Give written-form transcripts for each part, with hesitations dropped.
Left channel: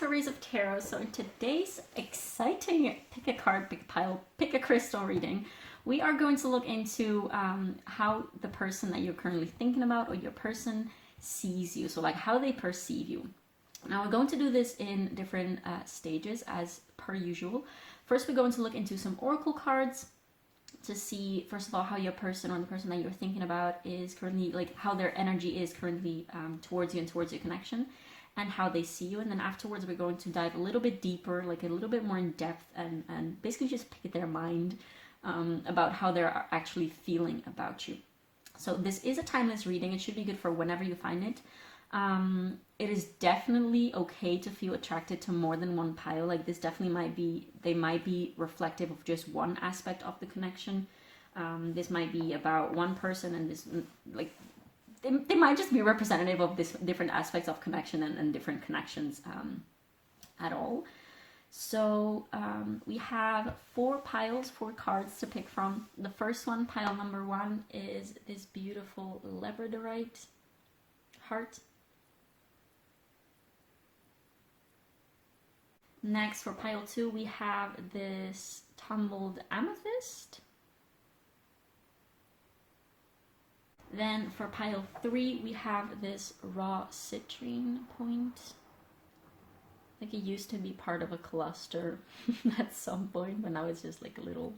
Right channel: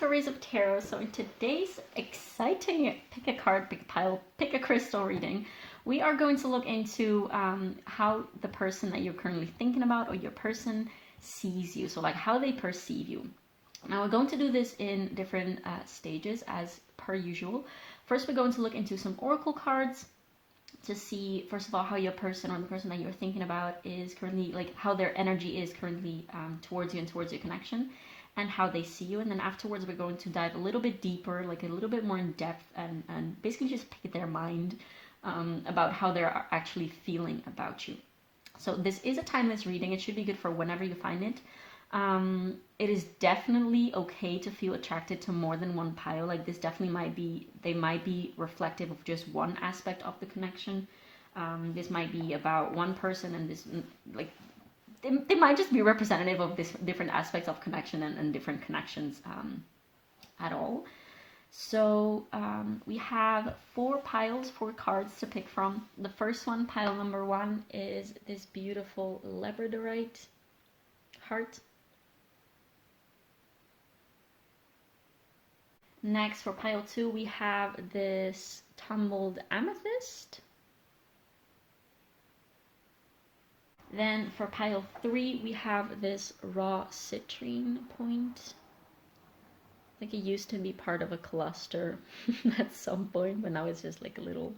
to Rays of Tarot. So in today's exciting pick a card, pick a pile, pick a crystal reading, we are going to look into how the person that you're currently thinking about or your person sees you. So like how they perceive you. Now we're going to do this in different stages as per usual. First, we're going to look into some oracle cards to see, first of all, how your person or the person that you're thinking about is currently, like how their energy is currently towards you and towards your connection, and how they see you. And then afterwards, we're going to dive a little bit deeper, like a little bit more in depth, and basically just pick their mind about how they're actually feeling about you. So this is a timeless reading. It should be good for whenever you find it. It is definitely okay to feel attracted to more than one pile. Like this definitely might be reflective of just one aspect of the connection. This might be about one person, and this, like, they might just be representative of this different aspects of connection and different connections at all. So we have 4 cards to pick from. The first one, pile number 1, is this beautiful Labradorite heart. Next, for pile 2, we have this tumbled amethyst. Then for pile 3, we have this raw citrine point. Like it used to be part of a cluster at some point, but now it's just like a little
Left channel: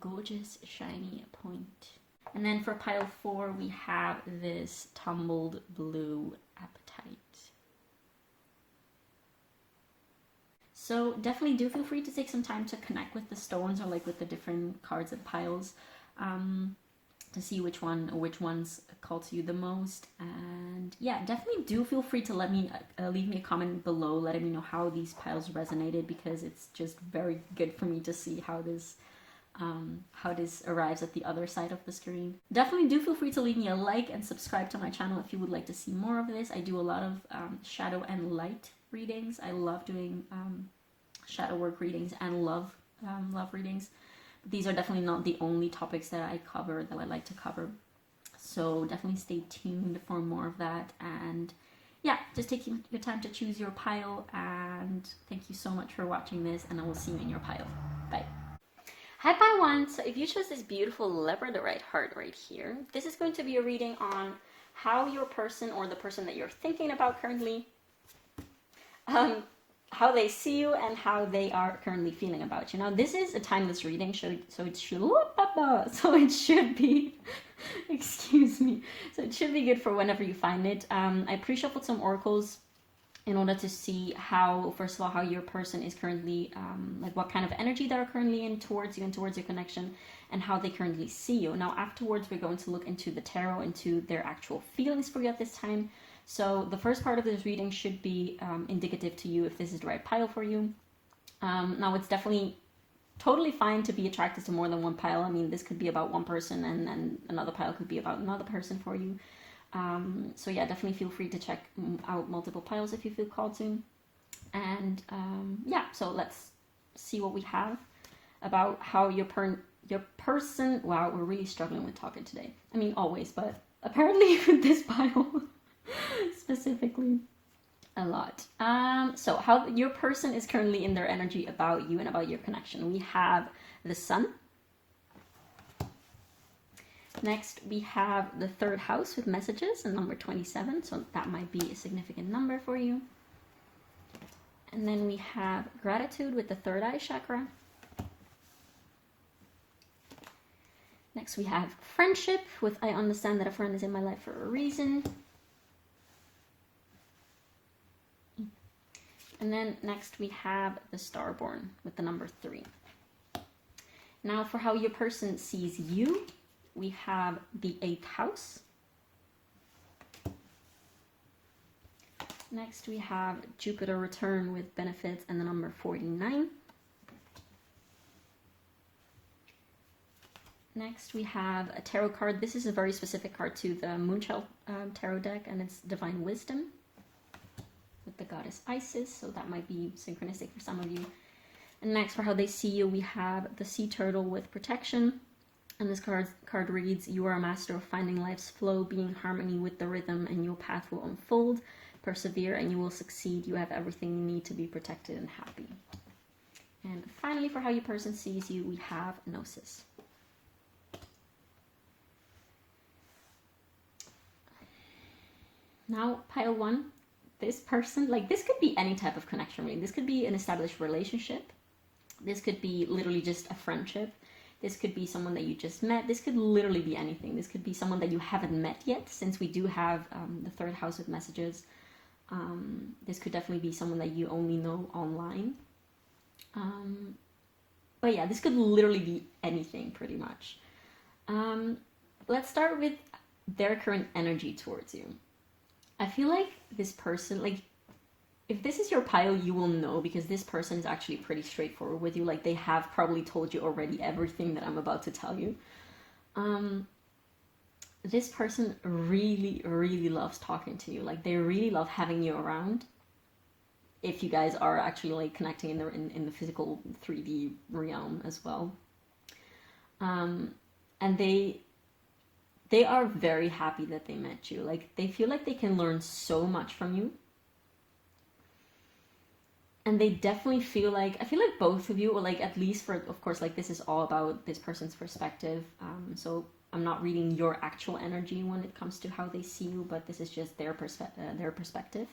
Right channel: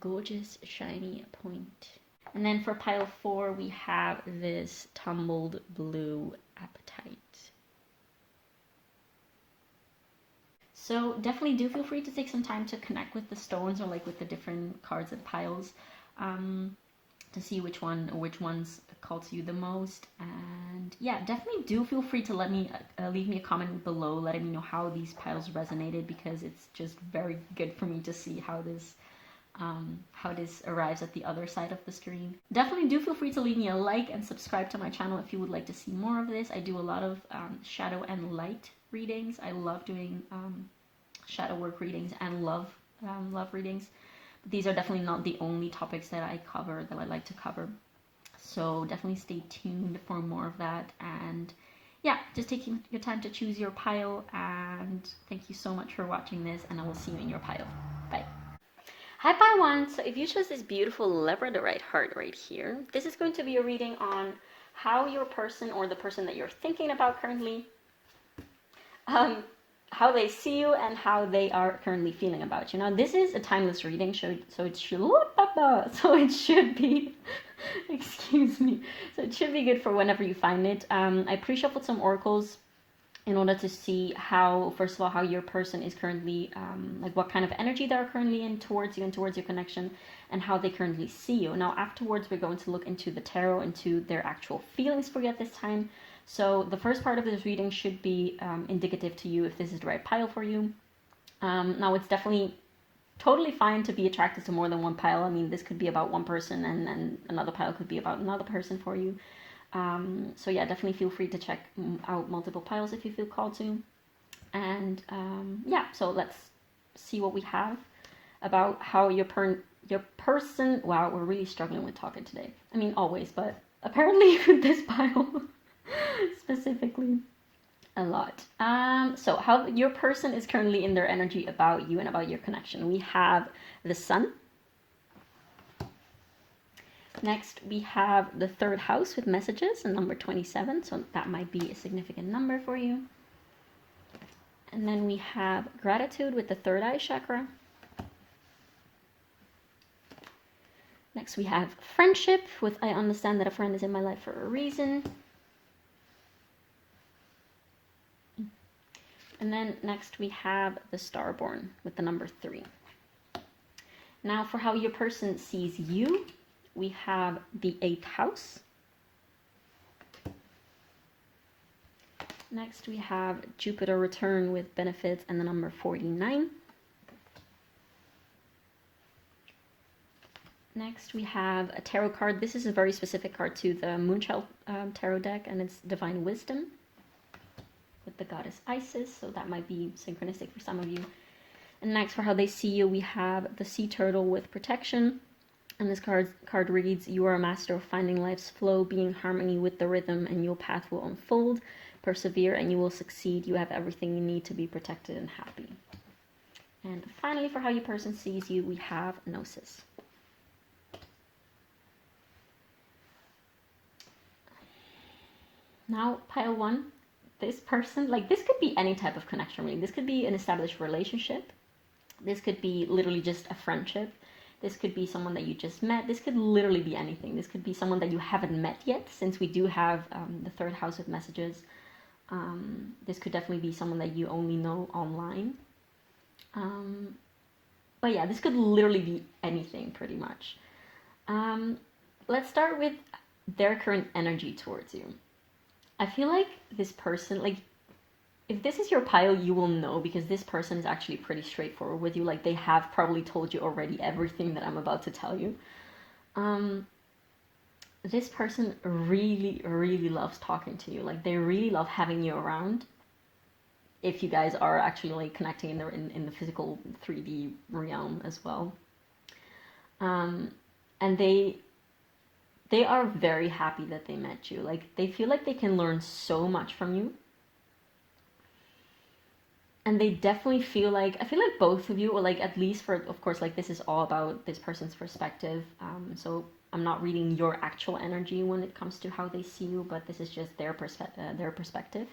gorgeous shiny point. And then for pile 4, we have this tumbled blue apatite. So definitely do feel free to take some time to connect with the stones or like with the different cards and piles to see which ones call to you the most. And yeah, definitely do feel free to leave me a comment below letting me know how these piles resonated, because it's just very good for me to see how this arrives at the other side of the screen. Definitely do feel free to leave me a like and subscribe to my channel if you would like to see more of this. I do a lot of shadow and light readings. I love doing shadow work readings and love readings. But these are definitely not the only topics that I like to cover. So definitely stay tuned for more of that. And yeah, just take your time to choose your pile. And thank you so much for watching this, and I will see you in your pile. Bye. Hi pile 1. So if you chose this beautiful Labradorite heart right here, this is going to be a reading on how your person or the person that you're thinking about currently, how they see you and how they are currently feeling about you. Now this is a timeless reading, so it should be excuse me, so it should be good for whenever you find it. I pre-shuffled some oracles in order to see how, first of all, how your person is currently, like what kind of energy they're currently in towards you and towards your connection, and how they currently see you. Now afterwards, we're going to look into the tarot, into their actual feelings for you at this time. So the first part of this reading should be indicative to you if this is the right pile for you. Now it's definitely totally fine to be attracted to more than one pile. I mean, this could be about one person, and another pile could be about another person for you. So yeah, definitely feel free to check out multiple piles if you feel called to. And yeah, so let's see what we have about how your person, wow, we're really struggling with talking today. I mean, always, but apparently with this pile specifically a lot. So how your person is currently in their energy about you and about your connection. We have the Sun. Next, we have the 3rd house with messages and number 27. So that might be a significant number for you. And then we have gratitude with the 3rd eye chakra. Next, we have friendship with I understand that a friend is in my life for a reason. And then next we have the Starborn with the number 3. Now for how your person sees you, we have the 8th house. Next we have Jupiter return with benefits and the number 49. Next we have a tarot card. This is a very specific card to the Moonchild tarot deck, and it's Divine Wisdom with the goddess Isis, so that might be synchronistic for some of you. And next, for how they see you, we have the Sea Turtle with protection, and this card reads, you are a master of finding life's flow, being in harmony with the rhythm, and your path will unfold. Persevere and you will succeed. You have everything you need to be protected and happy. And finally, for how your person sees you, we have Gnosis. Now, pile 1, this person, like this could be any type of connection really. This could be an established relationship. This could be literally just a friendship. This could be someone that you just met. This could literally be anything. This could be someone that you haven't met yet, since we do have the third house of messages. This could definitely be someone that you only know online. But yeah, this could literally be anything pretty much. Let's start with their current energy towards you. I feel like this person, like, if this is your pile, you will know, because this person is actually pretty straightforward with you. Like, they have probably told you already everything that I'm about to tell you. This person really, really loves talking to you. Like, they really love having you around. If you guys are actually like connecting in the physical 3D realm as well. And they are very happy that they met you. Like, they feel like they can learn so much from you. And they definitely feel like, I feel like both of you, or like at least for, of course, like this is all about this person's perspective. So I'm not reading your actual energy when it comes to how they see you, but this is just their perspective.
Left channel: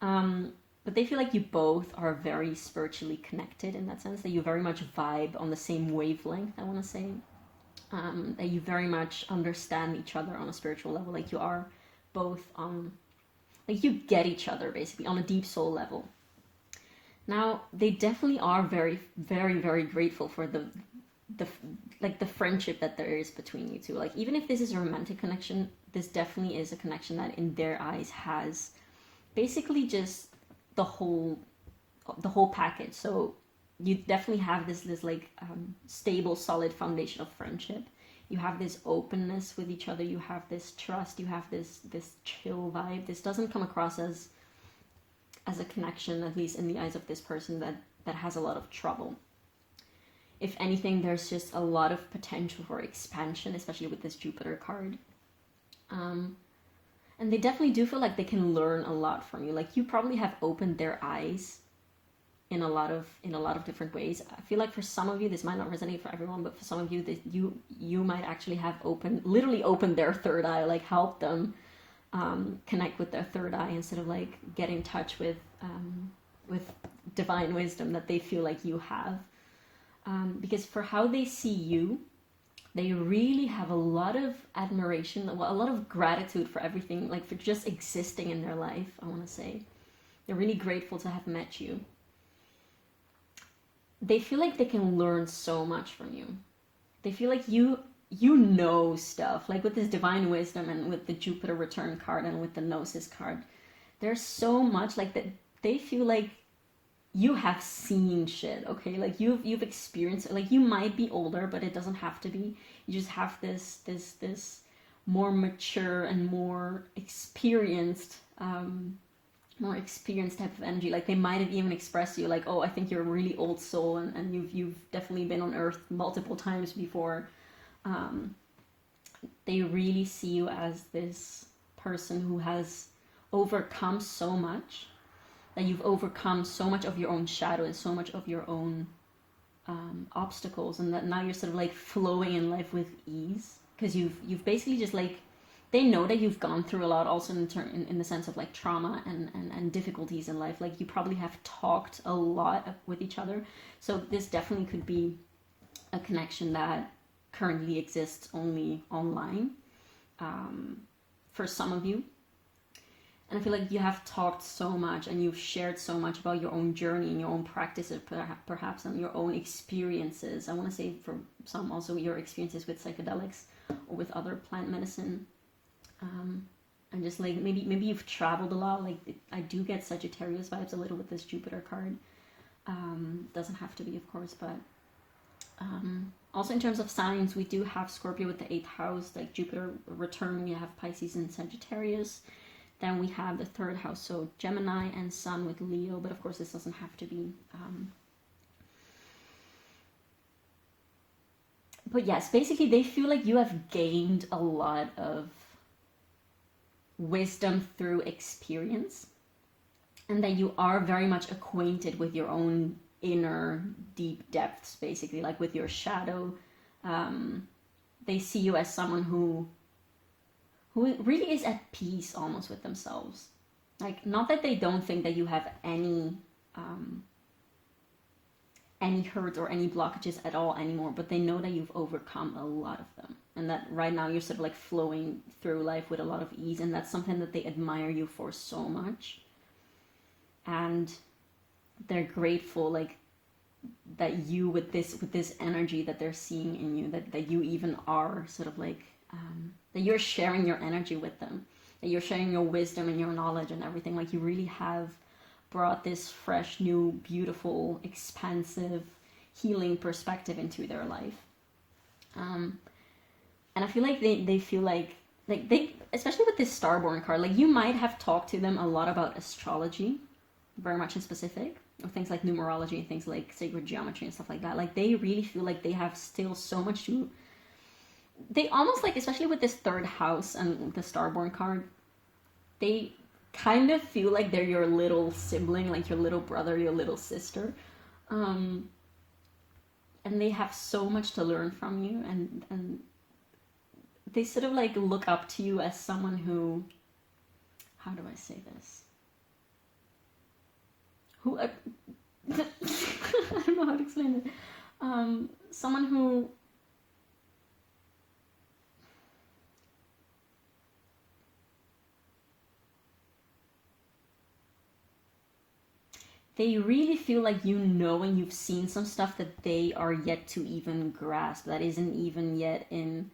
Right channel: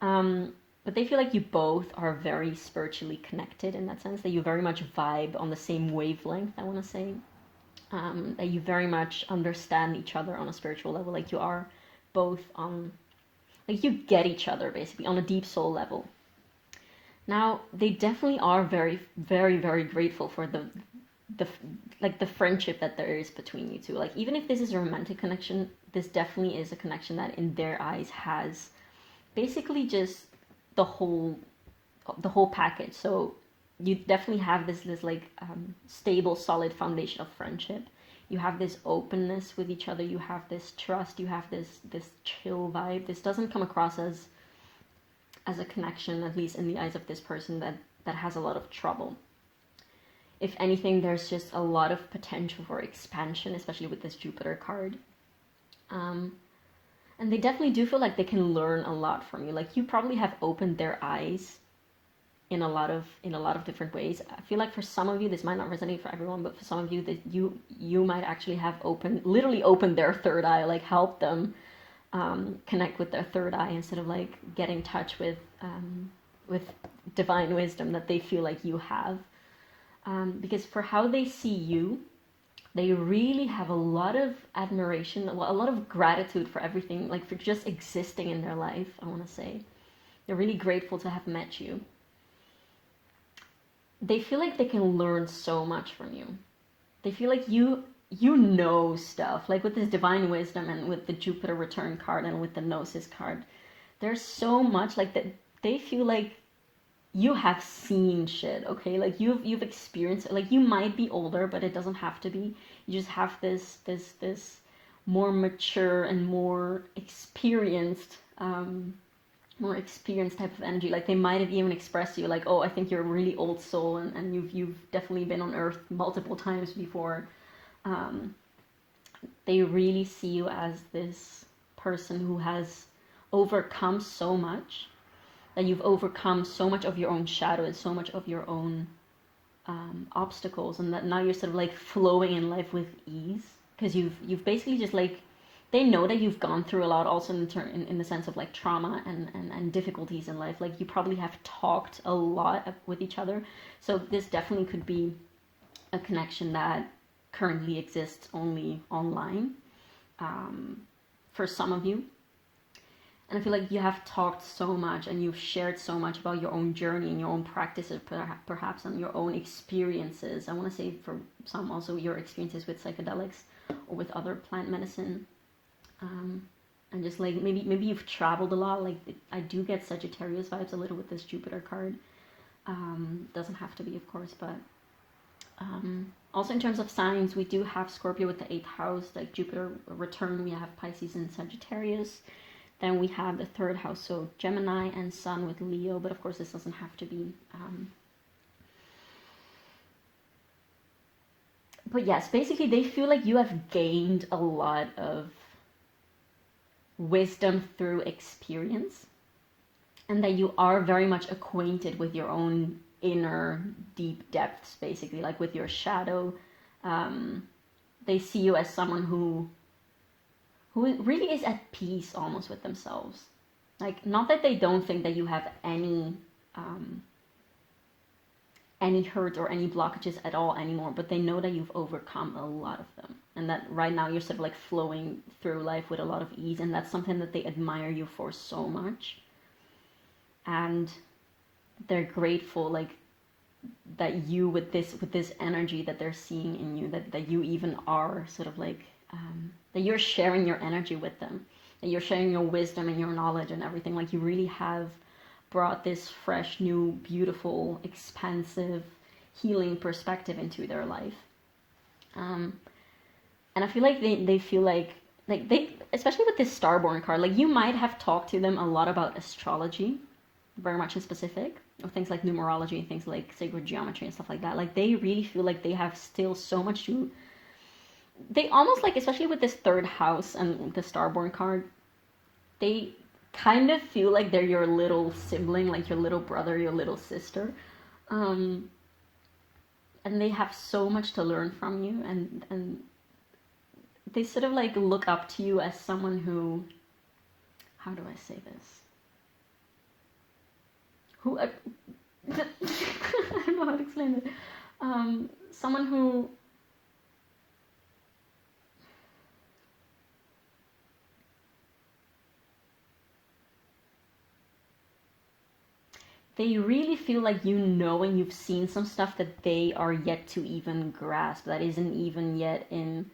But they feel like you both are very spiritually connected in that sense, that you very much vibe on the same wavelength, I want to say. That you very much understand each other on a spiritual level, like you are both on, like you get each other basically on a deep soul level. Now, they definitely are very, very, very grateful for the friendship that there is between you two. Like, even if this is a romantic connection, this definitely is a connection that in their eyes has basically just the whole package. So you definitely have this like stable, solid foundation of friendship. You have this openness with each other. You have this trust. You have this chill vibe. This doesn't come across as a connection, at least in the eyes of this person, that has a lot of trouble. If anything, there's just a lot of potential for expansion, especially with this Jupiter card. And they definitely do feel like they can learn a lot from you. Like, you probably have opened their eyes in a lot of different ways. I feel like for some of you, this might not resonate for everyone, but for some of you, that you might actually have literally opened their third eye, like help them connect with their third eye instead of like get in touch with divine wisdom that they feel like you have. Because for how they see you, they really have a lot of admiration, a lot of gratitude for everything, like for just existing in their life, I want to say. They're really grateful to have met you. They feel like they can learn so much from you. They feel like you know stuff, like with this divine wisdom and with the Jupiter return card and with the Gnosis card. There's so much like that. They feel like you have seen shit, okay? Like you've experienced it. Like, you might be older, but it doesn't have to be. You just have this more mature and more experienced type of energy. Like, they might have even expressed to you like, oh, I think you're a really old soul, and you've definitely been on Earth multiple times before. They really see you as this person who has overcome so much, that you've overcome so much of your own shadow and so much of your own obstacles, and that now you're sort of like flowing in life with ease, because you've basically just like, they know that you've gone through a lot, also in the sense of like trauma and difficulties in life. Like, you probably have talked a lot with each other, so this definitely could be a connection that currently exists only online for some of you. And I feel like you have talked so much and you've shared so much about your own journey and your own practices, perhaps, and your own experiences. I want to say for some also your experiences with psychedelics or with other plant medicine. And just like maybe you've traveled a lot. Like, I do get Sagittarius vibes a little with this Jupiter card. Doesn't have to be, of course, but also in terms of signs, we do have Scorpio with the 8th house, like Jupiter return. We have Pisces and Sagittarius. Then we have the 3rd house, so Gemini, and Sun with Leo. But of course, this doesn't have to be. But yes, basically they feel like you have gained a lot of wisdom through experience, and that you are very much acquainted with your own inner deep depths, basically, like with your shadow. They see you as someone who really is at peace almost with themselves. Like, not that they don't think that you have any hurt or any blockages at all anymore, but they know that you've overcome a lot of them, and that right now you're sort of like flowing through life with a lot of ease, and that's something that they admire you for so much. And they're grateful, like, that you, with this energy that they're seeing in you, that you even are sort of like that you're sharing your energy with them, that you're sharing your wisdom and your knowledge and everything. Like, you really have brought this fresh, new, beautiful, expansive, healing perspective into their life. And I feel like they feel like they, especially with this Starborn card, like, you might have talked to them a lot about astrology, very much in specific, or things like numerology, things like sacred geometry and stuff like that. Like, they really feel like they have still so much to, they almost, like, especially with this third house and the Starborn card, they kind of feel like they're your little sibling, like your little brother, your little sister. And they have so much to learn from you, and they sort of like look up to you as someone who, how do I say this? Who, I don't know how to explain it. Someone who, they really feel like you know, and you've seen some stuff that they are yet to even grasp, that isn't even yet in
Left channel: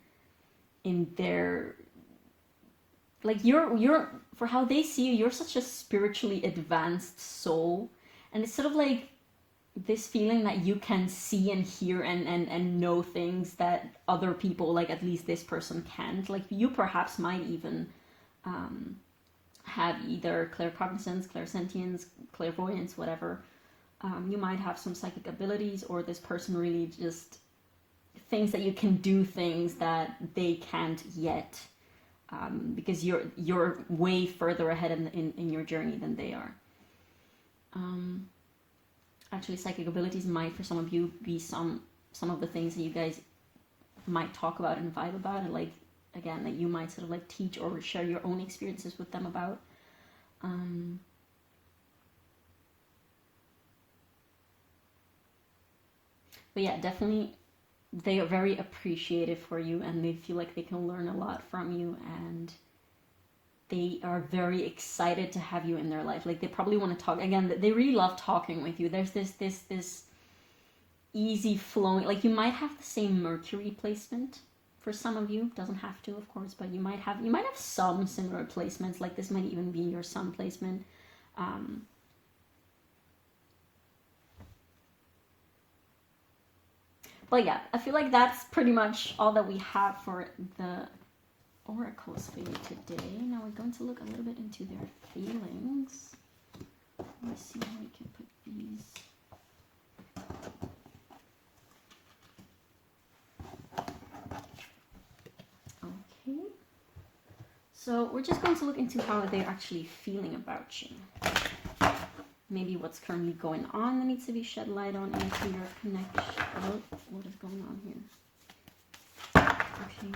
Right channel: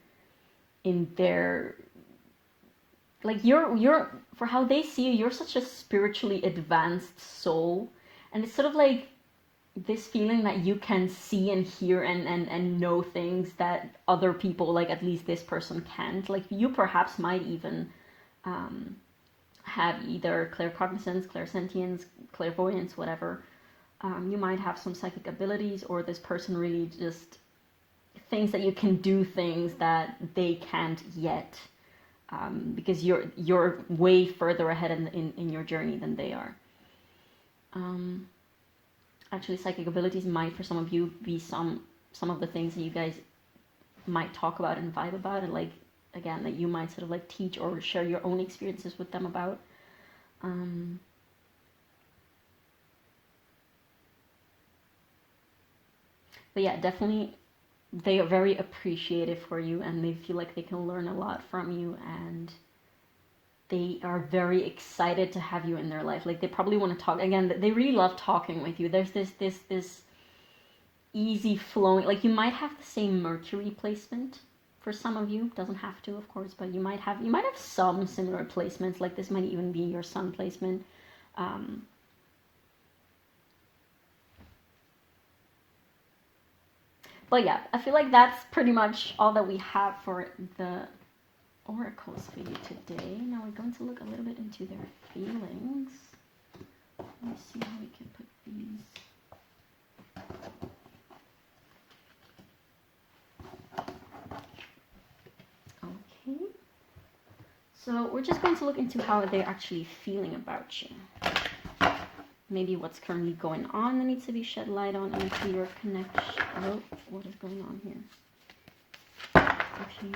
their, like, you're for how they see you, you're such a spiritually advanced soul, and it's sort of like this feeling that you can see and hear and know things that other people, like at least this person, can't. Like, you perhaps might even have either claircognizance, clairsentience, clairvoyance, whatever. You might have some psychic abilities, or this person really just thinks that you can do things that they can't yet, because you're way further ahead in your journey than they are. Actually, psychic abilities might, for some of you, be some of the things that you guys might talk about and vibe about, and, like, again, that you might sort of like teach or share your own experiences with them about. But yeah, definitely, they are very appreciative for you, and they feel like they can learn a lot from you, and they are very excited to have you in their life. Like, they probably want to talk again. They really love talking with you. There's this easy flowing, like, you might have the same Mercury placement for some of you. Doesn't have to, of course, but you might have some similar placements. Like, this might even be your sun placement. But yeah, I feel like that's pretty much all that we have for the oracles for you today. Now we're going to look a little bit into their feelings. Let me see how we can put these. Okay. So we're just going to look into how they're actually feeling about you. Maybe what's currently going on that needs to be shed light on into your connection. Oh, what is going on here? Okay.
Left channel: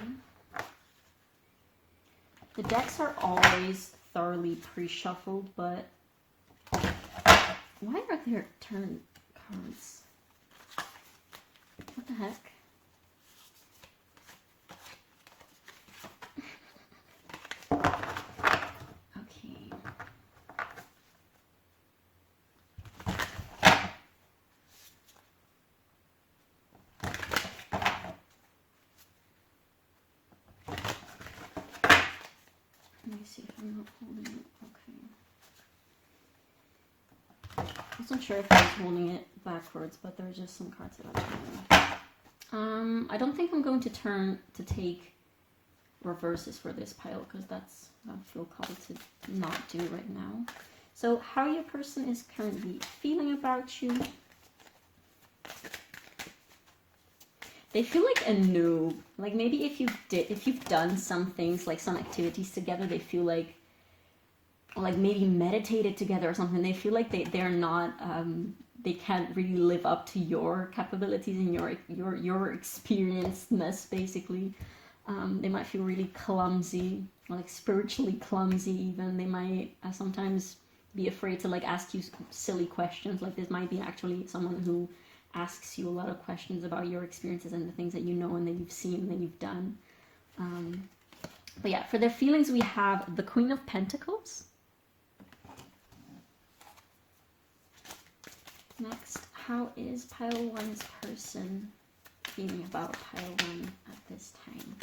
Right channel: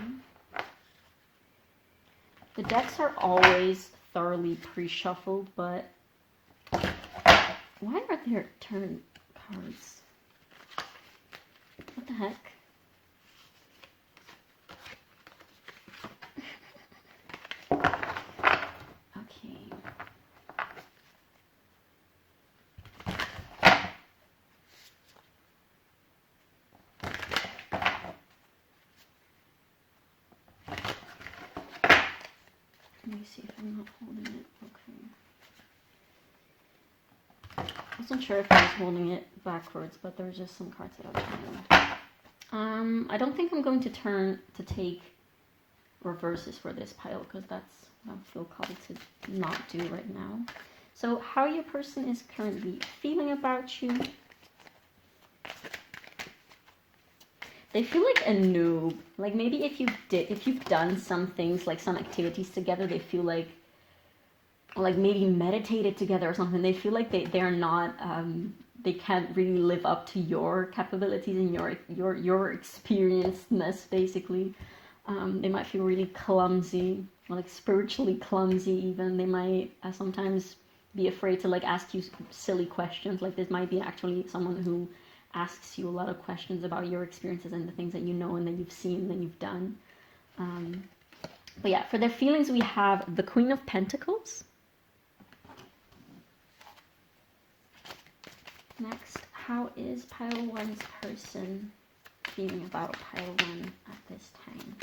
The decks are always thoroughly pre-shuffled, but why are there turn cards? What the heck? Okay. Let me see if I'm not holding it. Okay. I wasn't sure if I was holding it backwards, but there were just some cards that I was holding. I don't think I'm going to turn to take reverses for this pile, because that's what I feel called to not do right now. So how your person is currently feeling about you. They feel like a noob. Like maybe if you've done some things, like some activities together, they feel like maybe meditated together or something. They feel like they're not they can't really live up to your capabilities and your experiencedness basically. They might feel really clumsy, like spiritually clumsy even. They might sometimes be afraid to like ask you silly questions. Like this might be actually someone who asks you a lot of questions about your experiences and the things that you know and that you've seen and that you've done. But yeah, for their feelings we have the Queen of Pentacles. Next, how is pile 1's person feeling about pile 1 at this time?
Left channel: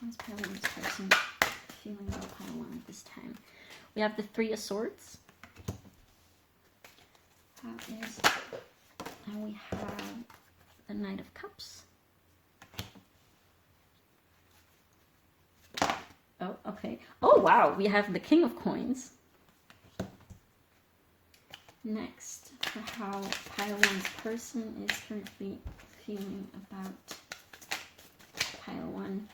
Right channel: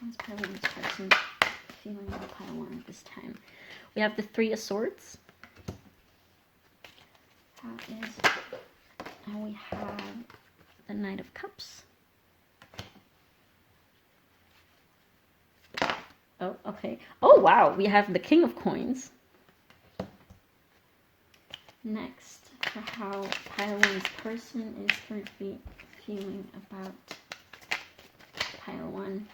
How is pile 1's person feeling about pile 1 at this time? We have the Three of Swords. And we have the Knight of Cups. Oh, okay. Oh, wow. We have the King of Coins. Next, for how pile 1's person is currently feeling about pile 1.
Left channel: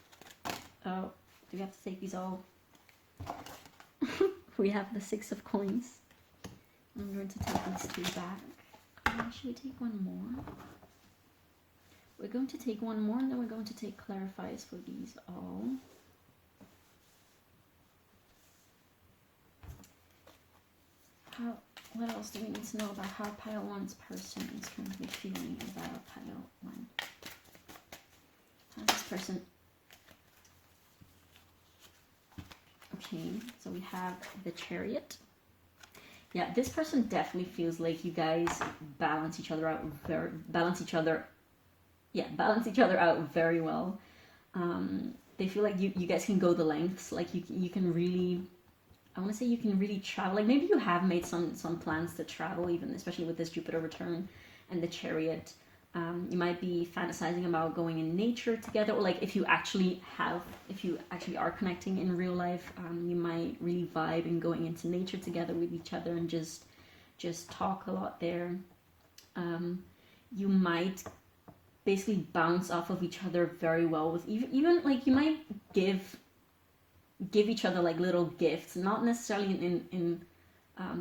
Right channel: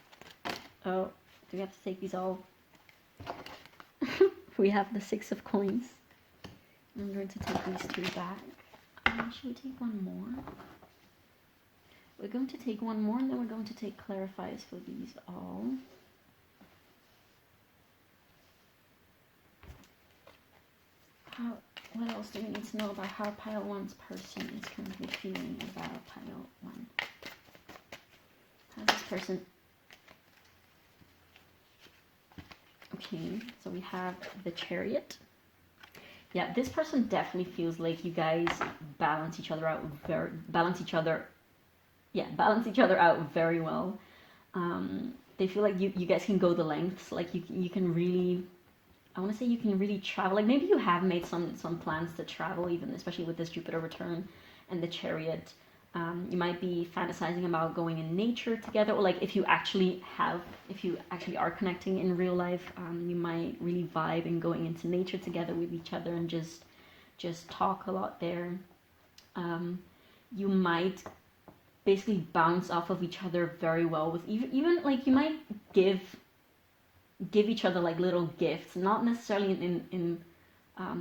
Oh, do we have to take these all? We have the Six of Coins. I'm going to take these two back. Should we take one more? We're going to take one more and then we're going to take clarifiers for these all. What else do we need to know about how pile 1's person is currently feeling about pile 1? How's this person? Okay, so we have the Chariot. Yeah, this person definitely feels like you guys balance each other out very well. They feel like you guys can go the lengths. Like you can really, I want to say you can really travel. Like maybe you have made some plans to travel, even especially with this Jupiter return and the Chariot. You might be fantasizing about going in nature together, or like if you actually are connecting in real life, you might really vibe in going into nature together with each other and just talk a lot there. You might basically bounce off of each other very well with even like you might give each other like little gifts, not necessarily in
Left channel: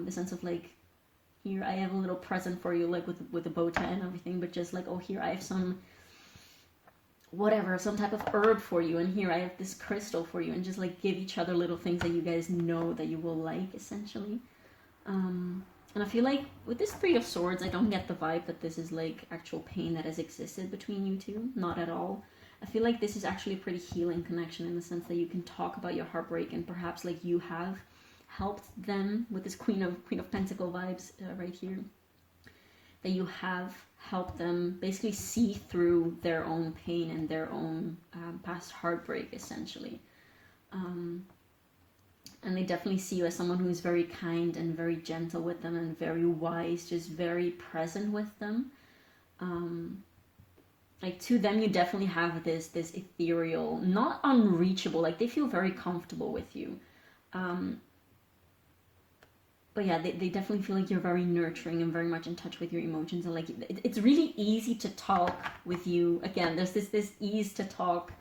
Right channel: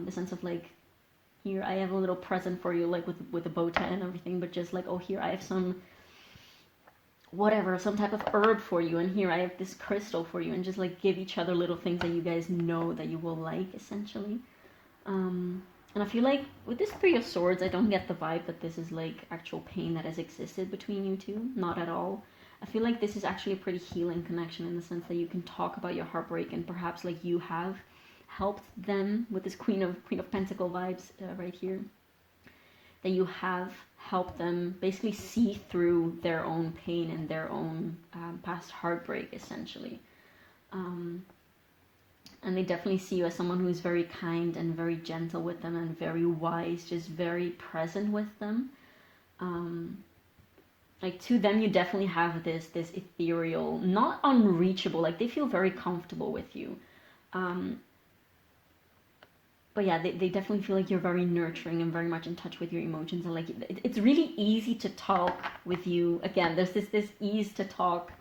the sense of like, here I have a little present for you, like with a bow tie and everything, but just like, oh, here I have some whatever, some type of herb for you, and here I have this crystal for you, and just like give each other little things that you guys know that you will like, essentially. And I feel like with this Three of Swords, I don't get the vibe that this is like actual pain that has existed between you two, not at all. I feel like this is actually a pretty healing connection in the sense that you can talk about your heartbreak, and perhaps like you have helped them with this Queen of Pentacle vibes right here. That you have helped them basically see through their own pain and their own past heartbreak, essentially. And they definitely see you as someone who is very kind and very gentle with them and very wise, just very present with them. Like to them, you definitely have this ethereal, not unreachable, like they feel very comfortable with you. But yeah, they definitely feel like you're very nurturing and very much in touch with your emotions, and like it's really easy to talk with you. Again, there's this ease to talk,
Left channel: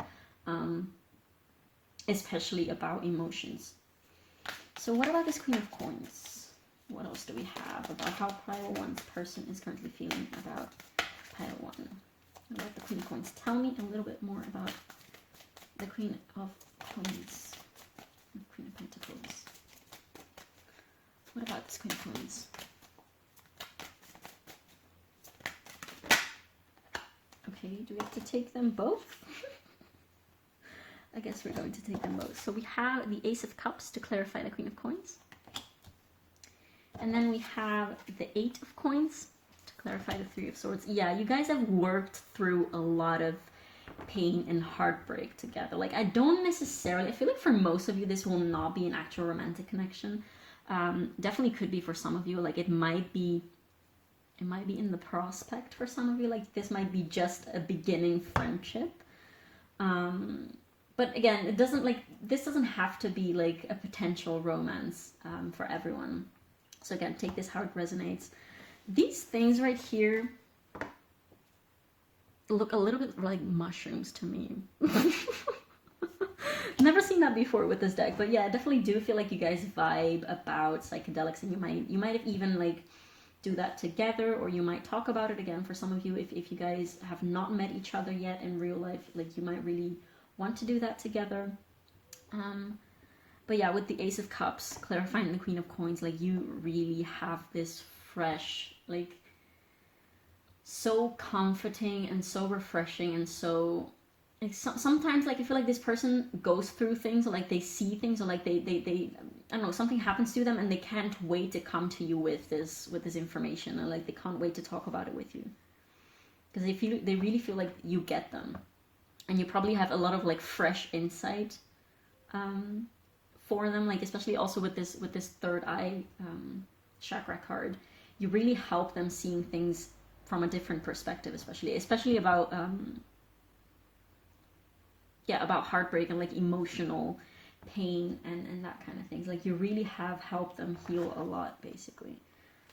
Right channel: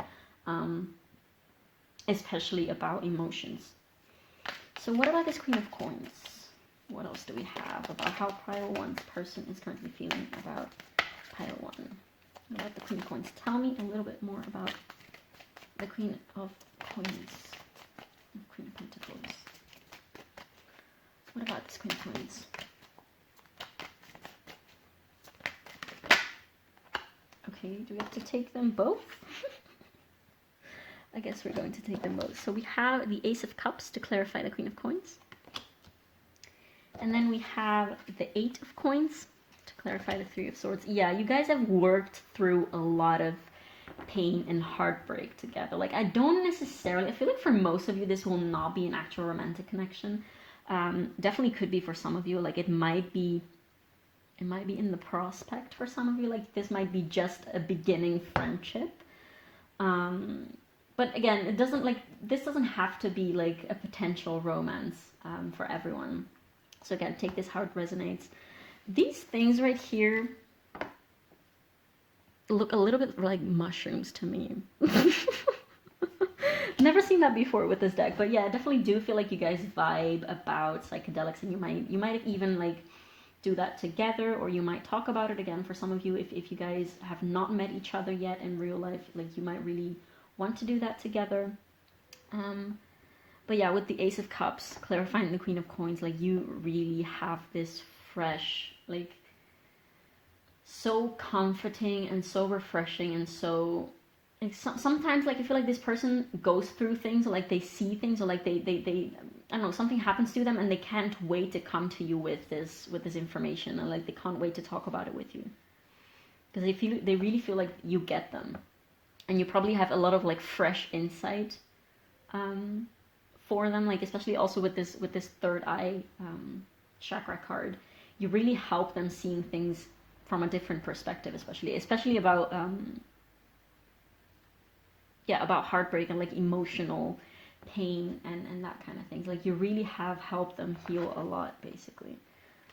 especially about emotions. So what about this Queen of Coins? What else do we have about how pile 1's person is currently feeling about pile 1? What about the Queen of Coins? Tell me a little bit more about the Queen of Coins, Queen of Pentacles. What about this Queen of Coins? Okay, do we have to take them both? I guess we're going to take them both. So we have the Ace of Cups to clarify the Queen of Coins. And then we have the Eight of Coins to clarify the Three of Swords. Yeah, you guys have worked through a lot of pain and heartbreak together. Like I feel like for most of you this will not be an actual romantic connection. Definitely could be for some of you. Like it might be in the prospect for some of you. Like this might be just a beginning friendship. But again, this doesn't have to be like a potential romance for everyone. So again, take this how it resonates. These things right here, look a little bit like mushrooms to me. Never seen that before with this deck, but yeah, I definitely do feel like you guys vibe about psychedelics, and you might have even like do that together, or you might talk about it again. For some of you, if you guys have not met each other yet in real life, like you might really want to do that together. But yeah, with the Ace of Cups clarifying the Queen of Coins, like you really have this fresh, like so comforting and so refreshing and so like sometimes like I feel like this person goes through things, or like they see things, or like they I don't know, something happens to them and they can't wait to come to you with this information, and like they can't wait to talk about it with you, because they really feel like you get them, and you probably have a lot of like fresh insight for them, like especially also with this third eye chakra card. You really help them seeing things from a different perspective, especially about about heartbreak and like emotional pain and that kind of things. Like you really have helped them heal a lot, basically.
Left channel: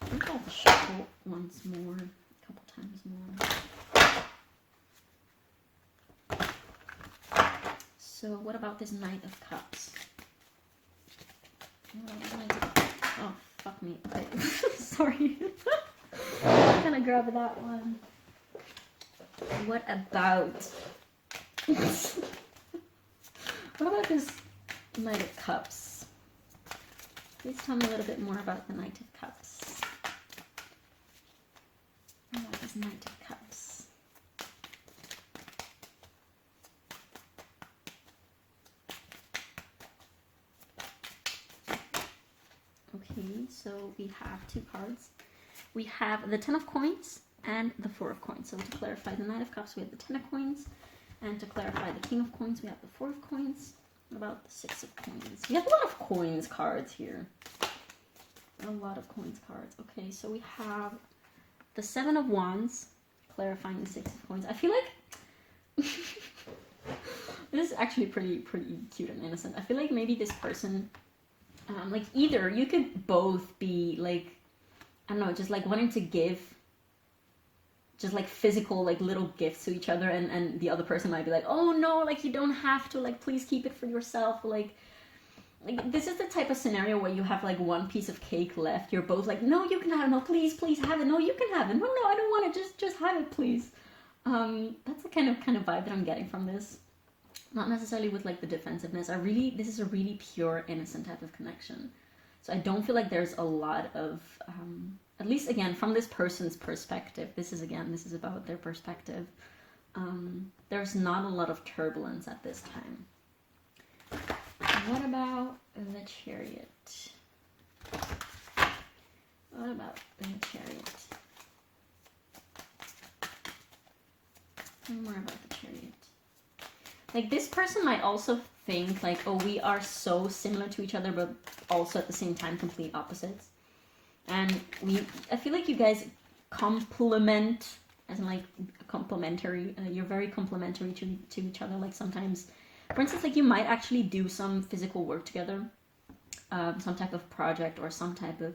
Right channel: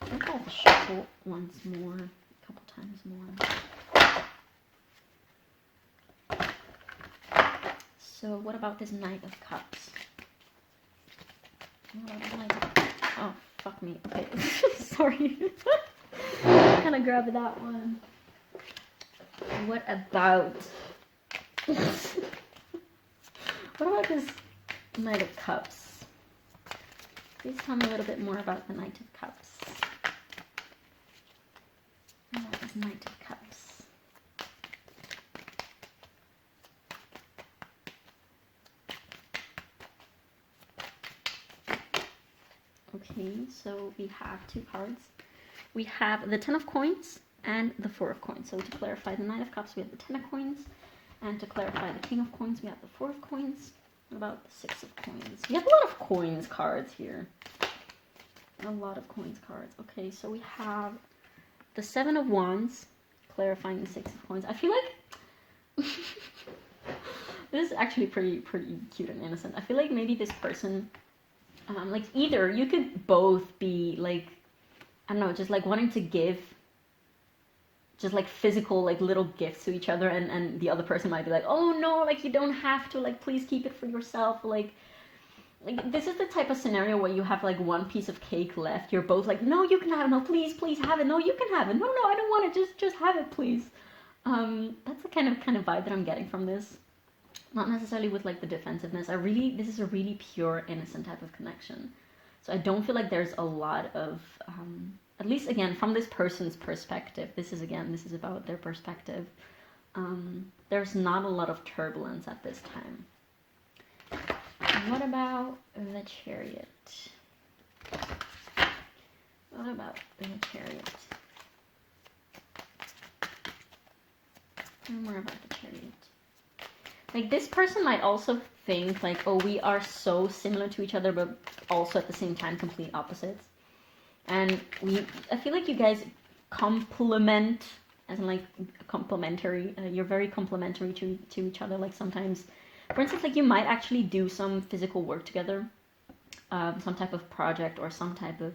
I think I'll shuffle once more, a couple times more. So what about this Knight of Cups? Oh, fuck me. Okay. Sorry. I'm gonna grab that one. What about this Knight of Cups? Please tell me a little bit more about the Knight of Cups. What about this Knight of Cups? Okay, so we have two cards. We have the Ten of Coins and the Four of Coins. So to clarify the Knight of Cups, we have the Ten of Coins. And to clarify the King of Coins, we have the Four of Coins. What about the Six of Coins? We have a lot of coins cards here. A lot of coins cards. Okay, so we have the Seven of Wands, clarifying the Six of Coins. I feel like this is actually pretty cute and innocent. I feel like maybe this person, like either you could both be like, I don't know, just like wanting to give just like physical like little gifts to each other, and the other person might be like, oh no, like you don't have to, like please keep it for yourself, like this is the type of scenario where you have like one piece of cake left, you're both like, no, you can have it, no, please have it, no, you can have it, no, I don't want it, just have it, please. That's the kind of vibe that I'm getting from this. Not necessarily with like the defensiveness. This is a really pure innocent type of connection, so I don't feel like there's a lot of at least again from this person's perspective, this is about their perspective, there's not a lot of turbulence at this time. What about the Chariot? What about the Chariot? More about the Chariot. Like this person might also think like, oh, we are so similar to each other, but also at the same time complete opposites. And I feel like you guys complement, as in like complementary. You're very complementary to each other. Like sometimes, for instance, like you might actually do some physical work together, some type of project or some type of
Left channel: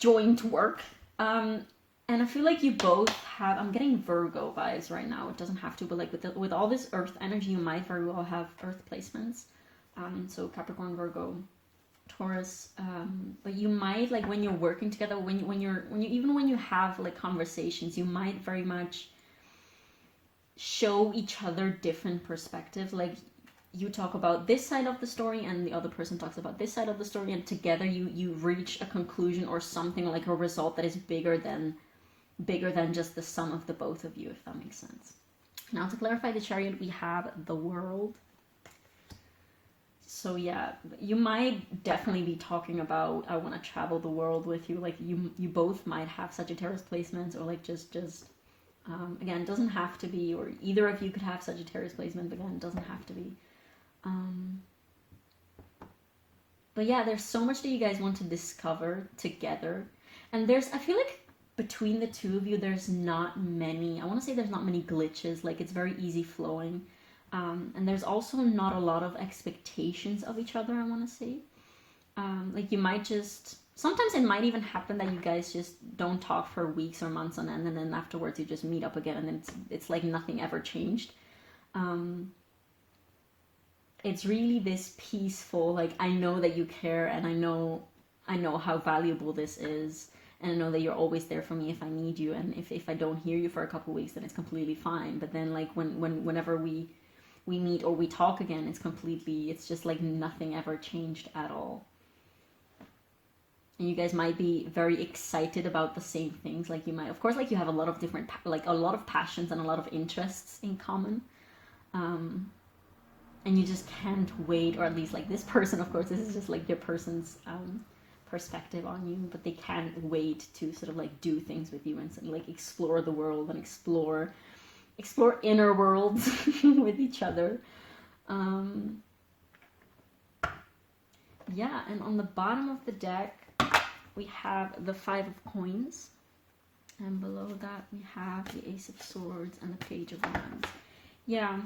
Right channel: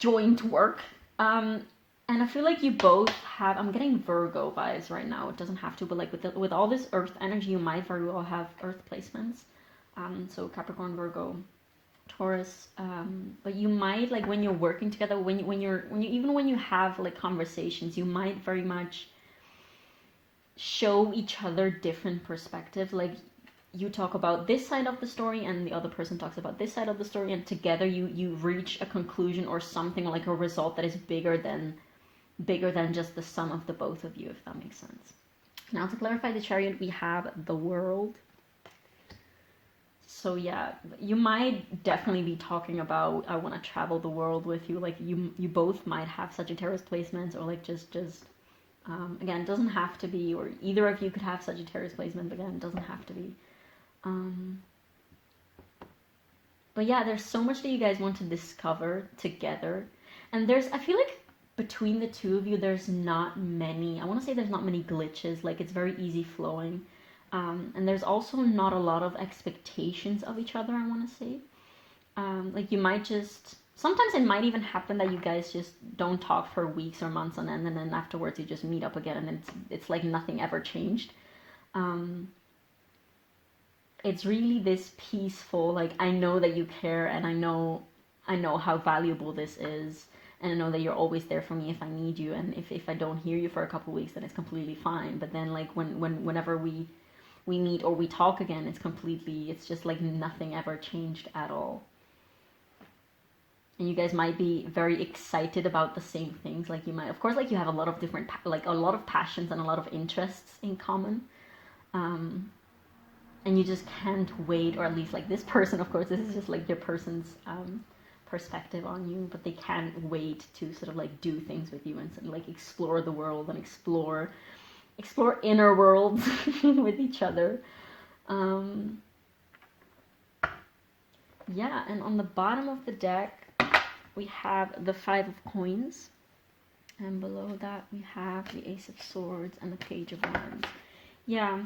joint work. And I feel like you both have, I'm getting Virgo vibes right now. It doesn't have to, but like with all this Earth energy, you might very well have Earth placements. So Capricorn, Virgo, Taurus. But you might, like when you're working together, when you have like conversations, you might very much show each other different perspectives. Like you talk about this side of the story and the other person talks about this side of the story, and together you reach a conclusion or something, like a result that is bigger than just the sum of the both of you, if that makes sense. Now to clarify the Chariot, we have the World. So yeah, you might definitely be talking about, I want to travel the world with you. Like you both might have Sagittarius placements, or like just again, it doesn't have to be, or either of you could have Sagittarius placement, but again, it doesn't have to be. But yeah, there's so much that you guys want to discover together, and I feel like between the two of you, there's not many glitches. Like it's very easy flowing. And there's also not a lot of expectations of each other, I want to say. Like you might just, Sometimes it might even happen that you guys just don't talk for weeks or months on end, and then afterwards you just meet up again, and it's like nothing ever changed. It's really this peaceful, like, I know that you care, and I know how valuable this is, and I know that you're always there for me if I need you, and if I don't hear you for a couple weeks, then it's completely fine. But then, like, whenever we meet or we talk again, it's just like nothing ever changed at all. And you guys might be very excited about the same things. Like, you might, of course, like, you have a lot of different, like, a lot of passions and a lot of interests in common. And you just can't wait, or at least, like, this person, of course, this is just like your person's perspective on you, but they can't wait to sort of like do things with you and sort of like explore the world and explore inner worlds with each other. Yeah, and on the bottom of the deck we have the 5 of coins, and below that we have the Ace of Swords and the Page of Wands. Yeah,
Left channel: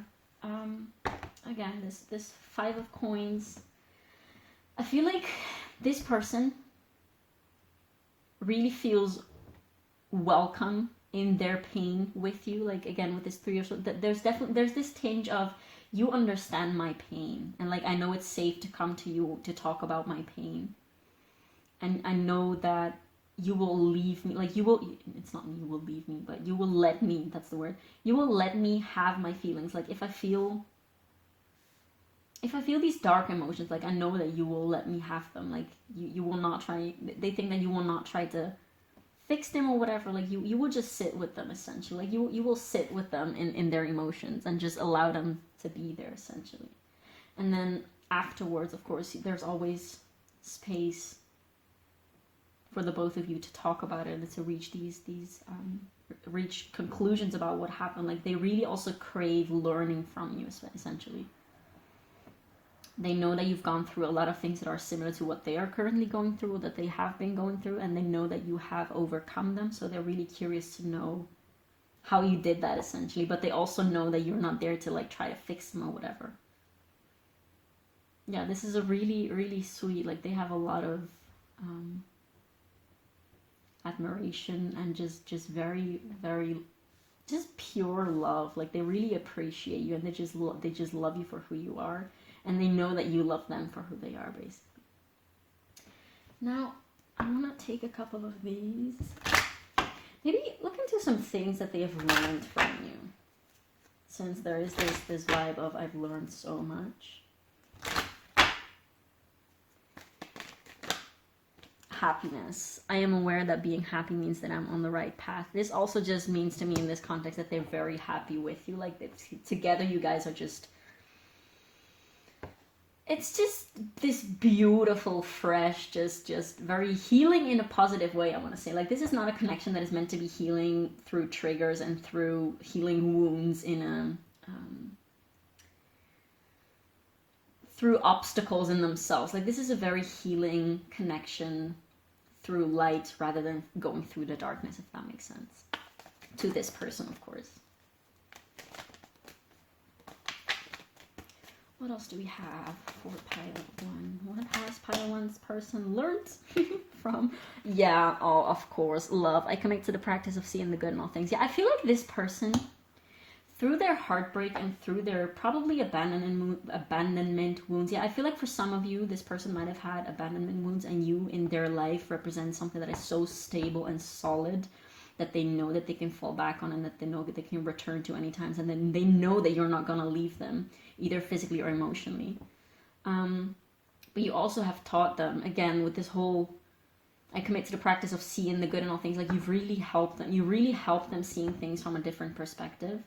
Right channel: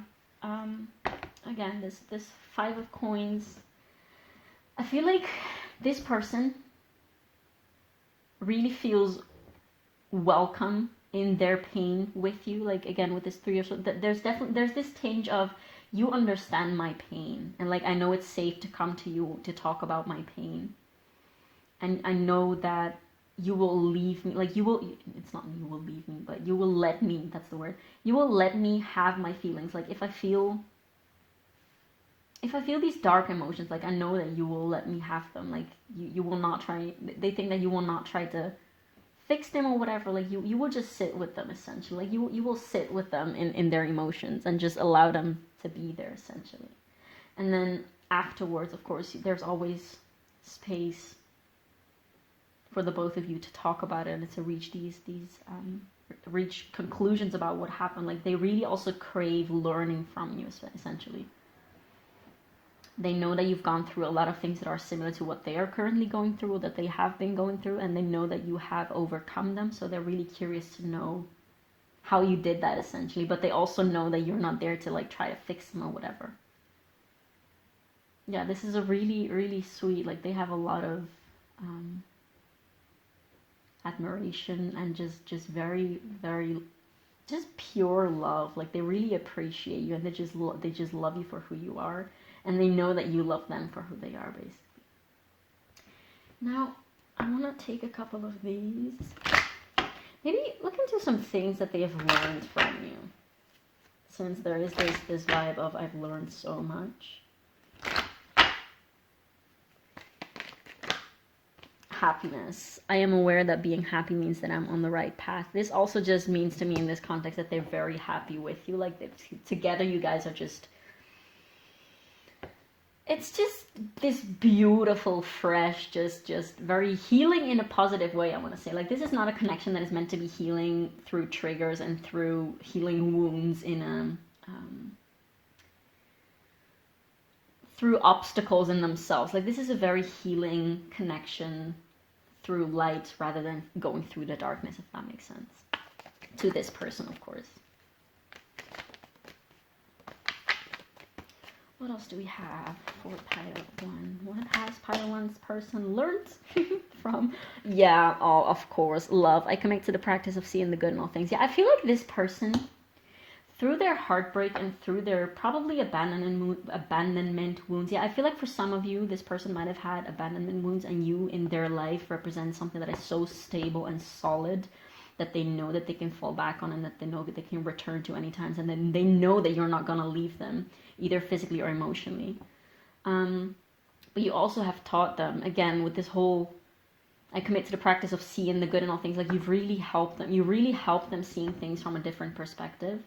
again, this 5 of coins, I feel like this person really feels welcome in their pain with you. Like, again, with this 3 of Swords, there's this tinge of, you understand my pain, and like, I know it's safe to come to you to talk about my pain, and I know that you will leave me, like, it's not you will leave me, but you will let me, that's the word, you will let me have my feelings. Like, if I feel these dark emotions, like, I know that you will let me have them. Like, you will not try, they think that you will not try to fix them or whatever. Like, you will just sit with them, essentially. Like, you will sit with them in their emotions and just allow them to be there, essentially. And then afterwards, of course, there's always space for the both of you to talk about it and to reach reach conclusions about what happened. Like, they really also crave learning from you, essentially. They know that you've gone through a lot of things that are similar to what they are currently going through, or that they have been going through, and they know that you have overcome them, so they're really curious to know how you did that, essentially. But they also know that you're not there to, like, try to fix them or whatever. Yeah, this is a really, really sweet, like, they have a lot of admiration and just very, very, just pure love. Like, they really appreciate you, and they just love you for who you are, and they know that you love them for who they are, basically. Now, I'm gonna take a couple of these. Maybe look into some things that they have learned from you, since there is this vibe of, I've learned so much. Happiness. I am aware that being happy means that I'm on the right path. This also just means to me in this context that they're very happy with you. Like, together you guys are just, it's just this beautiful, fresh, just very healing in a positive way, I want to say. Like, this is not a connection that is meant to be healing through triggers and through healing wounds in a through obstacles in themselves. Like, this is a very healing connection through light rather than going through the darkness, if that makes sense. To this person, of course. What else do we have for pile 1? What has pile 1's person learned from? Yeah, oh, of course, love. I connect to the practice of seeing the good in all things. Yeah, I feel like this person, through their heartbreak and through their probably abandonment wounds. Yeah, I feel like for some of you, this person might have had abandonment wounds, and you in their life represent something that is so stable and solid that they know that they can fall back on, and that they know that they can return to any times, and then they know that you're not going to leave them, either physically or emotionally. But you also have taught them, again, with this whole, I commit to the practice of seeing the good in all things. Like, you've really helped them. You really help them seeing things from a different perspective.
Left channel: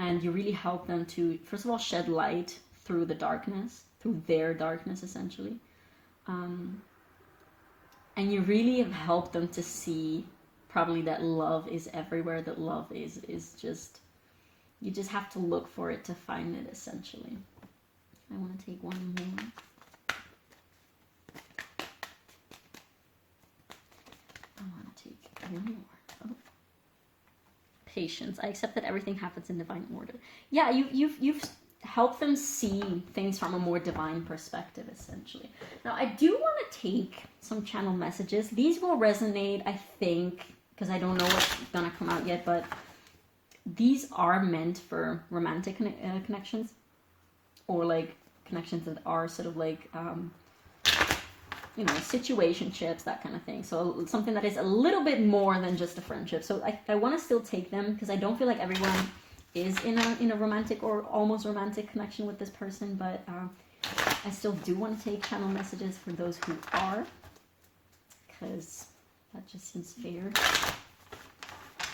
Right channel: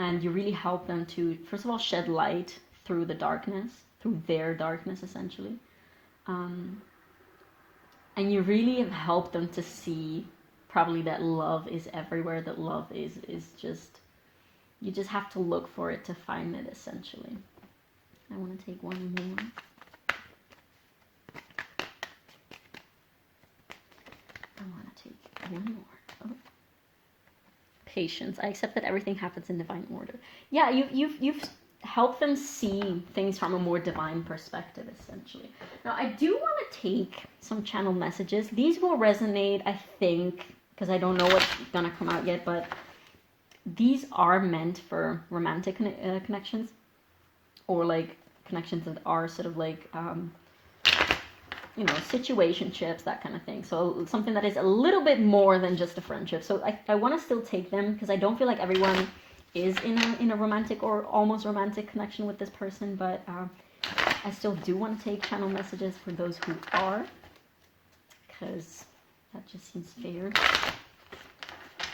And you really help them to, first of all, shed light through the darkness, through their darkness, essentially. And you really have helped them to see probably that love is everywhere, that love is just, you just have to look for it to find it, essentially. I want to take one more. I want to take one more. Oh. Patience. I accept that everything happens in divine order. Yeah, you've help them see things from a more divine perspective, essentially. Now, I do want to take some channel messages. These will resonate, I think, because I don't know what's gonna come out yet, but these are meant for romantic connections, or like connections that are sort of like, you know, situationships, that kind of thing. So something that is a little bit more than just a friendship. So I want to still take them because I don't feel like everyone is in a romantic or almost romantic connection with this person, but I still do want to take channel messages for those who are, because that just seems fair.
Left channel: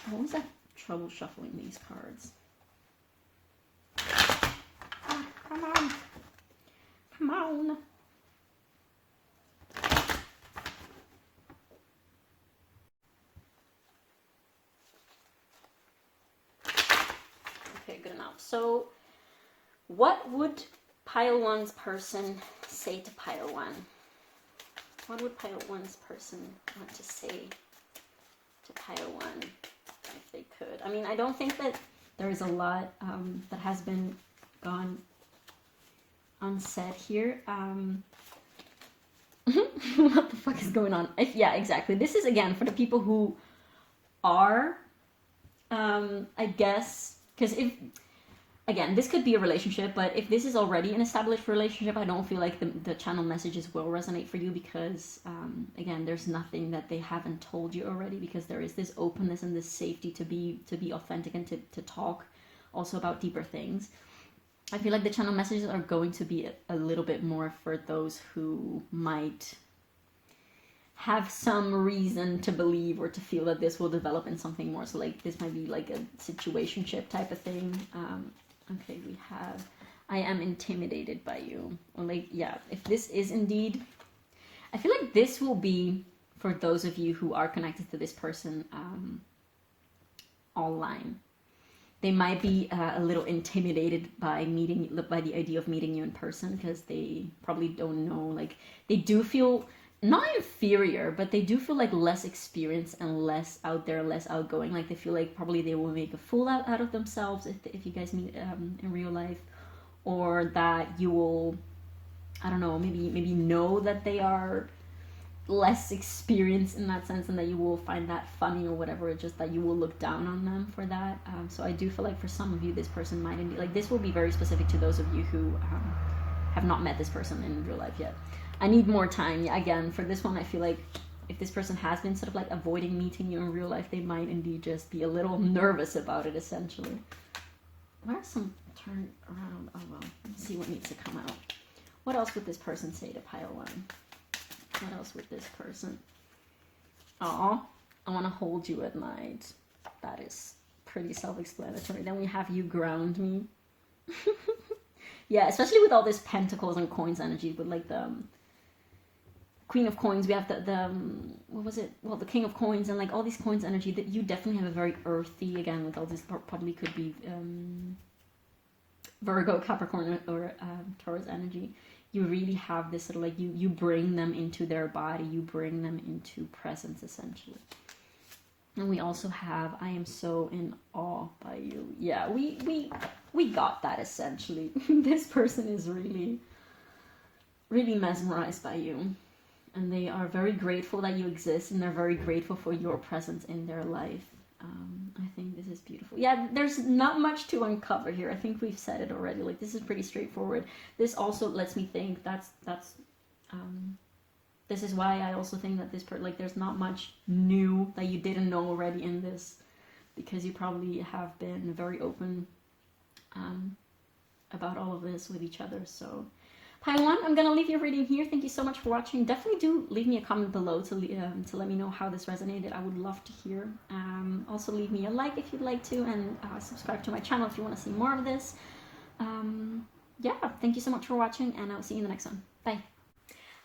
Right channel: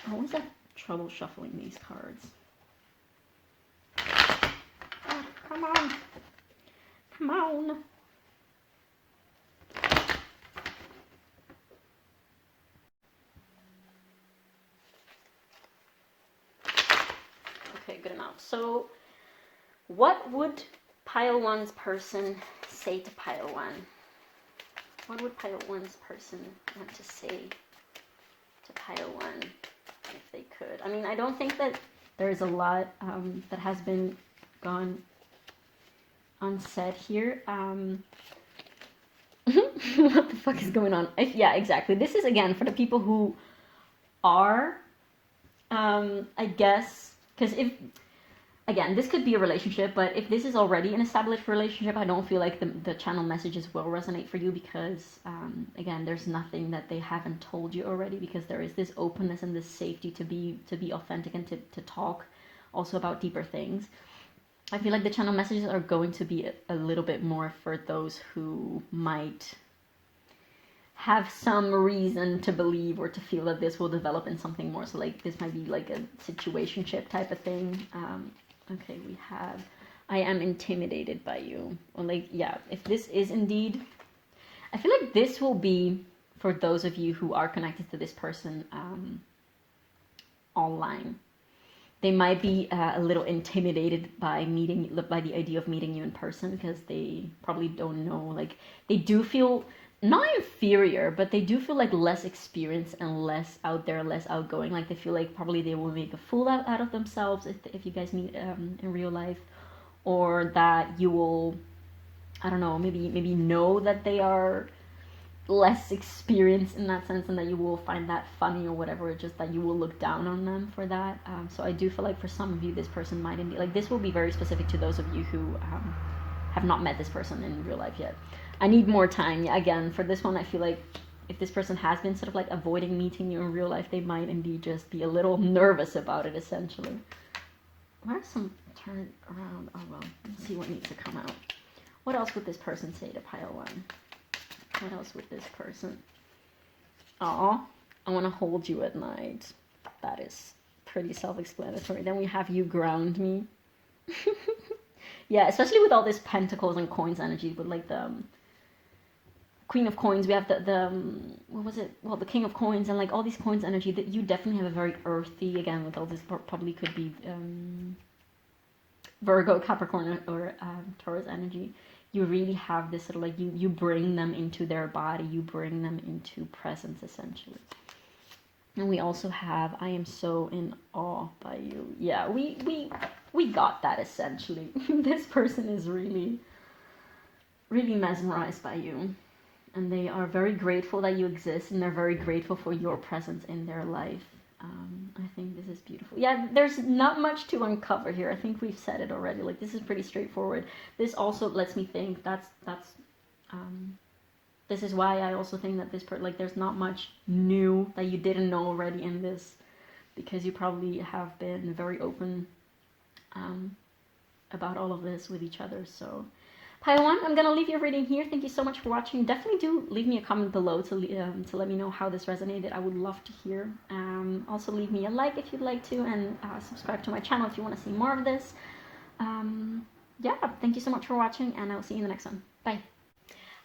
I always have trouble shuffling these cards. Oh, come on. Come on. Okay, good enough. So what would pile one's person say to pile one? What would pile one's person want to say to pile one if they could? I mean, I don't think that there is a lot that has been gone unsaid here. What the fuck is going on? Yeah, exactly. This is, again, for the people who are, I guess, because if, again, this could be a relationship, but if this is already an established relationship, I don't feel like the channel messages will resonate for you because, again, there's nothing that they haven't told you already, because there is this openness and this safety to be authentic and to talk also about deeper things. I feel like the channel messages are going to be a little bit more for those who might have some reason to believe or to feel that this will develop in something more. So like this might be like a situationship type of thing. Okay, we have, I am intimidated by you. Or like, yeah, if this is indeed, I feel like this will be for those of you who are connected to this person online. They might be a little intimidated by the idea of meeting you in person, because they probably don't know, like, they do feel not inferior, but they do feel like less experienced and less out there, less outgoing. Like they feel like probably they will make a fool out of themselves if you guys meet in real life, or that you will, I don't know, maybe know that they are less experienced in that sense, and that you will find that funny or whatever, just that you will look down on them for that. So I do feel like for some of you, this person might indeed, like, this will be very specific to those of you who have not met this person in real life yet. I need more time. Yeah, again, for this one, I feel like if this person has been sort of like avoiding meeting you in real life, they might indeed just be a little nervous about it, essentially. Where's some turn around? Oh well, let's see what needs to come out. What else would this person say to pile one? What else would this person? Aw, I want to hold you at night. That is pretty self-explanatory. Then we have you ground me. Yeah, especially with all this pentacles and coins energy, with like the Queen of Coins, we have the what was it? Well, the King of Coins, and like all these coins energy, that you definitely have a very earthy, again, with all this, probably could be Virgo, Capricorn, or Taurus energy. You really have this sort of like, you bring them into their body, you bring them into presence, essentially. And we also have, I am so in awe by you. Yeah, we got that, essentially. This person is really, really mesmerized by you. And they are very grateful that you exist, and they're very grateful for your presence in their life. I think this is beautiful. Yeah, there's not much to uncover here. I think we've said it already. Like, this is pretty straightforward. This also lets me think this is why I also think that like, there's not much new that you didn't know already in this, because you probably have been very open about all of this with each other. So pile one, I'm going to leave your reading here. Thank you so much for watching. Definitely do leave me a comment below to let me know how this resonated. I would love to hear. Also leave me a like if you'd like to, and subscribe to my channel if you want to see more of this. Yeah, thank you so much for watching, and I'll see you in the next one. Bye.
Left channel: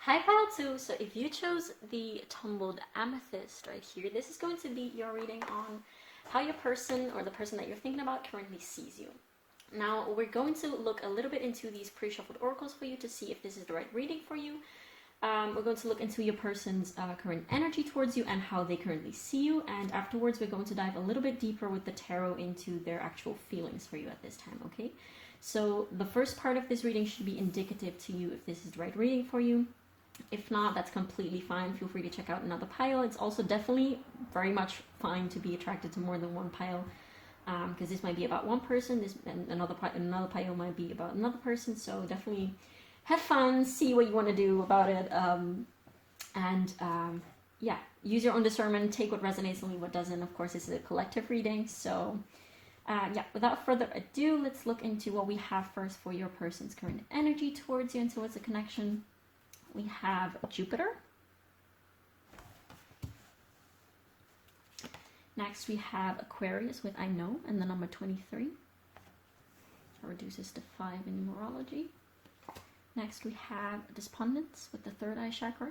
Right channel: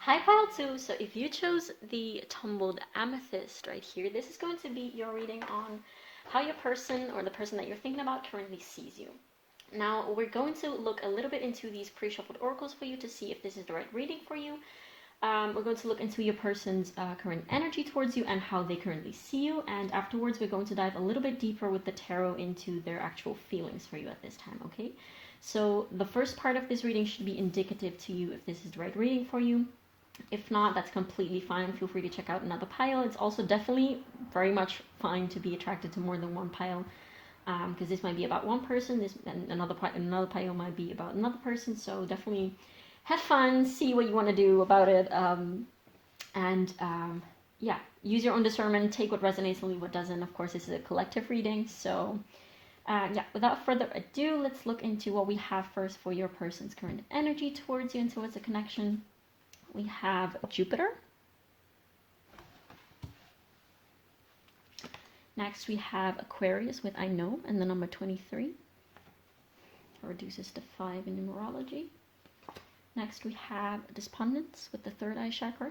Hi pile 2, so if you chose the tumbled Amethyst right here, this is going to be your reading on how your person, or the person that you're thinking about, currently sees you. Now, we're going to look a little bit into these pre-shuffled oracles for you to see if this is the right reading for you. We're going to look into your person's current energy towards you and how they currently see you. And afterwards, we're going to dive a little bit deeper with the tarot into their actual feelings for you at this time, okay? So the first part of this reading should be indicative to you if this is the right reading for you. If not, that's completely fine. Feel free to check out another pile. It's also definitely very much fine to be attracted to more than one pile, because this might be about one person, and another pile might be about another person. So definitely have fun, see what you want to do about it, and yeah, use your own discernment, take what resonates and leave what doesn't. Of course, this is a collective reading, so yeah, without further ado, let's look into what we have first for your person's current energy towards you and towards the connection. We have Jupiter. Next, we have Aquarius with I know and the number 23. That reduces to 5 in numerology. Next, we have Despondence with the third eye chakra.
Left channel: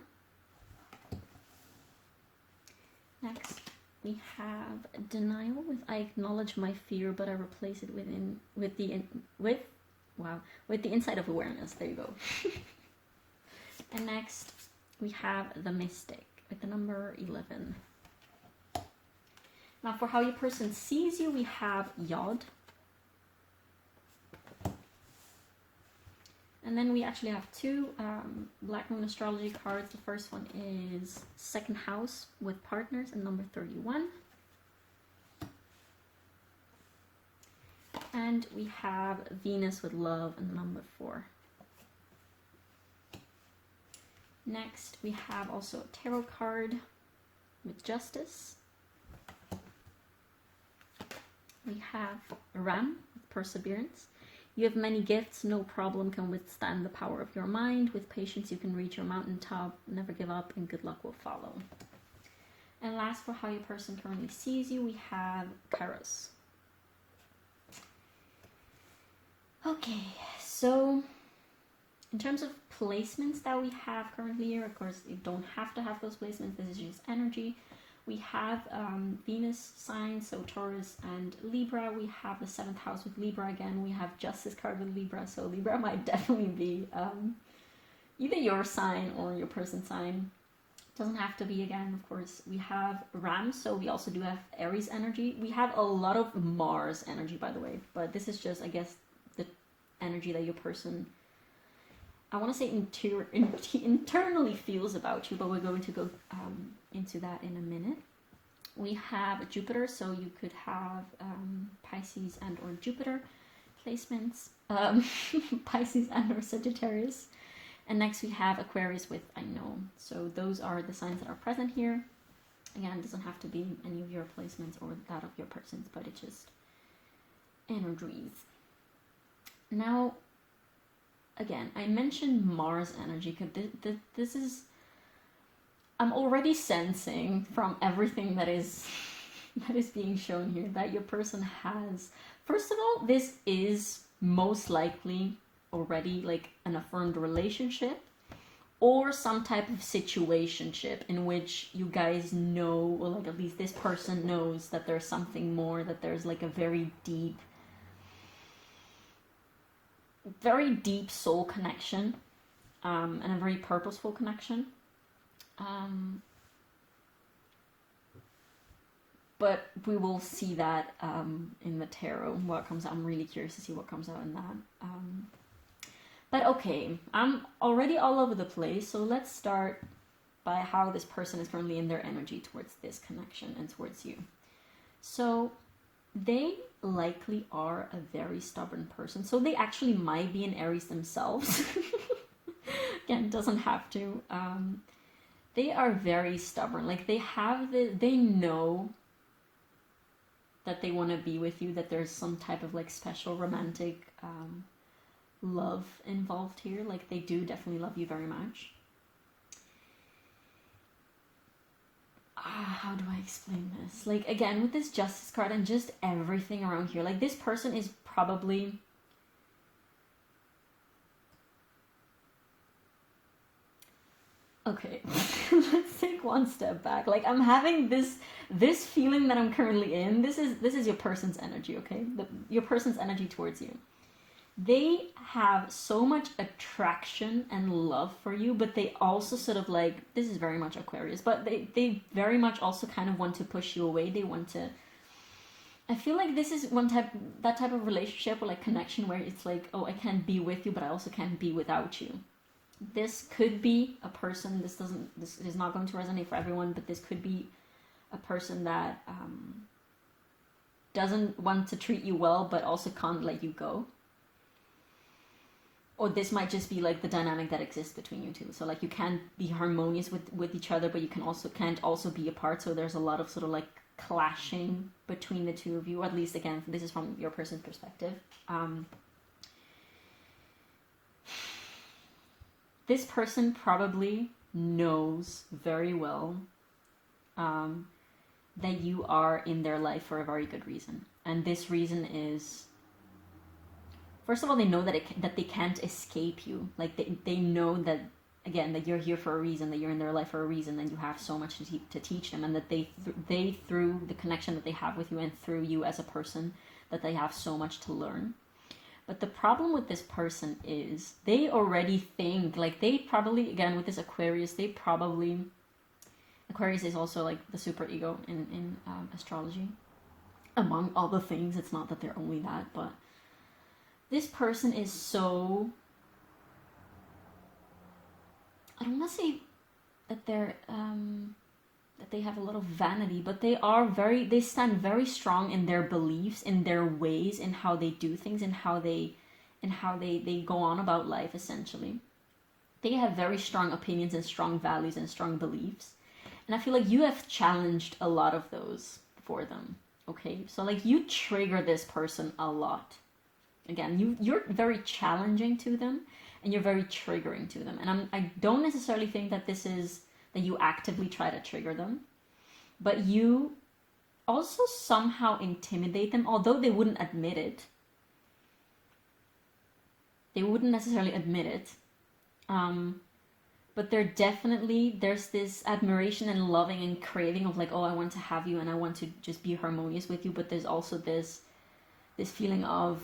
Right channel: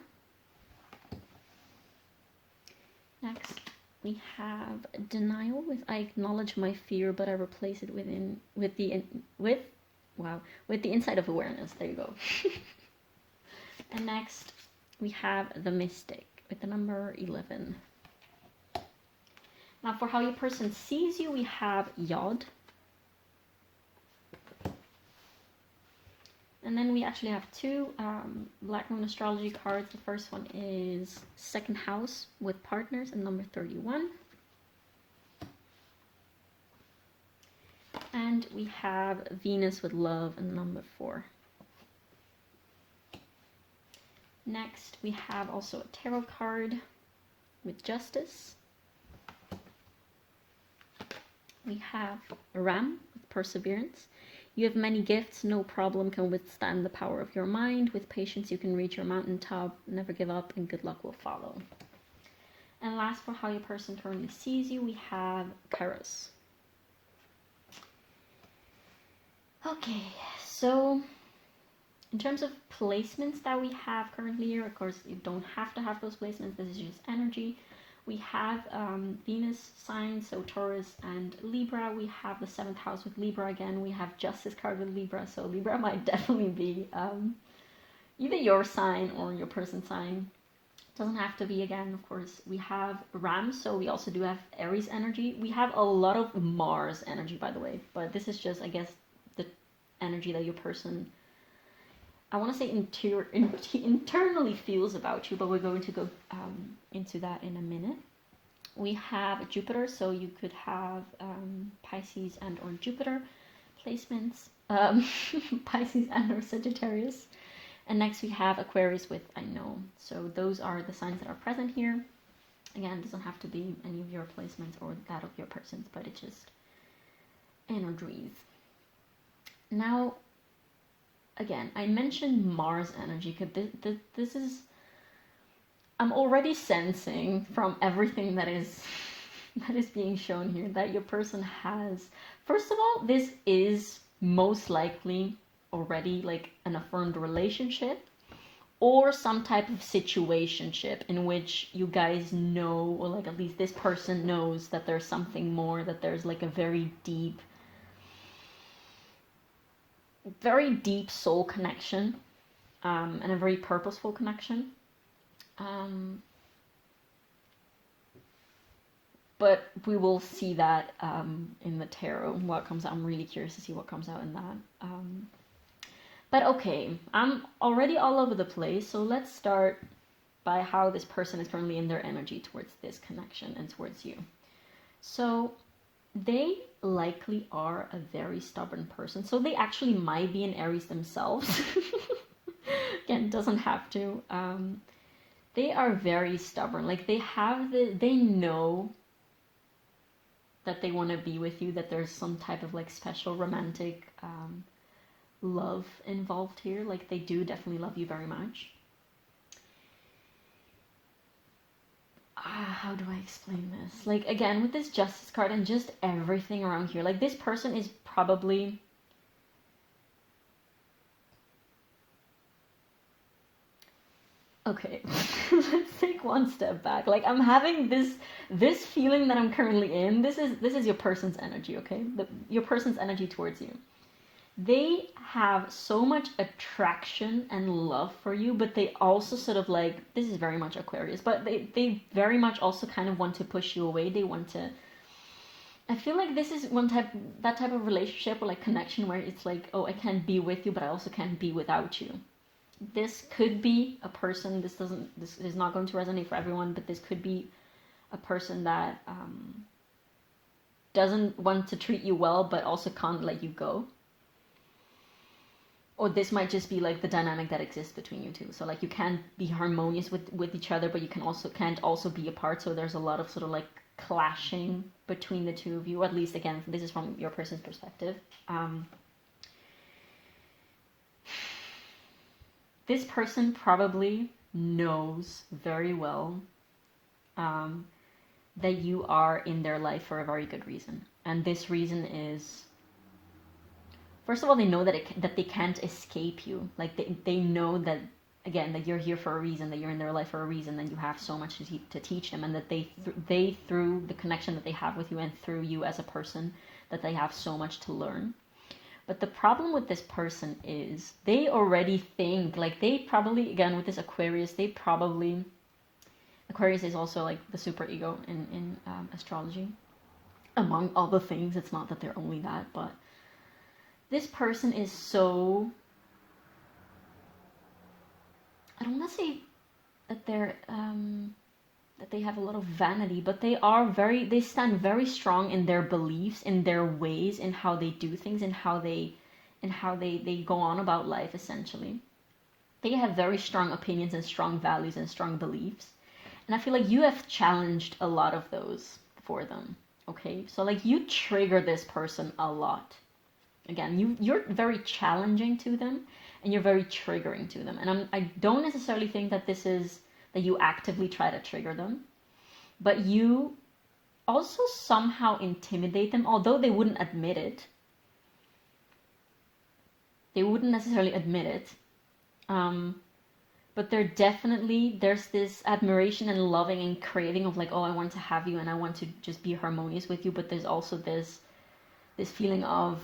Next, we have Denial with I acknowledge my fear, but I replace it with the inside of awareness. There you go. And next, we have the Mystic with the number 11. Now, for how your person sees you, we have Yod. And then we actually have two Black Moon astrology cards. The first one is Second House with Partners and number 31. And we have Venus with Love and number 4. Next, we have also a tarot card with Justice. We have Ram with Perseverance. You have many gifts, no problem can withstand the power of your mind. With patience, you can reach your mountaintop. Never give up, and good luck will follow. And last, for how your person currently sees you, we have Kairos. Okay, so in terms of placements that we have currently here, of course, you don't have to have those placements. This is just energy. We have Venus signs, so Taurus and Libra. We have the 7th house with Libra again. We have Justice card with Libra, so Libra might definitely be either your sign or your person's sign. Doesn't have to be, again, of course. We have Ram, so we also do have Aries energy. We have a lot of Mars energy, by the way, but this is just, I guess, the energy that your person, I want to say internally feels about you, but we're going to go into that in a minute. We have Jupiter, so you could have Pisces and or Jupiter placements, Pisces and or Sagittarius. And next we have Aquarius with I know. So those are the signs that are present here. Again, it doesn't have to be any of your placements or that of your person's, but it's just energies. Now, again, I mentioned Mars energy because this is, I'm already sensing from everything that is being shown here that your person has, first of all, this is most likely already like an affirmed relationship or some type of situationship in which you guys know, or like at least this person knows that there's something more, that there's like a very deep soul connection, and a very purposeful connection. But we will see that in the tarot, what comes out. I'm really curious to see what comes out in that. But okay, I'm already all over the place, so let's start by how this person is currently in their energy towards this connection and towards you. So they likely are a very stubborn person. So they actually might be an Aries themselves. Again, doesn't have to. They are very stubborn. Like they know that they want to be with you, that there's some type of like special romantic love involved here. Like they do definitely love you very much. How do I explain this? Like, again, with this Justice card and just everything around here, like this person is probably, okay, let's take one step back. Like I'm having this feeling that I'm currently in. This is your person's energy, okay? Your person's energy towards you. They have so much attraction and love for you, but they also sort of like, this is very much Aquarius, but they very much also kind of want to push you away. They want to, I feel like this is that type of relationship or like connection where it's like, oh, I can't be with you, but I also can't be without you. This could be a person, this is not going to resonate for everyone, but this could be a person that doesn't want to treat you well, but also can't let you go. Or this might just be like the dynamic that exists between you two. So like you can't be harmonious with each other, but you can't also be apart. So there's a lot of sort of like clashing between the two of you. Or at least, again, this is from your person's perspective. This person probably knows very well that you are in their life for a very good reason. And this reason is, first of all, they know that they can't escape you. Like they know that, again, that you're here for a reason, that you're in their life for a reason, that you have so much to teach them, and that they through the connection that they have with you and through you as a person, that they have so much to learn. But the problem with this person is they already think, like they probably, again, with this Aquarius, Aquarius is also like the super ego in astrology. Among all the things, it's not that they're only that, but this person is so, I don't want to say that that they have a lot of vanity, but they stand very strong in their beliefs, in their ways, in how they do things, in how they go on about life, essentially. They have very strong opinions and strong values and strong beliefs. And I feel like you have challenged a lot of those for them. Okay? So like you trigger this person a lot. Again, you're very challenging to them, and you're very triggering to them. And I don't necessarily think that this is that you actively try to trigger them, but you also somehow intimidate them, although they wouldn't admit it. They wouldn't necessarily admit it. But there's this admiration and loving and craving of like, oh, I want to have you and I want to just be harmonious with you. But there's also this feeling of,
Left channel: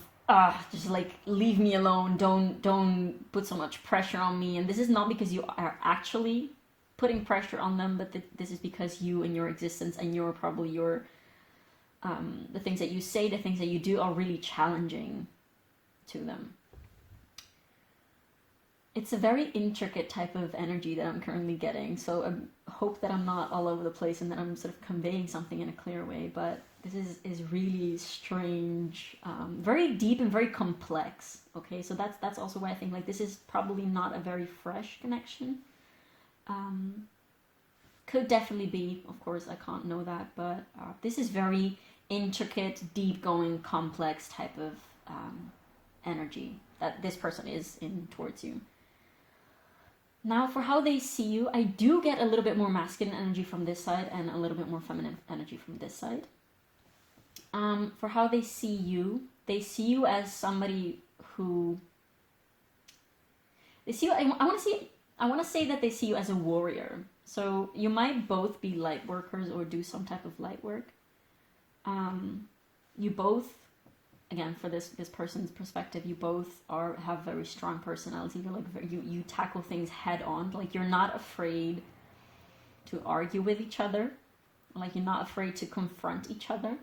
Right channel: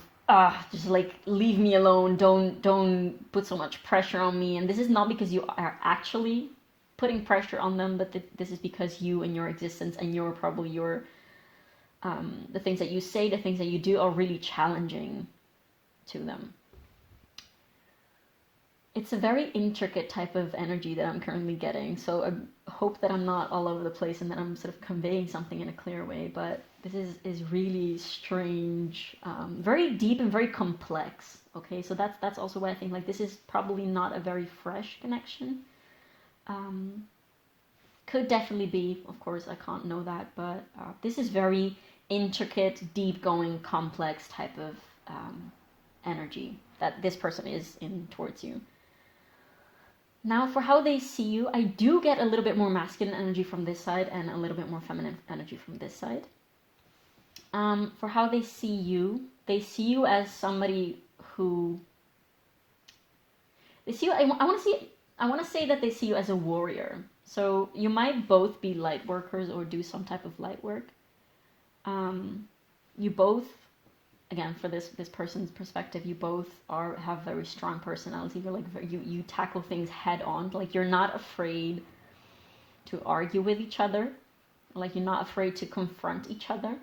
just like leave me alone, don't put so much pressure on me. And this is not because you are actually putting pressure on them, but this is because you and your existence and the things that you say, the things that you do are really challenging to them. It's a very intricate type of energy that I'm currently getting, so I hope that I'm not all over the place and that I'm sort of conveying something in a clear way, but this is really strange, very deep and very complex. Okay, so that's also why I think like this is probably not a very fresh connection. Could definitely be, of course, I can't know that, but this is very intricate, deep going, complex type of energy that this person is in towards you. Now, for how they see you, I do get a little bit more masculine energy from this side and a little bit more feminine energy from this side. For how they see you as somebody who they see you. I want to say that they see you as a warrior. So you might both be light workers or do some type of light work. You both, again, for this person's perspective, you both have very strong personality. You're like you tackle things head on. Like you're not afraid to argue with each other. Like you're not afraid to confront each other.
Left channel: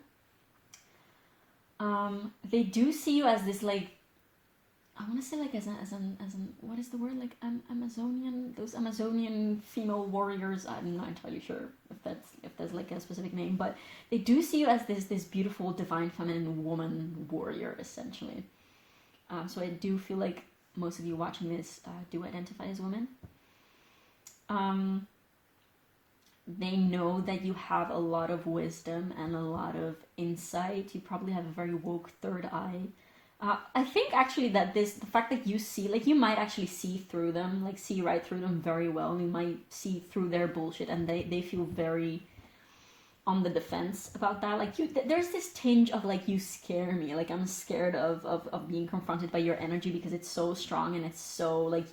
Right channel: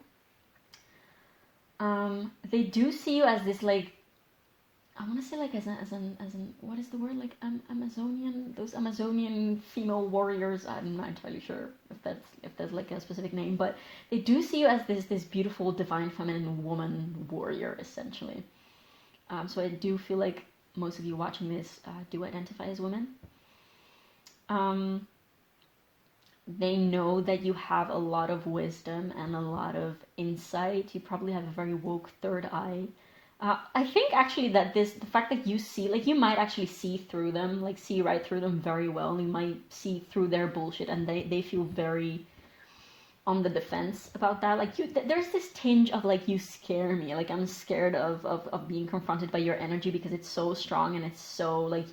They do see you as this, like, I want to say like as an what is the word, like Amazonian, those Amazonian female warriors. I'm not entirely sure if there's like a specific name, but they do see you as this beautiful divine feminine woman warrior, essentially. So I do feel like most of you watching this do identify as women. They know that you have a lot of wisdom and a lot of insight. You probably have a very woke third eye. I think actually that the fact that you see, like you might actually see through them, like see right through them very well. You might see through their bullshit, and they feel very on the defense about that. Like there's this tinge of like, you scare me. Like I'm scared of being confronted by your energy because it's so strong and it's so like...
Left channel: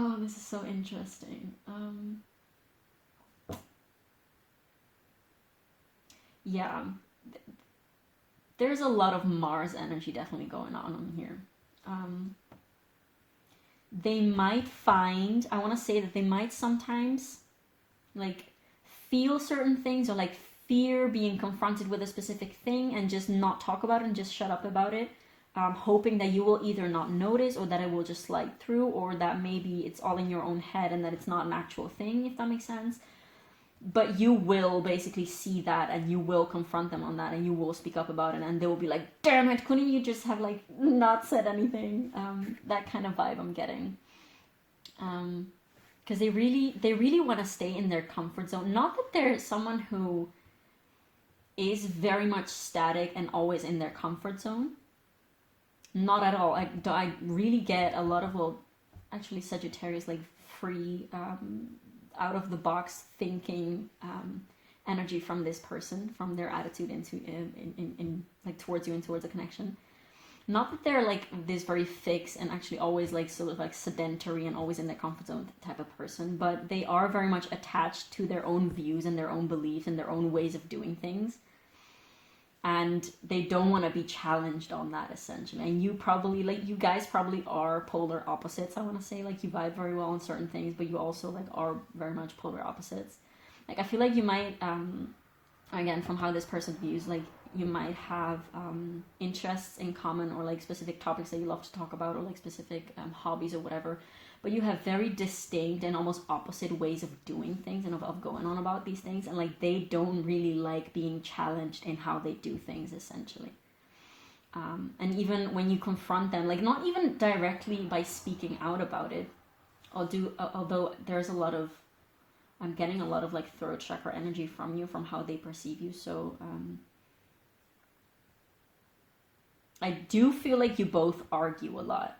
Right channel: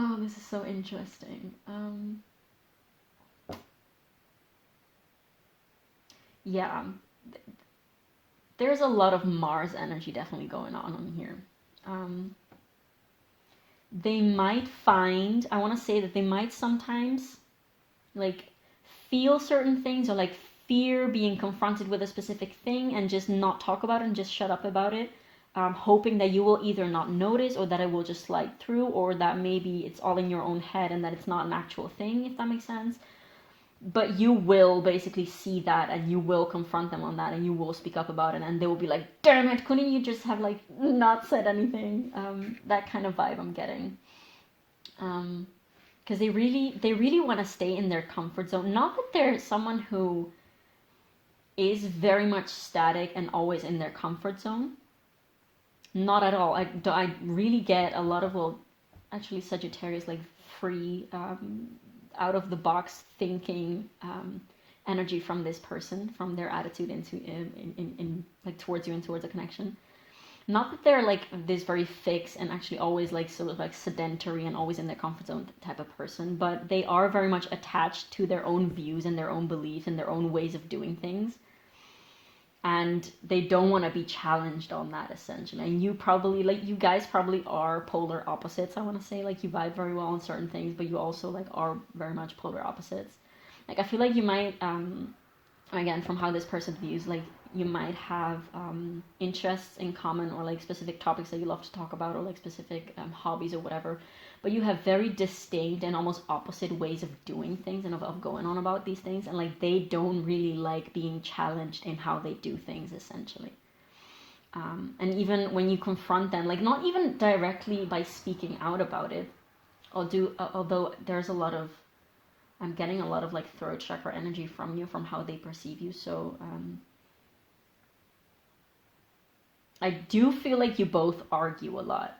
Oh, this is so interesting. Yeah, there's a lot of Mars energy definitely going on here. They might find, I want to say that they might sometimes like feel certain things or like fear being confronted with a specific thing and just not talk about it and just shut up about it, hoping that you will either not notice or that it will just slide through, or that maybe it's all in your own head and that it's not an actual thing, if that makes sense. But you will basically see that and you will confront them on that and you will speak up about it, and they will be like, damn it, couldn't you just have like not said anything? That kind of vibe I'm getting. Because they really want to stay in their comfort zone. Not that they're someone who is very much static and always in their comfort zone. Not at all. I really get a lot of, well, actually Sagittarius, like free, out of the box thinking energy from this person, from their attitude into in like towards you and towards a connection. Not that they're like this very fixed and actually always like sort of like sedentary and always in their comfort zone type of person, but they are very much attached to their own views and their own beliefs and their own ways of doing things. And they don't want to be challenged on that, essentially. And you probably, like, you guys probably are polar opposites, I want to say. Like, you vibe very well on certain things, but you also, like, are very much polar opposites. Like, I feel like you might, again, from how this person views, like, you might have interests in common, or, like, specific topics that you love to talk about, or, like, specific hobbies or whatever. But you have very distinct and almost opposite ways of doing things and of going on about these things. And like, they don't really like being challenged in how they do things, essentially. And even when you confront them, like not even directly by speaking out about it, although there's a lot of, I'm getting a lot of like throat chakra energy from you, from how they perceive you. So I do feel like you both argue a lot.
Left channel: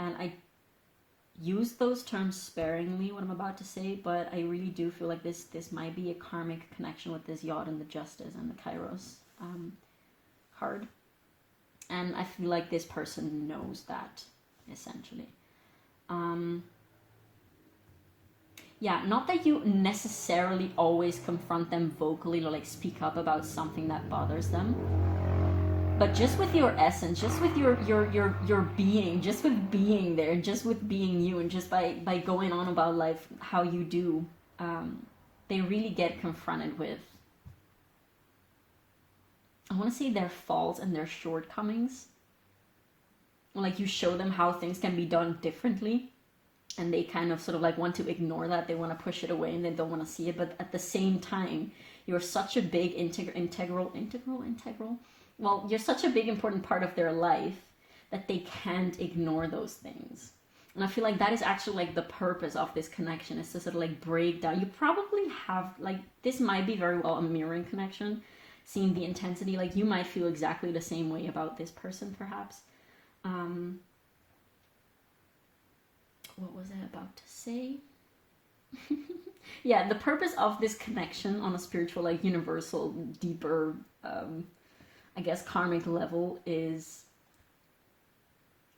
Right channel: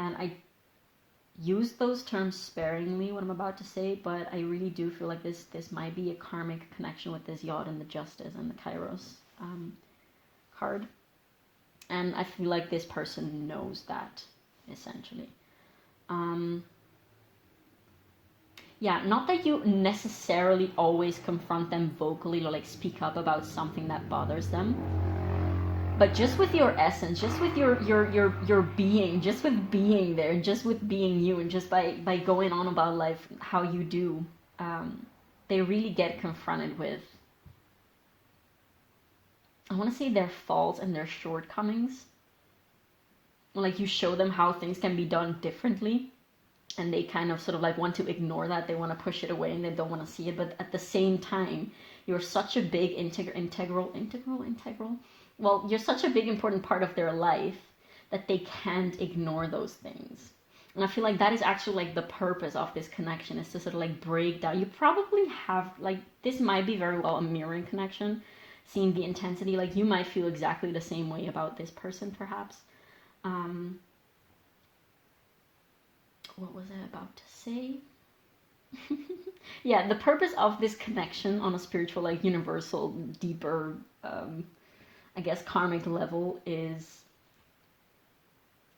And I use those terms sparingly, what I'm about to say, but I really do feel like this might be a karmic connection with this Yod and the Justice and the Kairos card. And I feel like this person knows that, essentially. Yeah, not that you necessarily always confront them vocally or like speak up about something that bothers them, but just with your essence, just with your being, just with being there, just with being you, and just by going on about life how you do, they really get confronted with, I want to say, their faults and their shortcomings. Like, you show them how things can be done differently, and they kind of sort of like want to ignore that. They want to push it away and they don't want to see it. But at the same time, you're such a big integral. Well, you're such a big important part of their life that they can't ignore those things. And I feel like that is actually like the purpose of this connection, is to sort of like break down. You probably have, like, this might be very well a mirroring connection, seeing the intensity. Like, you might feel exactly the same way about this person, perhaps. What was I about to say? Yeah, the purpose of this connection on a spiritual, like, universal, deeper, I guess, karmic level is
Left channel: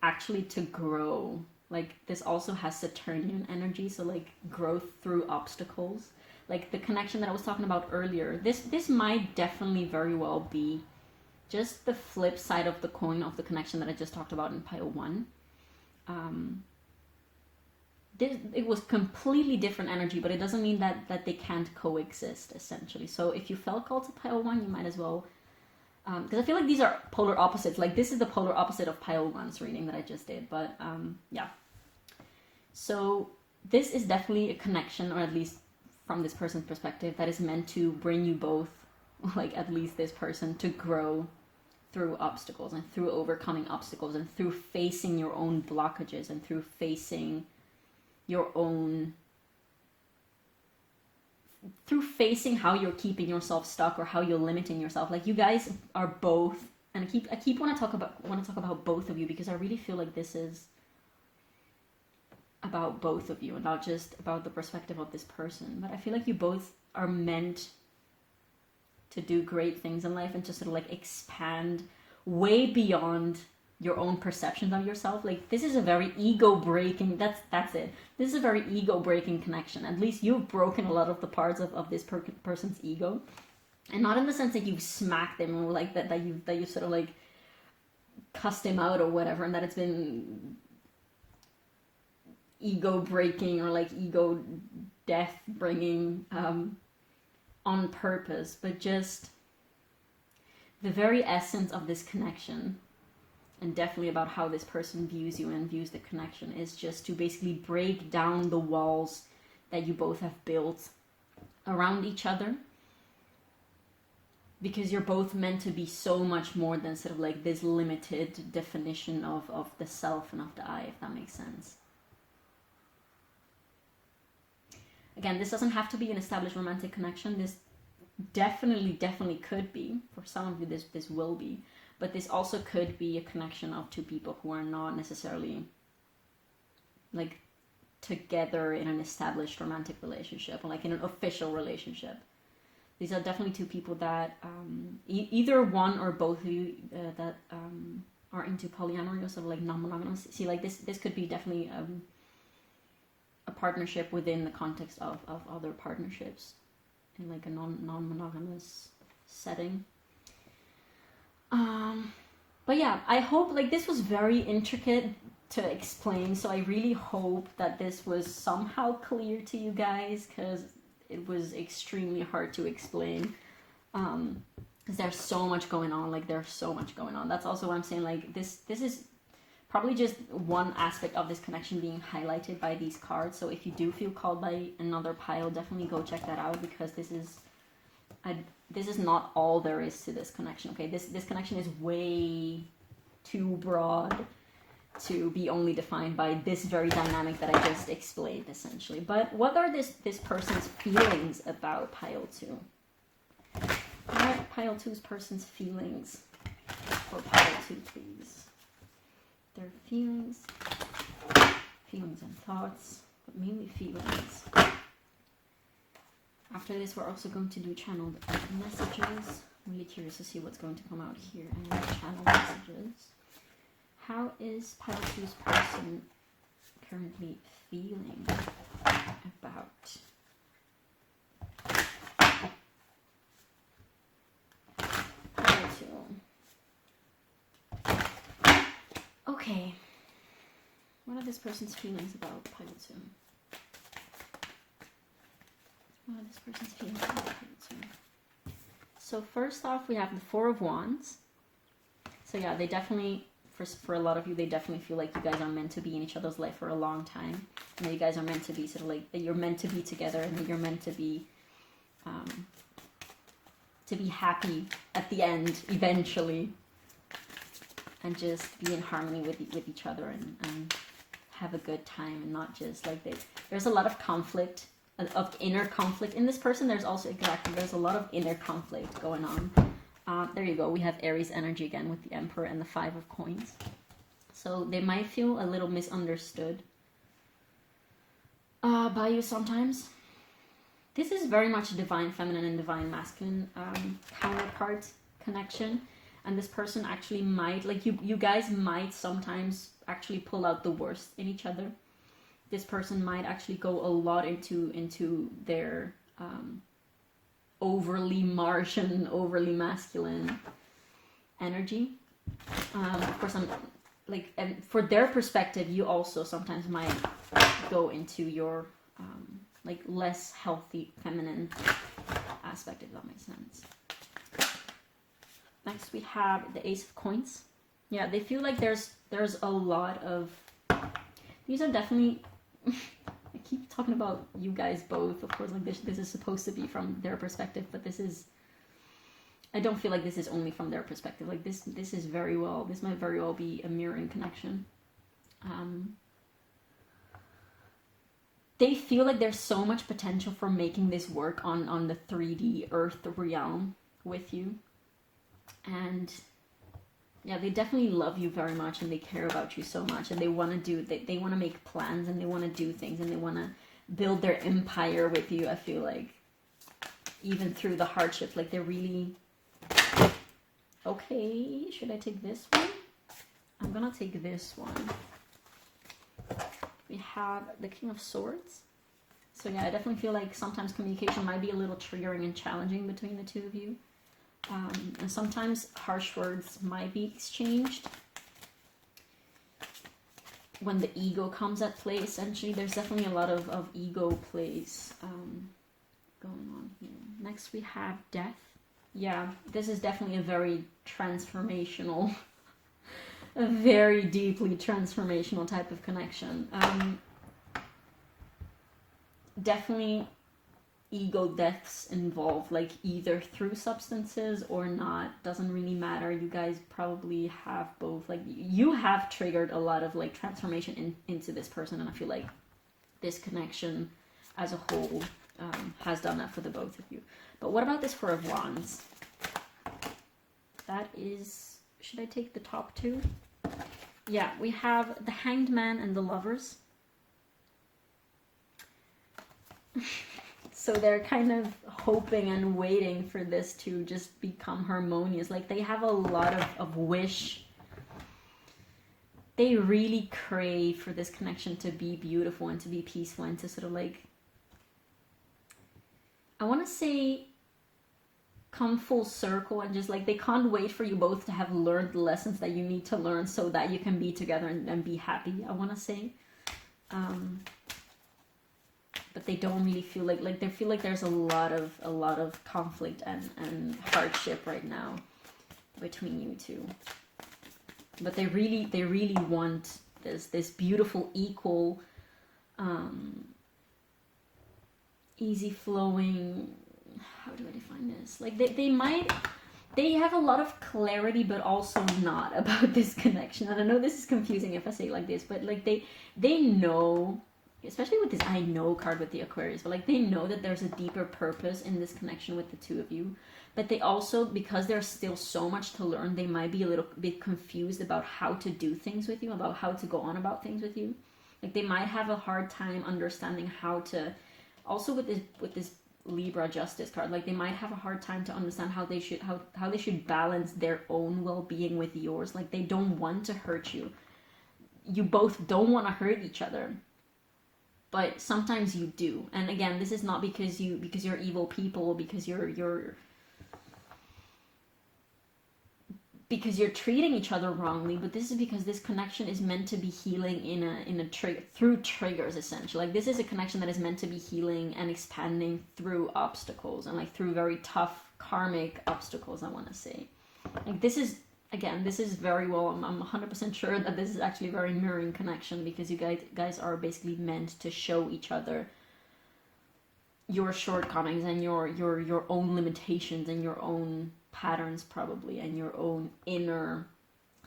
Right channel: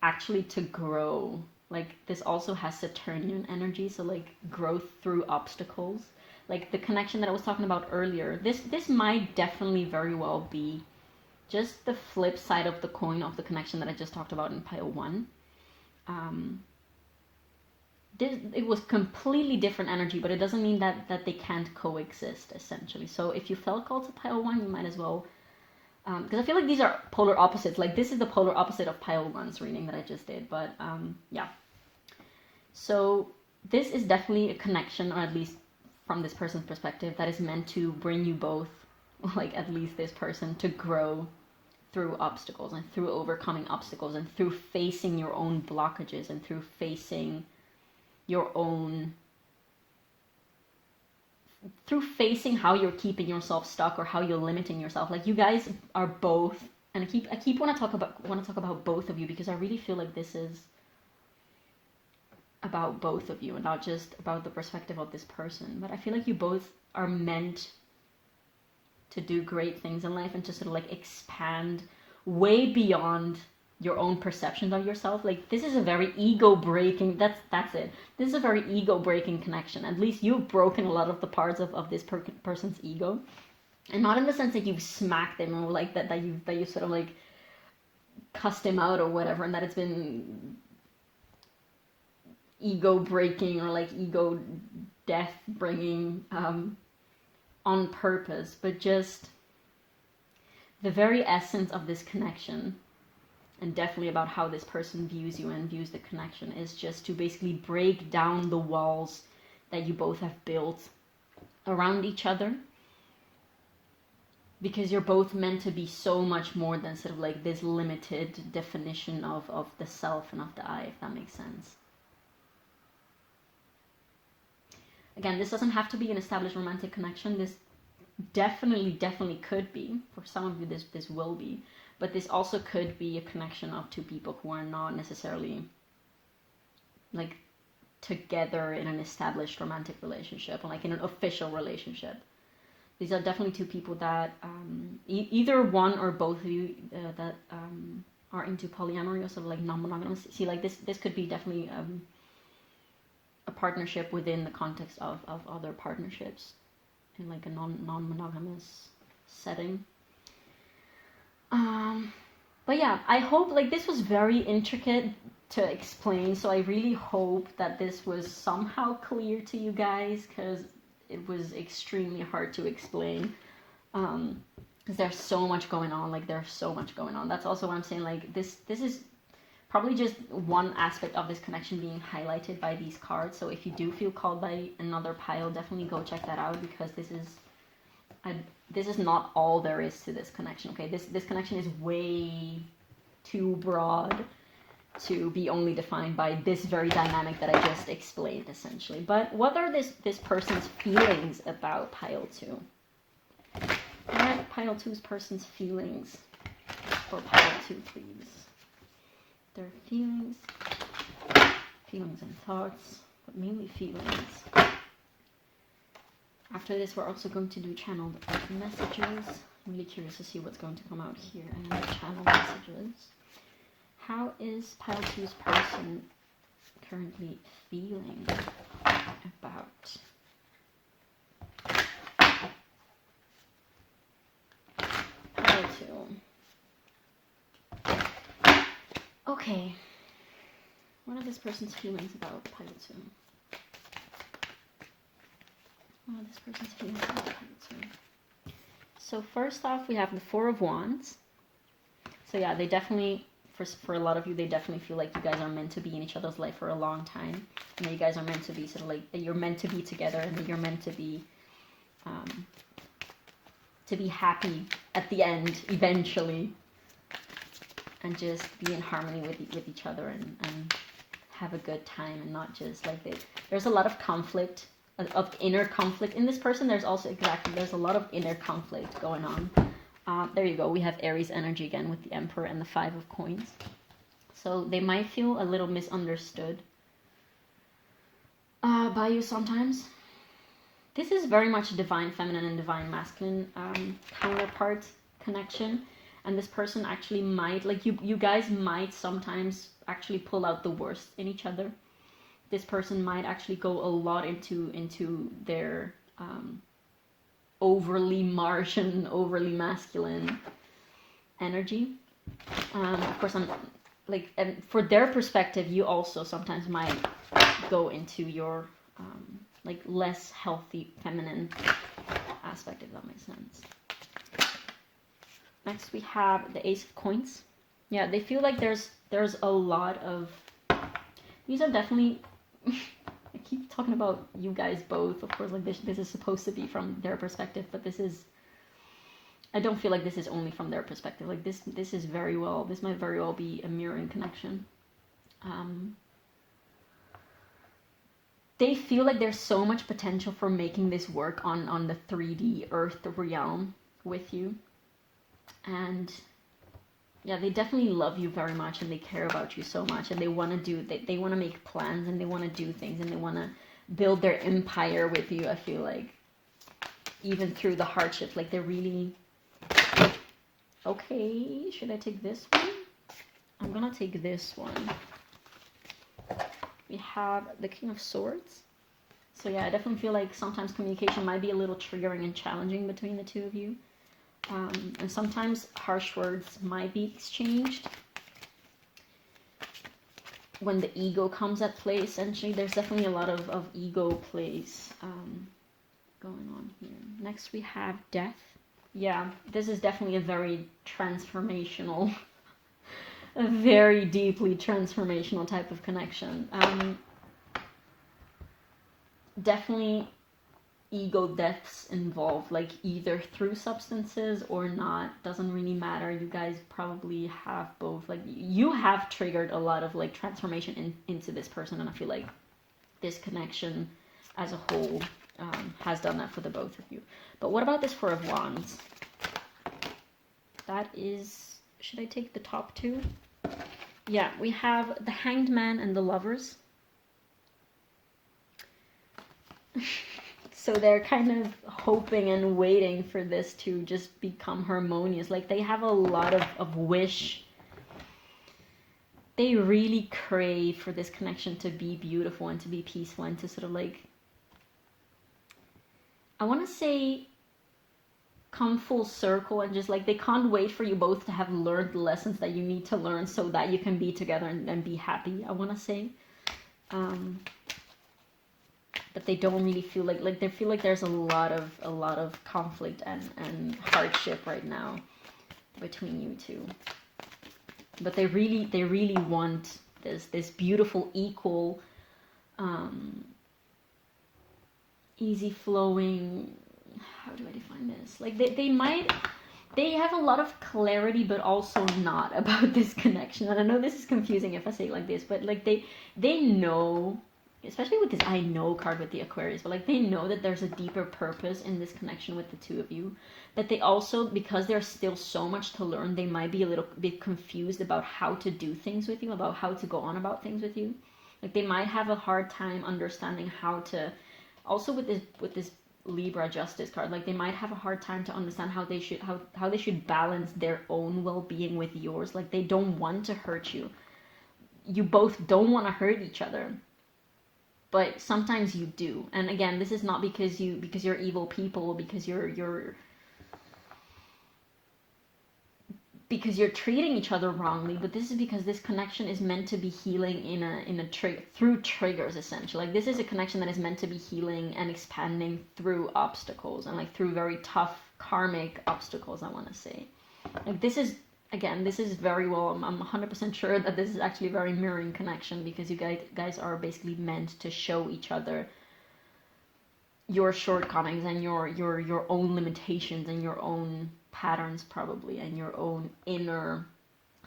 actually to grow. Like, this also has Saturnian energy, so like growth through obstacles. Like the connection that I was talking about earlier, this might definitely very well be just the flip side of the coin of the connection that I just talked about in pile 1. It was completely different energy, but it doesn't mean that they can't coexist, essentially. So if you felt called to pile 1, you might as well, because I feel like these are polar opposites. Like, this is the polar opposite of pile 1's reading that I just did, but yeah. So this is definitely a connection, or at least from this person's perspective, that is meant to bring you both, like at least this person, to grow through obstacles and through overcoming obstacles and through facing your own blockages and through facing your own, through facing how you're keeping yourself stuck or how you're limiting yourself. Like, you guys are both, and I keep want to talk about both of you, because I really feel like this is about both of you and not just about the perspective of this person. But I feel like you both are meant to do great things in life and to sort of like expand way beyond your own perceptions of yourself. Like, this is a very ego breaking, that's it. This is a very ego breaking connection. At least you've broken a lot of the parts of this person's ego. And not in the sense that you've smacked him, or like that you sort of like cussed him out or whatever, and that it's been ego breaking or like ego death bringing on purpose, but just the very essence of this connection, and definitely about how this person views you and views the connection, is just to basically break down the walls that you both have built around each other, because you're both meant to be so much more than sort of like this limited definition of the self and of the I, if that makes sense. Again, this doesn't have to be an established romantic connection. This definitely could be. For some of you, this will be. But this also could be a connection of two people who are not necessarily like together in an established romantic relationship, or like in an official relationship. These are definitely two people that either one or both of you that are into polyamory or sort of like non-monogamous. See, like this could be definitely a partnership within the context of other partnerships in like a non-monogamous setting. But yeah, I hope, like, this was very intricate to explain, so I really hope that this was somehow clear to you guys, because it was extremely hard to explain, because there's so much going on. That's also what I'm saying, like, this is probably just one aspect of this connection being highlighted by these cards. So if you do feel called by another pile, definitely go check that out, because this is not all there is to this connection. Okay, this connection is way too broad to be only defined by this very dynamic that I just explained, essentially. But what are this person's feelings about pile 2? What are pile 2's person's feelings for pile 2, please? Their feelings and thoughts, but mainly feelings. After this, we're also going to do channeled messages. I'm really curious to see what's going to come out here. And channeled messages. How is pile 2's person currently feeling about pile 2? Okay. What are this person's feelings about pile 2? What are this person's feelings about pile 2? So first off, we have the Four of Wands. So yeah, they definitely, for a lot of you, they definitely feel like you guys are meant to be in each other's life for a long time. And that you guys are meant to be sort of like, that you're meant to be together, and that you're meant to be happy at the end, eventually. And just be in harmony with each other, and have a good time, and not just like there's a lot of conflict, of inner conflict in this person. There's a lot of inner conflict going on. There you go. We have Aries energy again with the Emperor and the Five of Coins. So they might feel a little misunderstood by you sometimes. This is very much a divine feminine and divine masculine counterpart connection. And this person actually might, like, you guys might sometimes actually pull out the worst in each other. This person might actually go a lot into their overly Martian, overly masculine energy. Of course, I'm like, and for their perspective, you also sometimes might go into your like less healthy feminine aspect, if that makes sense. Next, we have the Ace of Coins. Yeah, they feel like there's a lot of, these are definitely, I keep talking about you guys both, of course, like this is supposed to be from their perspective, but I don't feel like this is only from their perspective. Like this might very well be a mirroring connection. They feel like there's so much potential for making this work on the 3D Earth realm with you. And yeah, they definitely love you very much, and they care about you so much, and they want to make plans, and they want to do things, and they want to build their empire with you. I feel like even through the hardships, like they're really okay. Should I take this one? I'm gonna take this one. We have the King of Swords. So yeah, I definitely feel like sometimes communication might be a little triggering and challenging between the two of you. And sometimes harsh words might be exchanged. when the ego comes at play, essentially. There's definitely a lot of ego plays going on here. Next we have death. Yeah, this is definitely a very transformational, a very deeply transformational type of connection. Definitely ego deaths involved, like either through substances or not, doesn't really matter. You guys probably have both. Like you have triggered a lot of like transformation into this person, and I feel like this connection as a whole has done that for the both of you. But what about this Four of Wands? That is, should I take the top two? Yeah, we have the Hanged Man and the Lovers. So they're kind of hoping and waiting for this to just become harmonious. Like they have a lot of wish. They really crave for this connection to be beautiful and to be peaceful and to sort of like, I want to say, come full circle, and just like they can't wait for you both to have learned the lessons that you need to learn so that you can be together and be happy, I want to say. But they don't really feel like they feel like there's a lot of conflict and hardship right now between you two. But they really want this beautiful, equal, easy flowing, how do I define this? Like they have a lot of clarity, but also not about this connection. And I know this is confusing if I say it like this, but like they know, especially with this I know card with the Aquarius, but like they know that there's a deeper purpose in this connection with the two of you. But they also, because there's still so much to learn, they might be a little bit confused about how to do things with you, about how to go on about things with you. Like they might have a hard time understanding how to, also with this Libra Justice card, like they might have a hard time to understand how they should balance their own well-being with yours. Like they don't want to hurt you. You both don't want to hurt each other. But sometimes you do. And again, this is not because you're evil people, because you're treating each other wrongly, but this is because this connection is meant to be healing in a through triggers, essentially. Like this is a connection that is meant to be healing and expanding through obstacles, and like through very tough karmic obstacles, I want to say. Like this is, again, this is very well, I'm 100% sure that this is actually a very mirroring connection, because you guys are basically meant to show each other your shortcomings and your own limitations and your own patterns, probably, and your own inner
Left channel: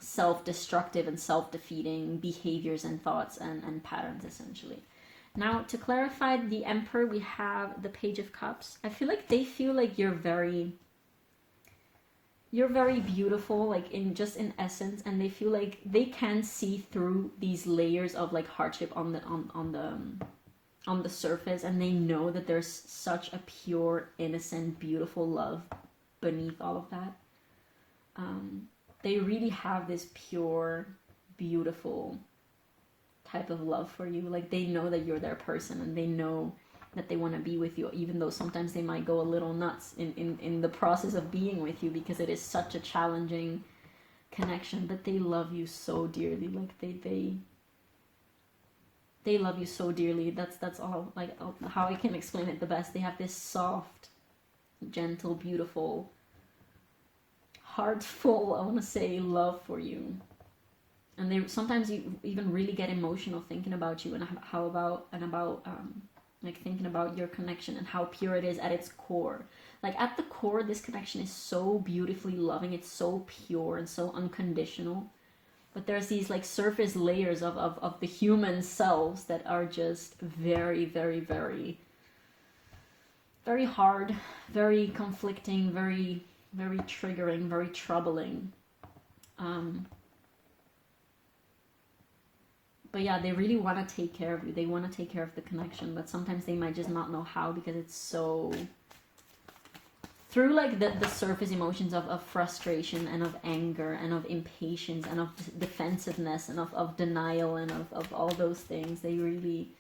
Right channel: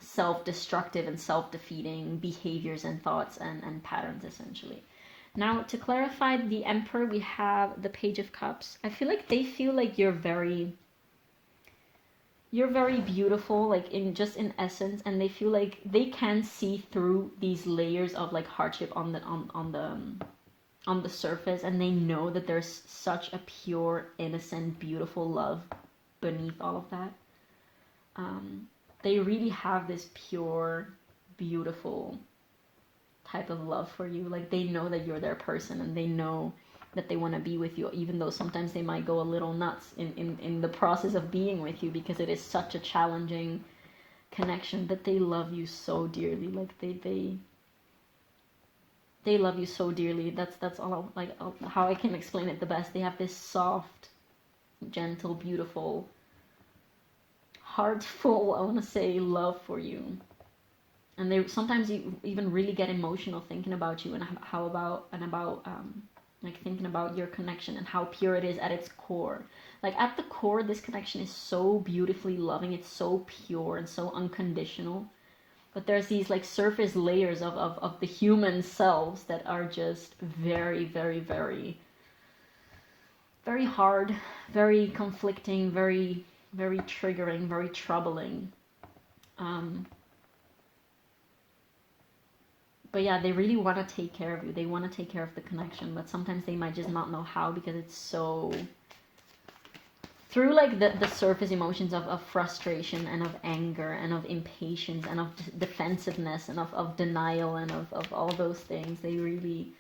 self-destructive and self-defeating behaviors and thoughts and patterns, essentially. Now, to clarify the Emperor, we have the Page of Cups. I feel like they feel like you're very beautiful, like in essence, and they feel like they can see through these layers of like hardship on the surface, and they know that there's such a pure, innocent, beautiful love beneath all of that. They really have this pure, beautiful type of love for you. Like they know that you're their person, and they know that they want to be with you, even though sometimes they might go a little nuts in the process of being with you, because it is such a challenging connection. But they love you so dearly. Like they love you so dearly. That's all, like, how I can explain it the best. They have this soft, gentle, beautiful, heartful, I want to say, love for you. And they sometimes even really get emotional thinking about you, and about like thinking about your connection and how pure it is at its core. Like at the core, this connection is so beautifully loving. It's so pure and so unconditional. But there's these like surface layers of the human selves that are just very, very, very, very hard, very conflicting, very, very triggering, very troubling. But yeah, they really want to take care of you. They want to take care of the connection, but sometimes they might just not know how, because it's so... Through like the surface emotions of frustration and of anger and of impatience and of defensiveness and of denial and of all those things, they really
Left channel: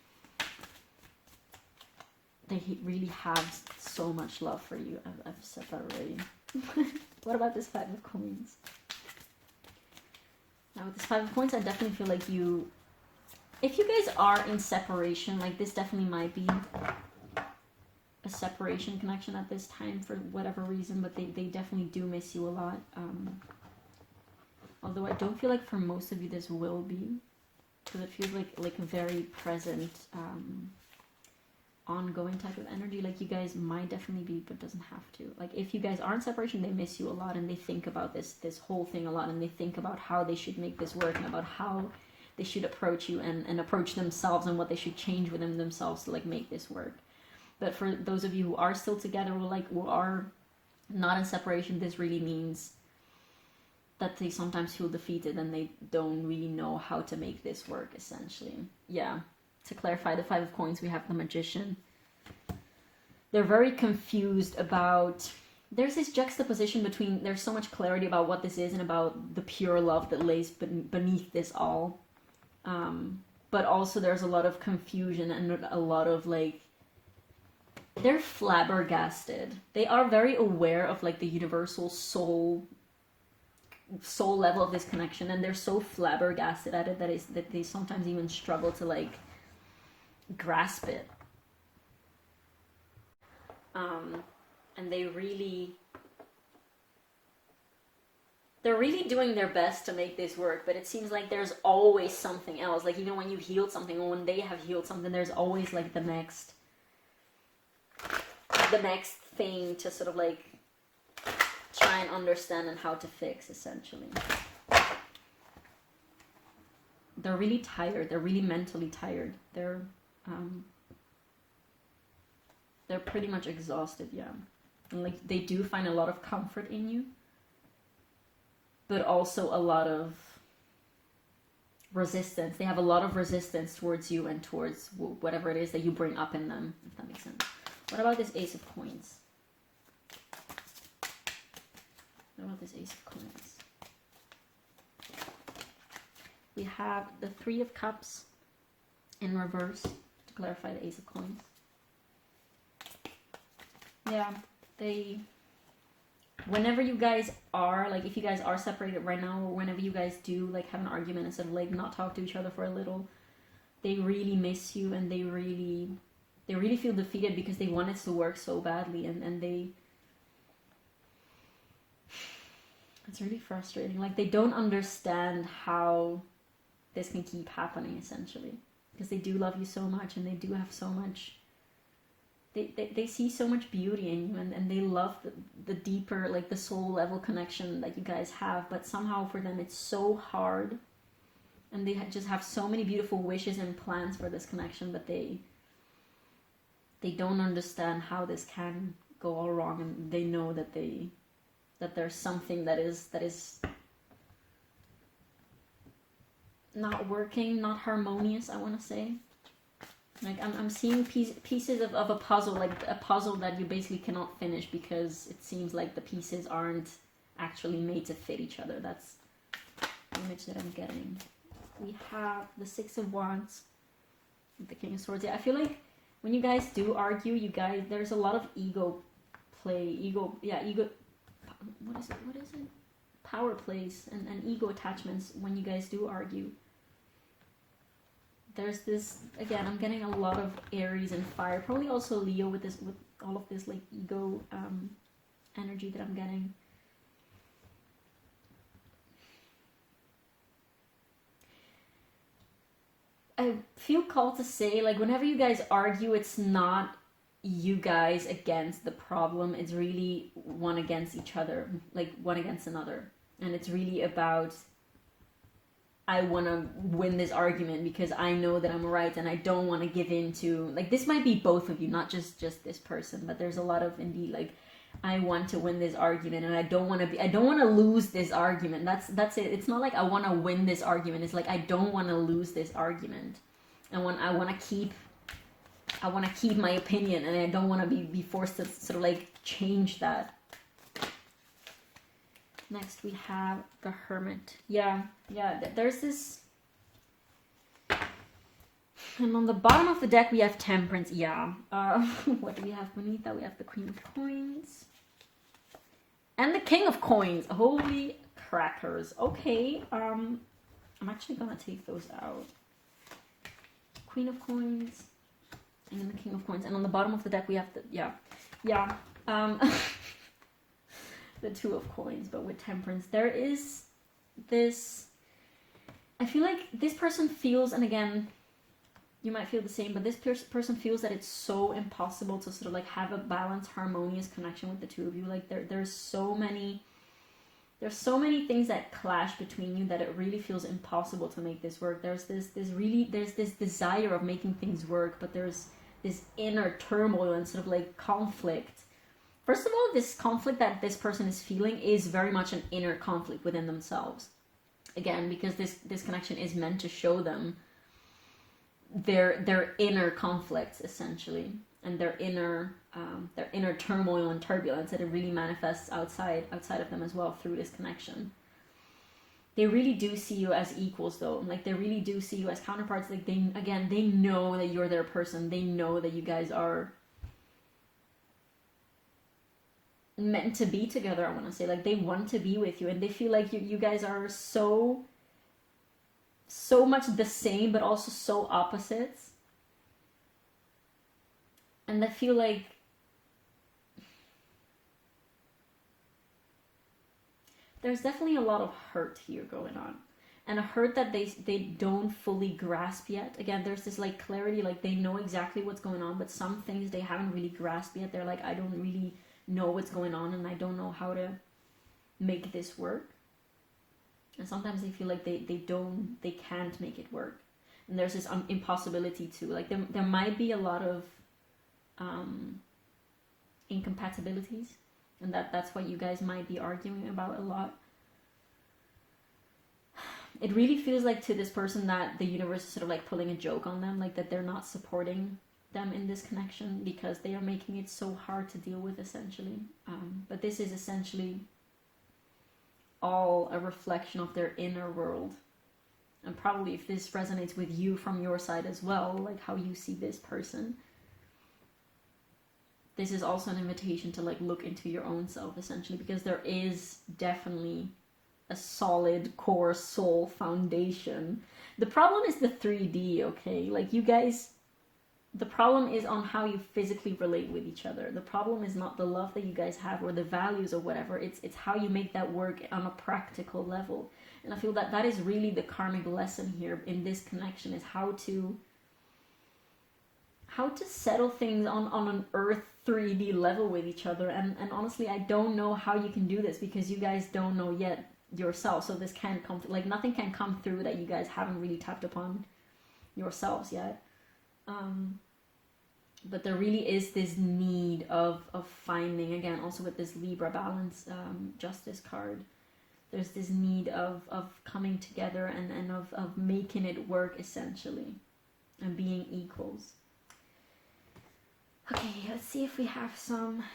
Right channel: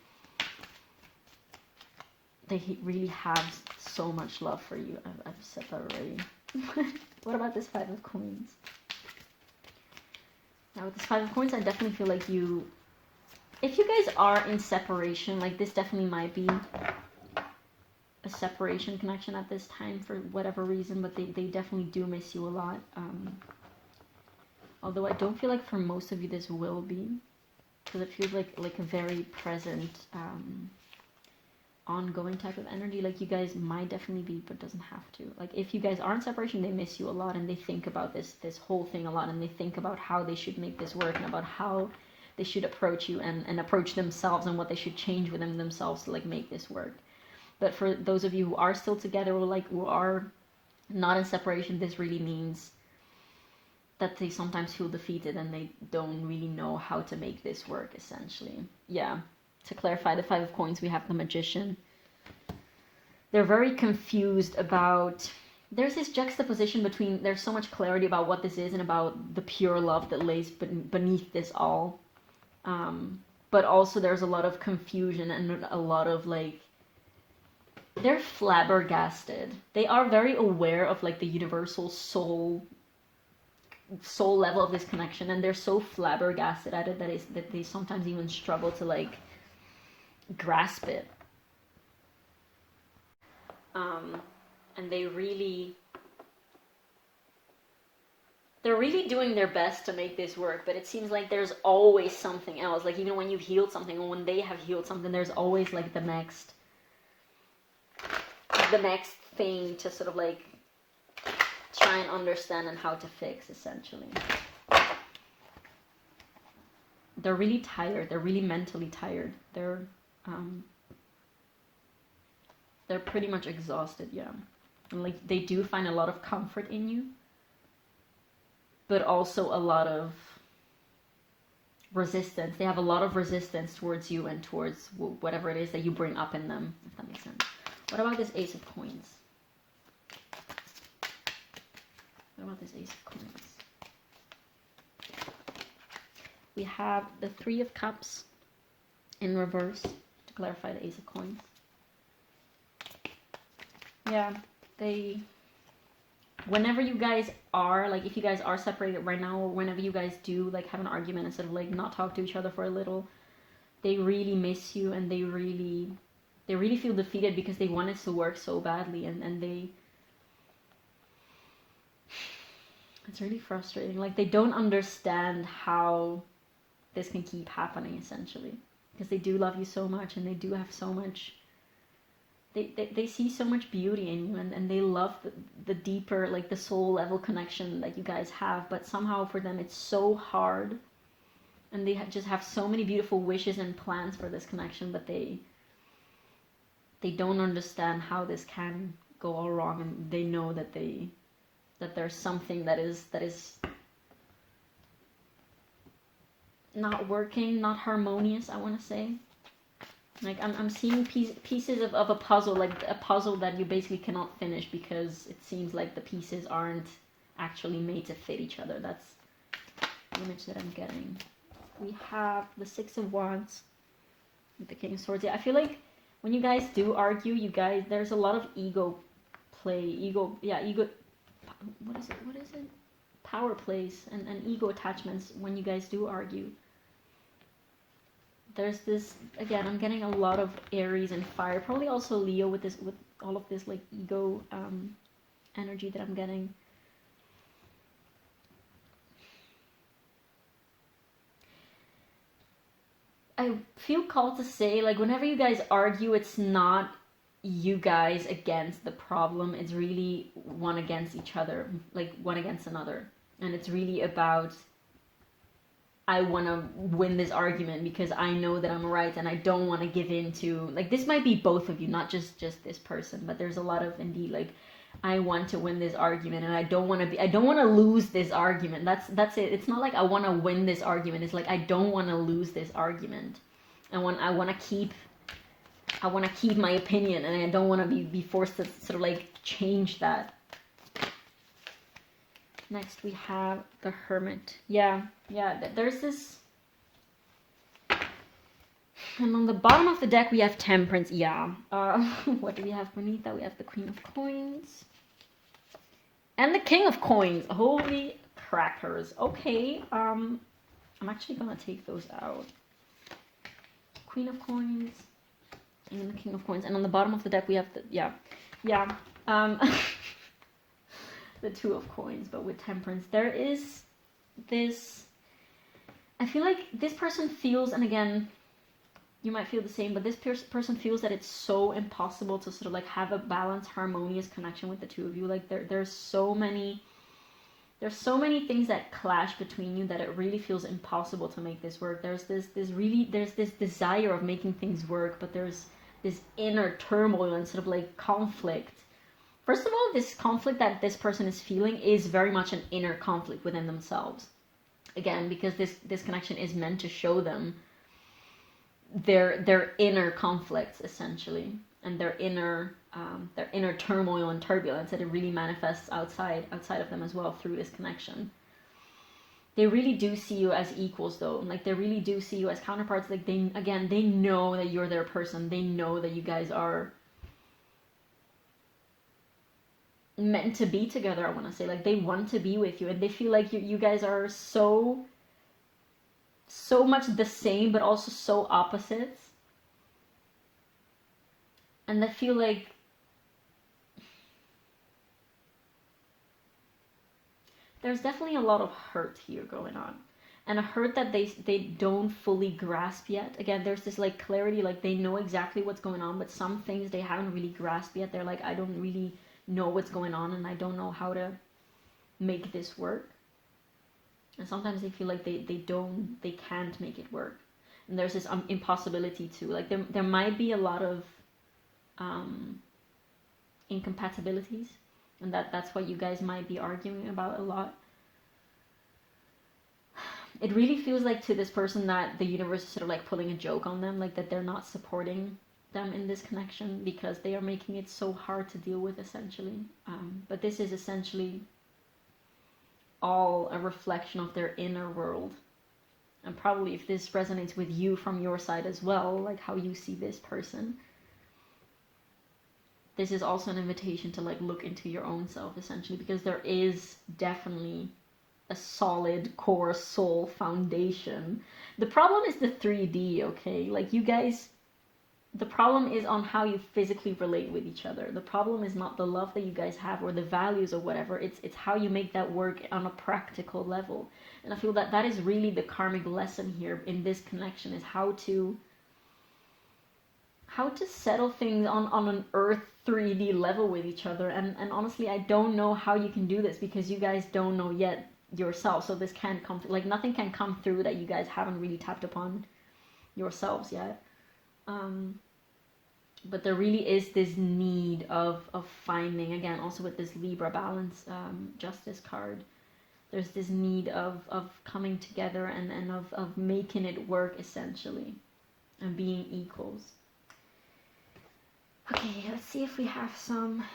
have so much love for you. I've said that already. What about this Five of Coins? Now with this Five of Coins, I definitely feel like you if you guys are in separation, like this definitely might be a separation connection at this time for whatever reason, but they definitely do miss you a lot. Although I don't feel like for most of you this will be, because it feels like a very present, ongoing type of energy. Like you guys might definitely be, but doesn't have to. Like if you guys are in separation, they miss you a lot, and they think about this whole thing a lot, and they think about how they should make this work, and about how they should approach you and approach themselves, and what they should change within themselves to like make this work. But for those of you who are still together, or like who are not in separation, this really means that they sometimes feel defeated and they don't really know how to make this work, essentially. Yeah. To clarify, the 5 of Coins, we have the Magician. They're very confused about... There's this juxtaposition between... There's so much clarity about what this is and about the pure love that lays beneath this all. But also there's a lot of confusion and a lot of, like... They're flabbergasted. They are very aware of, like, the universal soul level of this connection, and they're so flabbergasted at it that they sometimes even struggle to, like, grasp it. And they're really doing their best to make this work, but it seems like there's always something else. Like even when you've healed something, or when they have healed something, there's always like the next thing to sort of like try and understand and how to fix, essentially. They're really tired. They're really mentally tired. They're pretty much exhausted, yeah. And like they do find a lot of comfort in you, but also a lot of resistance. They have a lot of resistance towards you and towards whatever it is that you bring up in them, if that makes sense. What about this Ace of Coins? What about this Ace of Coins? We have the 3 of Cups in reverse to clarify the Ace of Coins. Yeah, whenever you guys are, like, if you guys are separated right now, or whenever you guys do, like, have an argument instead of, like, not talk to each other for a little, they really miss you, and they really feel defeated because they want it to work so badly, and it's really frustrating. Like, they don't understand how this can keep happening, essentially, because they do love you so much, and they do have so much... They see so much beauty in you, and they love the deeper, like, the soul level connection that you guys have, but somehow for them it's so hard, and they just have so many beautiful wishes and plans for this connection, but they don't understand how this can go all wrong, and they know that there's something that is not working, not harmonious, I want to say. Like, I'm seeing pieces of a puzzle, like a puzzle that you basically cannot finish because it seems like the pieces aren't actually made to fit each other. That's the image that I'm getting. We have the 6 of Wands with the King of Swords. Yeah, I feel like when you guys do argue, there's a lot of ego play, what is it? Power plays and ego attachments when you guys do argue. There's this, again, I'm getting a lot of Aries and fire, probably also Leo with all of this, like, ego energy that I'm getting. I feel called to say, like, whenever you guys argue, it's not you guys against the problem, it's really one against each other, like one against another. And it's really about, I want to win this argument because I know that I'm right, and I don't want to give in to, like, this might be both of you, not just this person, but there's a lot of, indeed, like, I want to win this argument, and I don't want to lose this argument. That's it. It's not like I want to win this argument. It's like I don't want to lose this argument. I want to keep my opinion, and I don't want to be forced to sort of like change that. Next we have the Hermit. Yeah, there's this, and on the bottom of the deck we have Temperance. Yeah. What do we have beneath that? We have the Queen of Coins and the King of Coins. Holy crackers. Okay, I'm actually gonna take those out. Queen of Coins, and then the King of Coins. And on the bottom of the deck we have the Two of Coins, but with Temperance. There is this, I feel like this person feels, and again, you might feel the same, but this person feels that it's so impossible to sort of like have a balanced, harmonious connection with the two of you. Like there's so many things that clash between you that it really feels impossible to make this work. There's this desire of making things work, but there's this inner turmoil and sort of like conflict. First of all, this conflict that this person is feeling is very much an inner conflict within themselves. Again, because this connection is meant to show them their inner conflicts, essentially, and their inner turmoil and turbulence, that it really manifests outside of them as well through this connection. They really do see you as equals, though, and like they really do see you as counterparts. Like they know that you're their person. They know that you guys are meant to be together. I want to say, like, they want to be with you, and they feel like you guys are so much the same, but also so opposites. And they feel like there's definitely a lot of hurt here going on, and a hurt that they don't fully grasp yet. Again, there's this like clarity, like they know exactly what's going on, but some things they haven't really grasped yet. They're like, I don't really know what's going on, and I don't know how to make this work. And sometimes they feel like they can't make it work, and there's this impossibility too. Like there might be a lot of incompatibilities, and that's what you guys might be arguing about a lot. It really feels like to this person that the universe is sort of like pulling a joke on them, like that they're not supporting them in this connection because they are making it so hard to deal with, essentially. But this is essentially all a reflection of their inner world. And probably if this resonates with you from your side as well, like how you see this person, this is also an invitation to like look into your own self, essentially, because there is definitely a solid core soul foundation. The problem is the 3D, okay? Like you guys, the problem is on how you physically relate with each other. The problem is not the love that you guys have or the values or whatever. It's how you make that work on a practical level. And I feel that that is really the karmic lesson here in this connection, is how to settle things on an earth 3D level with each other. And honestly, I don't know how you can do this because you guys don't know yet yourself. So this can't come, like nothing can come through that you guys haven't really tapped upon yourselves yet. But there really is this need of finding, again, also with this Libra balance justice card, there's this need of coming together and of making it work, essentially, and being equals. Okay, let's see if we have some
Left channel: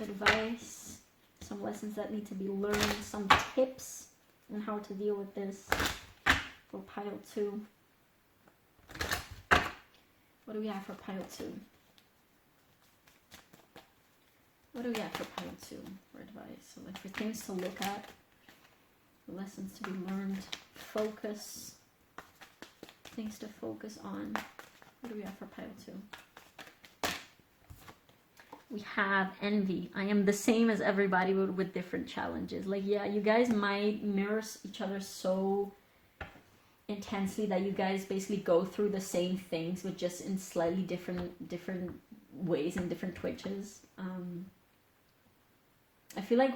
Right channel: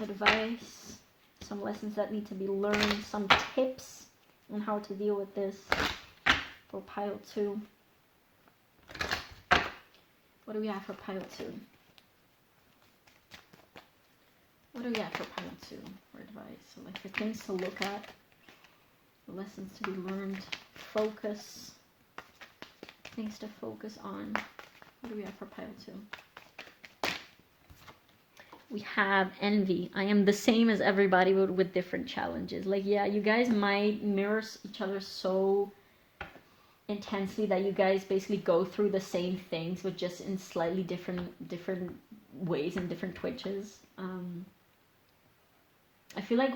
advice, some lessons that need to be learned, some tips on how to deal with this for pile 2. What do we have for pile 2? What do we have for pile 2 for advice? So like for things to look at, lessons to be learned, focus, things to focus on. What do we have for pile 2? We have envy. I am the same as everybody, but with different challenges. Like, yeah, you guys might mirror each other so intensely that you guys basically go through the same things, but just in slightly different ways and different twitches. I feel like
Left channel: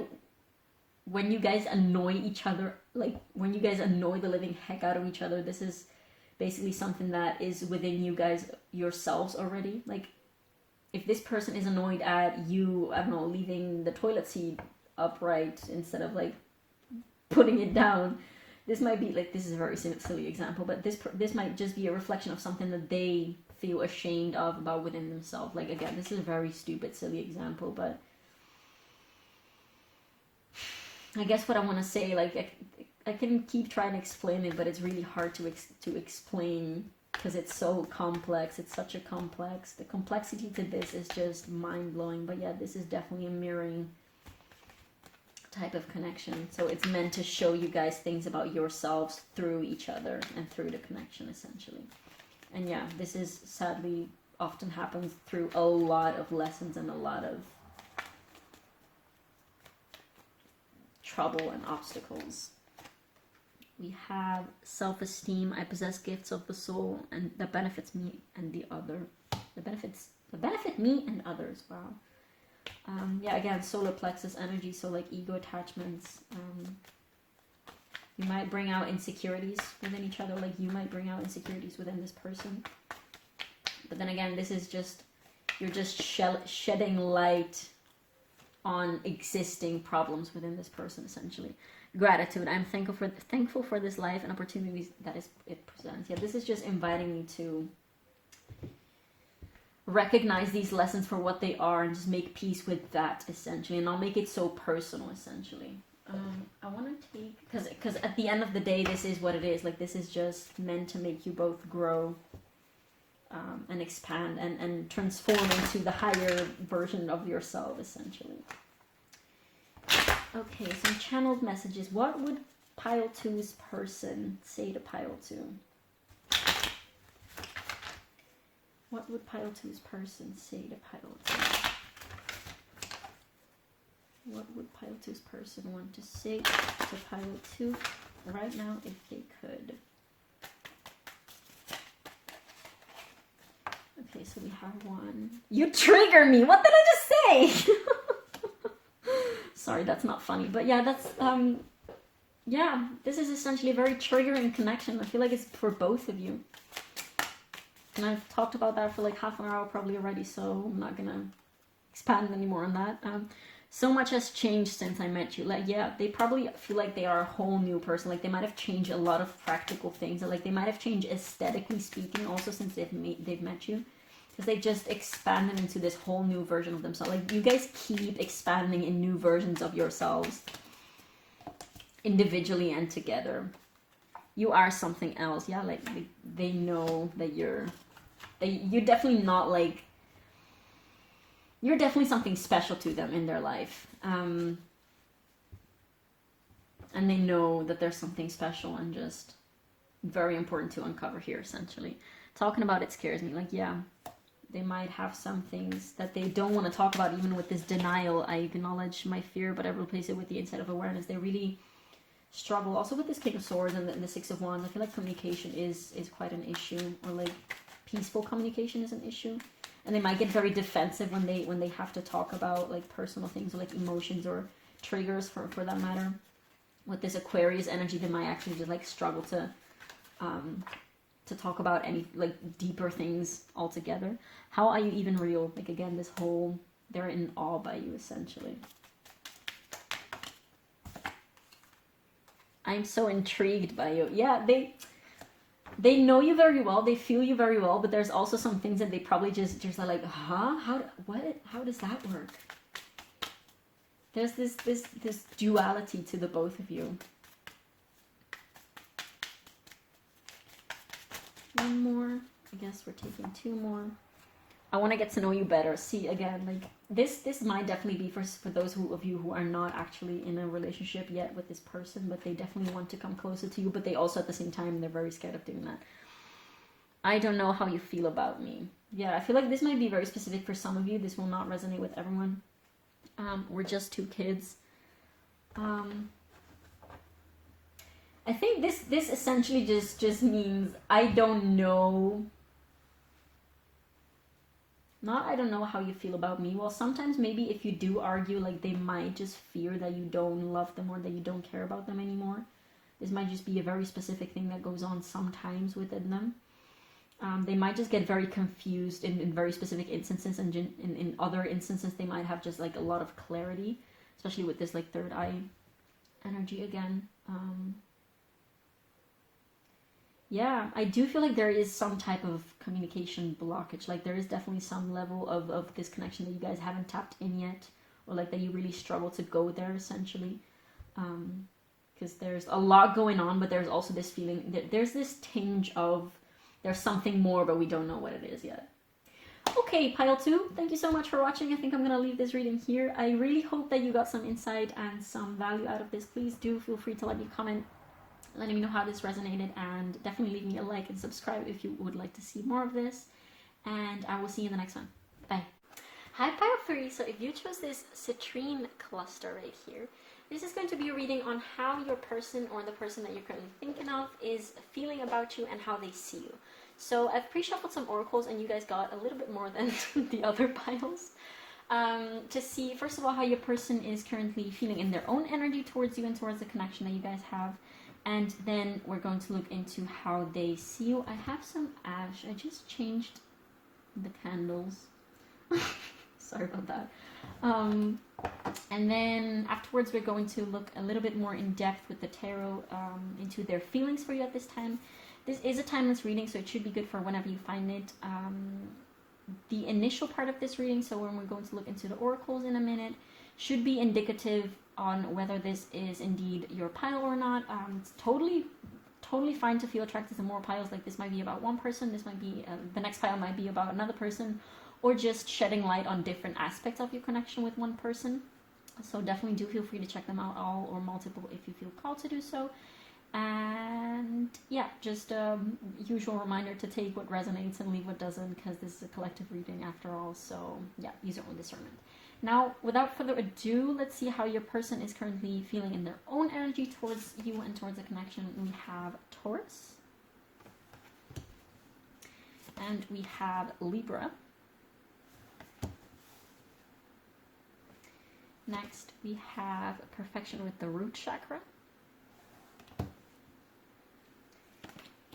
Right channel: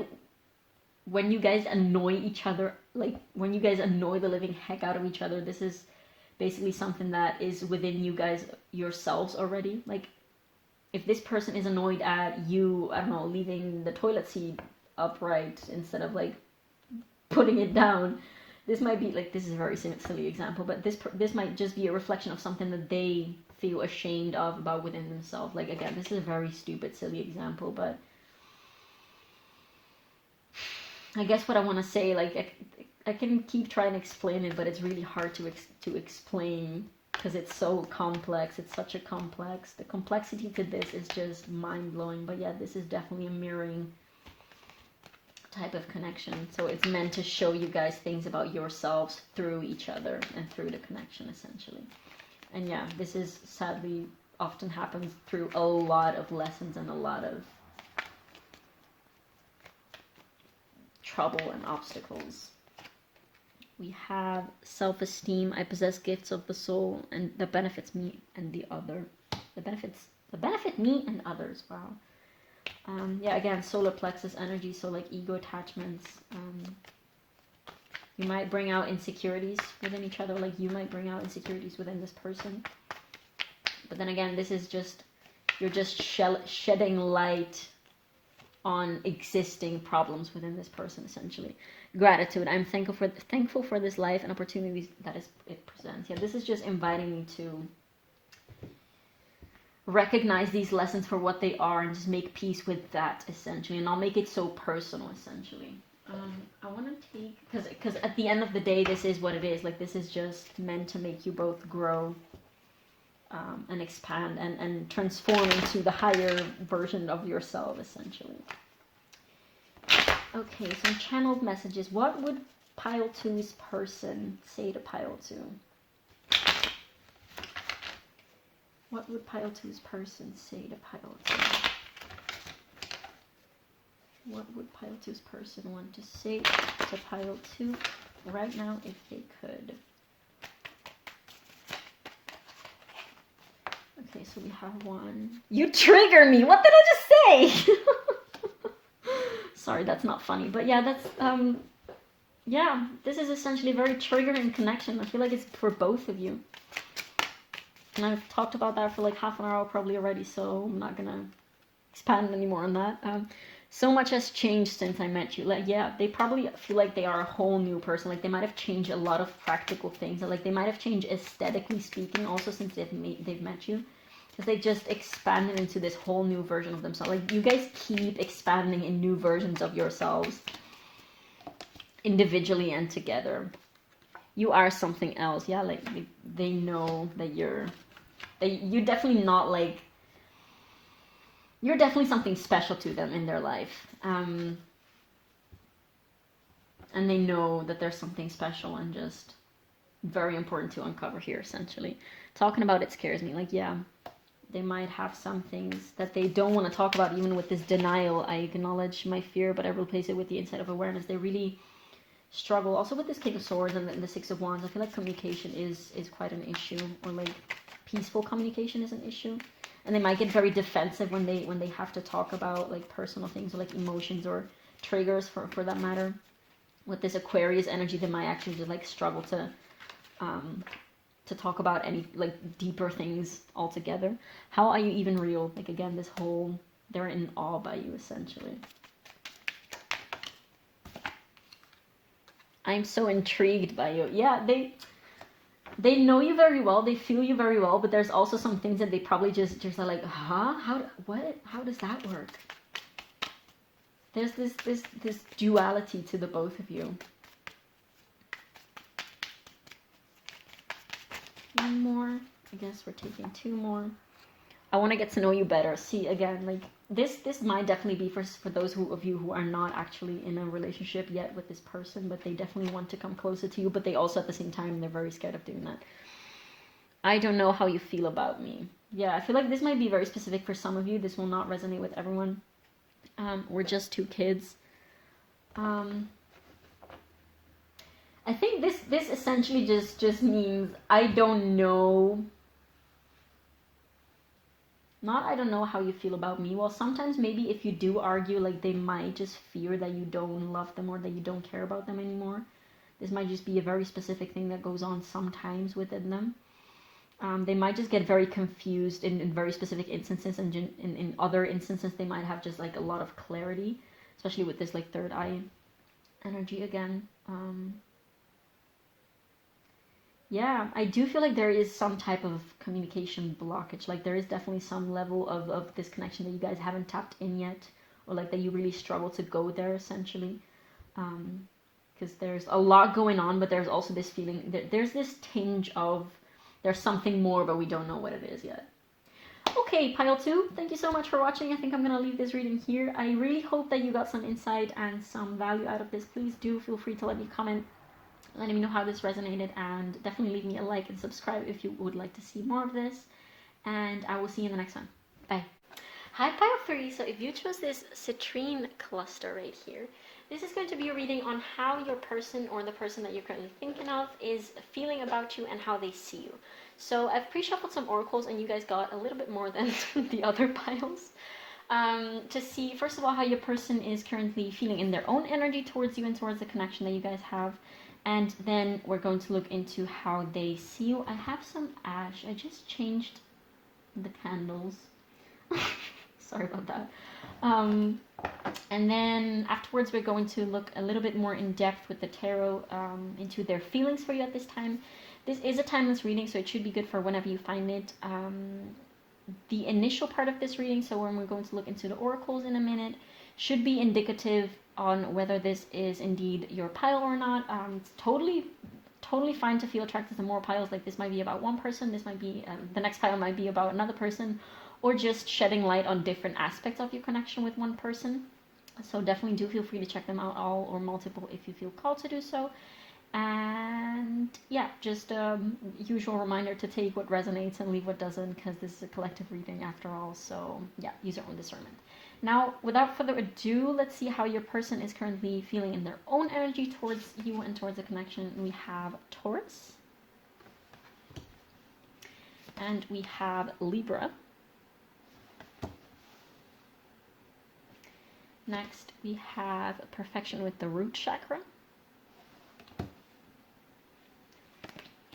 when you guys annoy each other, like when you guys annoy the living heck out of each other, this is basically something that is within you guys yourselves already. Like, if this person is annoyed at you, I don't know, leaving the toilet seat upright instead of like putting it down, this might be like, this is a very silly example, but this might just be a reflection of something that they feel ashamed of about within themselves. Like, again, this is a very stupid, silly example, but I guess what I want to say, like, I can keep trying to explain it, but it's really hard to explain because it's so complex. It's such a complex. The complexity to this is just mind-blowing. But yeah, this is definitely a mirroring type of connection. So it's meant to show you guys things about yourselves through each other and through the connection, essentially. And yeah, this is sadly often happens through a lot of lessons and a lot of trouble and obstacles. We have self-esteem. I possess gifts of the soul and that benefits me and the other. The benefit me and others. Wow. Yeah, again, solar plexus energy, so like ego attachments. You might bring out insecurities within each other, like you might bring out insecurities within this person. But then again, this is just, you're just shedding light on existing problems within this person, essentially. Gratitude. I'm thankful for this life and opportunities that it presents. Yeah, this is just inviting me to recognize these lessons for what they are and just make peace with that, essentially. And I'll make it so personal, essentially. I want to take, because at the end of the day, this is what it is. Like, this is just meant to make you both grow and expand and transform into the higher version of yourself, essentially. Okay, some channeled messages. What would pile 2's person say to pile 2? What would pile 2's person say to pile 2? What would pile 2's person want to say to pile 2 right now if they could? Okay, so we have one. You trigger me! What did I just say? Sorry, that's not funny. But yeah, that's, yeah, this is essentially a very triggering connection. I feel like it's for both of you. And I've talked about that for like half an hour probably already, so I'm not gonna expand anymore on that. So much has changed since I met you. Like, yeah, they probably feel like they are a whole new person. Like, they might have changed a lot of practical things. Like, they might have changed aesthetically speaking also since they've met you. Because they just expanded into this whole new version of themselves. Like, you guys keep expanding in new versions of yourselves. Individually and together. You are something else. Yeah, like, they know that you're definitely not like... You're definitely something special to them in their life. And they know that there's something special and just very important to uncover here, essentially. Talking about it scares me. Like, yeah, they might have some things that they don't want to talk about, even with this denial. I acknowledge my fear, but I replace it with the insight of awareness. They really struggle. Also with this King of Swords and the Six of Wands, I feel like communication is quite an issue. Or like peaceful communication is an issue. And they might get very defensive when they have to talk about like personal things or like emotions or triggers for that matter. With this Aquarius energy, they might actually just like struggle to talk about any like deeper things altogether. How are you even real? Like, again, this whole, they're in awe by you, essentially. I'm so intrigued by you. Yeah, they know you very well, they feel you very well, but there's also some things that they probably just are like, huh? How does that work? There's this duality to the both of you. One more. I guess we're taking 2 more. I want to get to know you better. See, again, like, this might definitely be for those of you who are not actually in a relationship yet with this person, but they definitely want to come closer to you, but they also, at the same time, they're very scared of doing that. I don't know how you feel about me. Yeah, I feel like this might be very specific for some of you. This will not resonate with everyone. We're just 2 kids. I think this essentially just means I don't know. Not I don't know how you feel about me. Well, sometimes maybe if you do argue, like, they might just fear that you don't love them or that you don't care about them anymore. This might just be a very specific thing that goes on sometimes within them. They might just get very confused in very specific instances, and in other instances they might have just like a lot of clarity, especially with this like third eye energy again. Yeah, I do feel like there is some type of communication blockage. Like, there is definitely some level of this connection that you guys haven't tapped in yet, or like that you really struggle to go there, essentially. Because there's a lot going on, but there's also this feeling that there's this tinge of there's something more, but we don't know what it is yet. Okay, pile 2, thank you so much for watching. I think I'm going to leave this reading here. I really hope that you got some insight and some value out of this. Please do feel free to let me comment letting me know how this resonated, and definitely leave me a like and subscribe if you would like to see more of this. And I will see you in the next one. Bye. Hi Pile 3, so if you chose this Citrine cluster right here, this is going to be a reading on how your person or the person that you're currently thinking of is feeling about you and how they see you. So I've pre-shuffled some oracles and you guys got a little bit more than the other piles. To see, first of all, how your person is currently feeling in their own energy towards you and towards the connection that you guys have. And then we're going to look into how they see you. I have some ash. I just changed the candles. Sorry about that. And then afterwards we're going to look a little bit more in depth with the tarot into their feelings for you at this time. This is a timeless reading, so it should be good for whenever you find it. The initial part of this reading, so when we're going to look into the oracles in a minute, should be indicative on whether this is indeed your pile or not. It's totally fine to feel attracted to more piles. Like this might be about one person, this might be the next pile might be about another person, or just shedding light on different aspects of your connection with one person. So definitely do feel free to check them out, all or multiple, if you feel called to do so. And yeah, just usual reminder to take what resonates and leave what doesn't, because this is a collective reading after all. So yeah, use your own discernment. Now, without further ado, let's see how your person is currently feeling in their own energy towards you and towards the connection. We have Taurus. And we have Libra. Next, we have Perfection with the root chakra.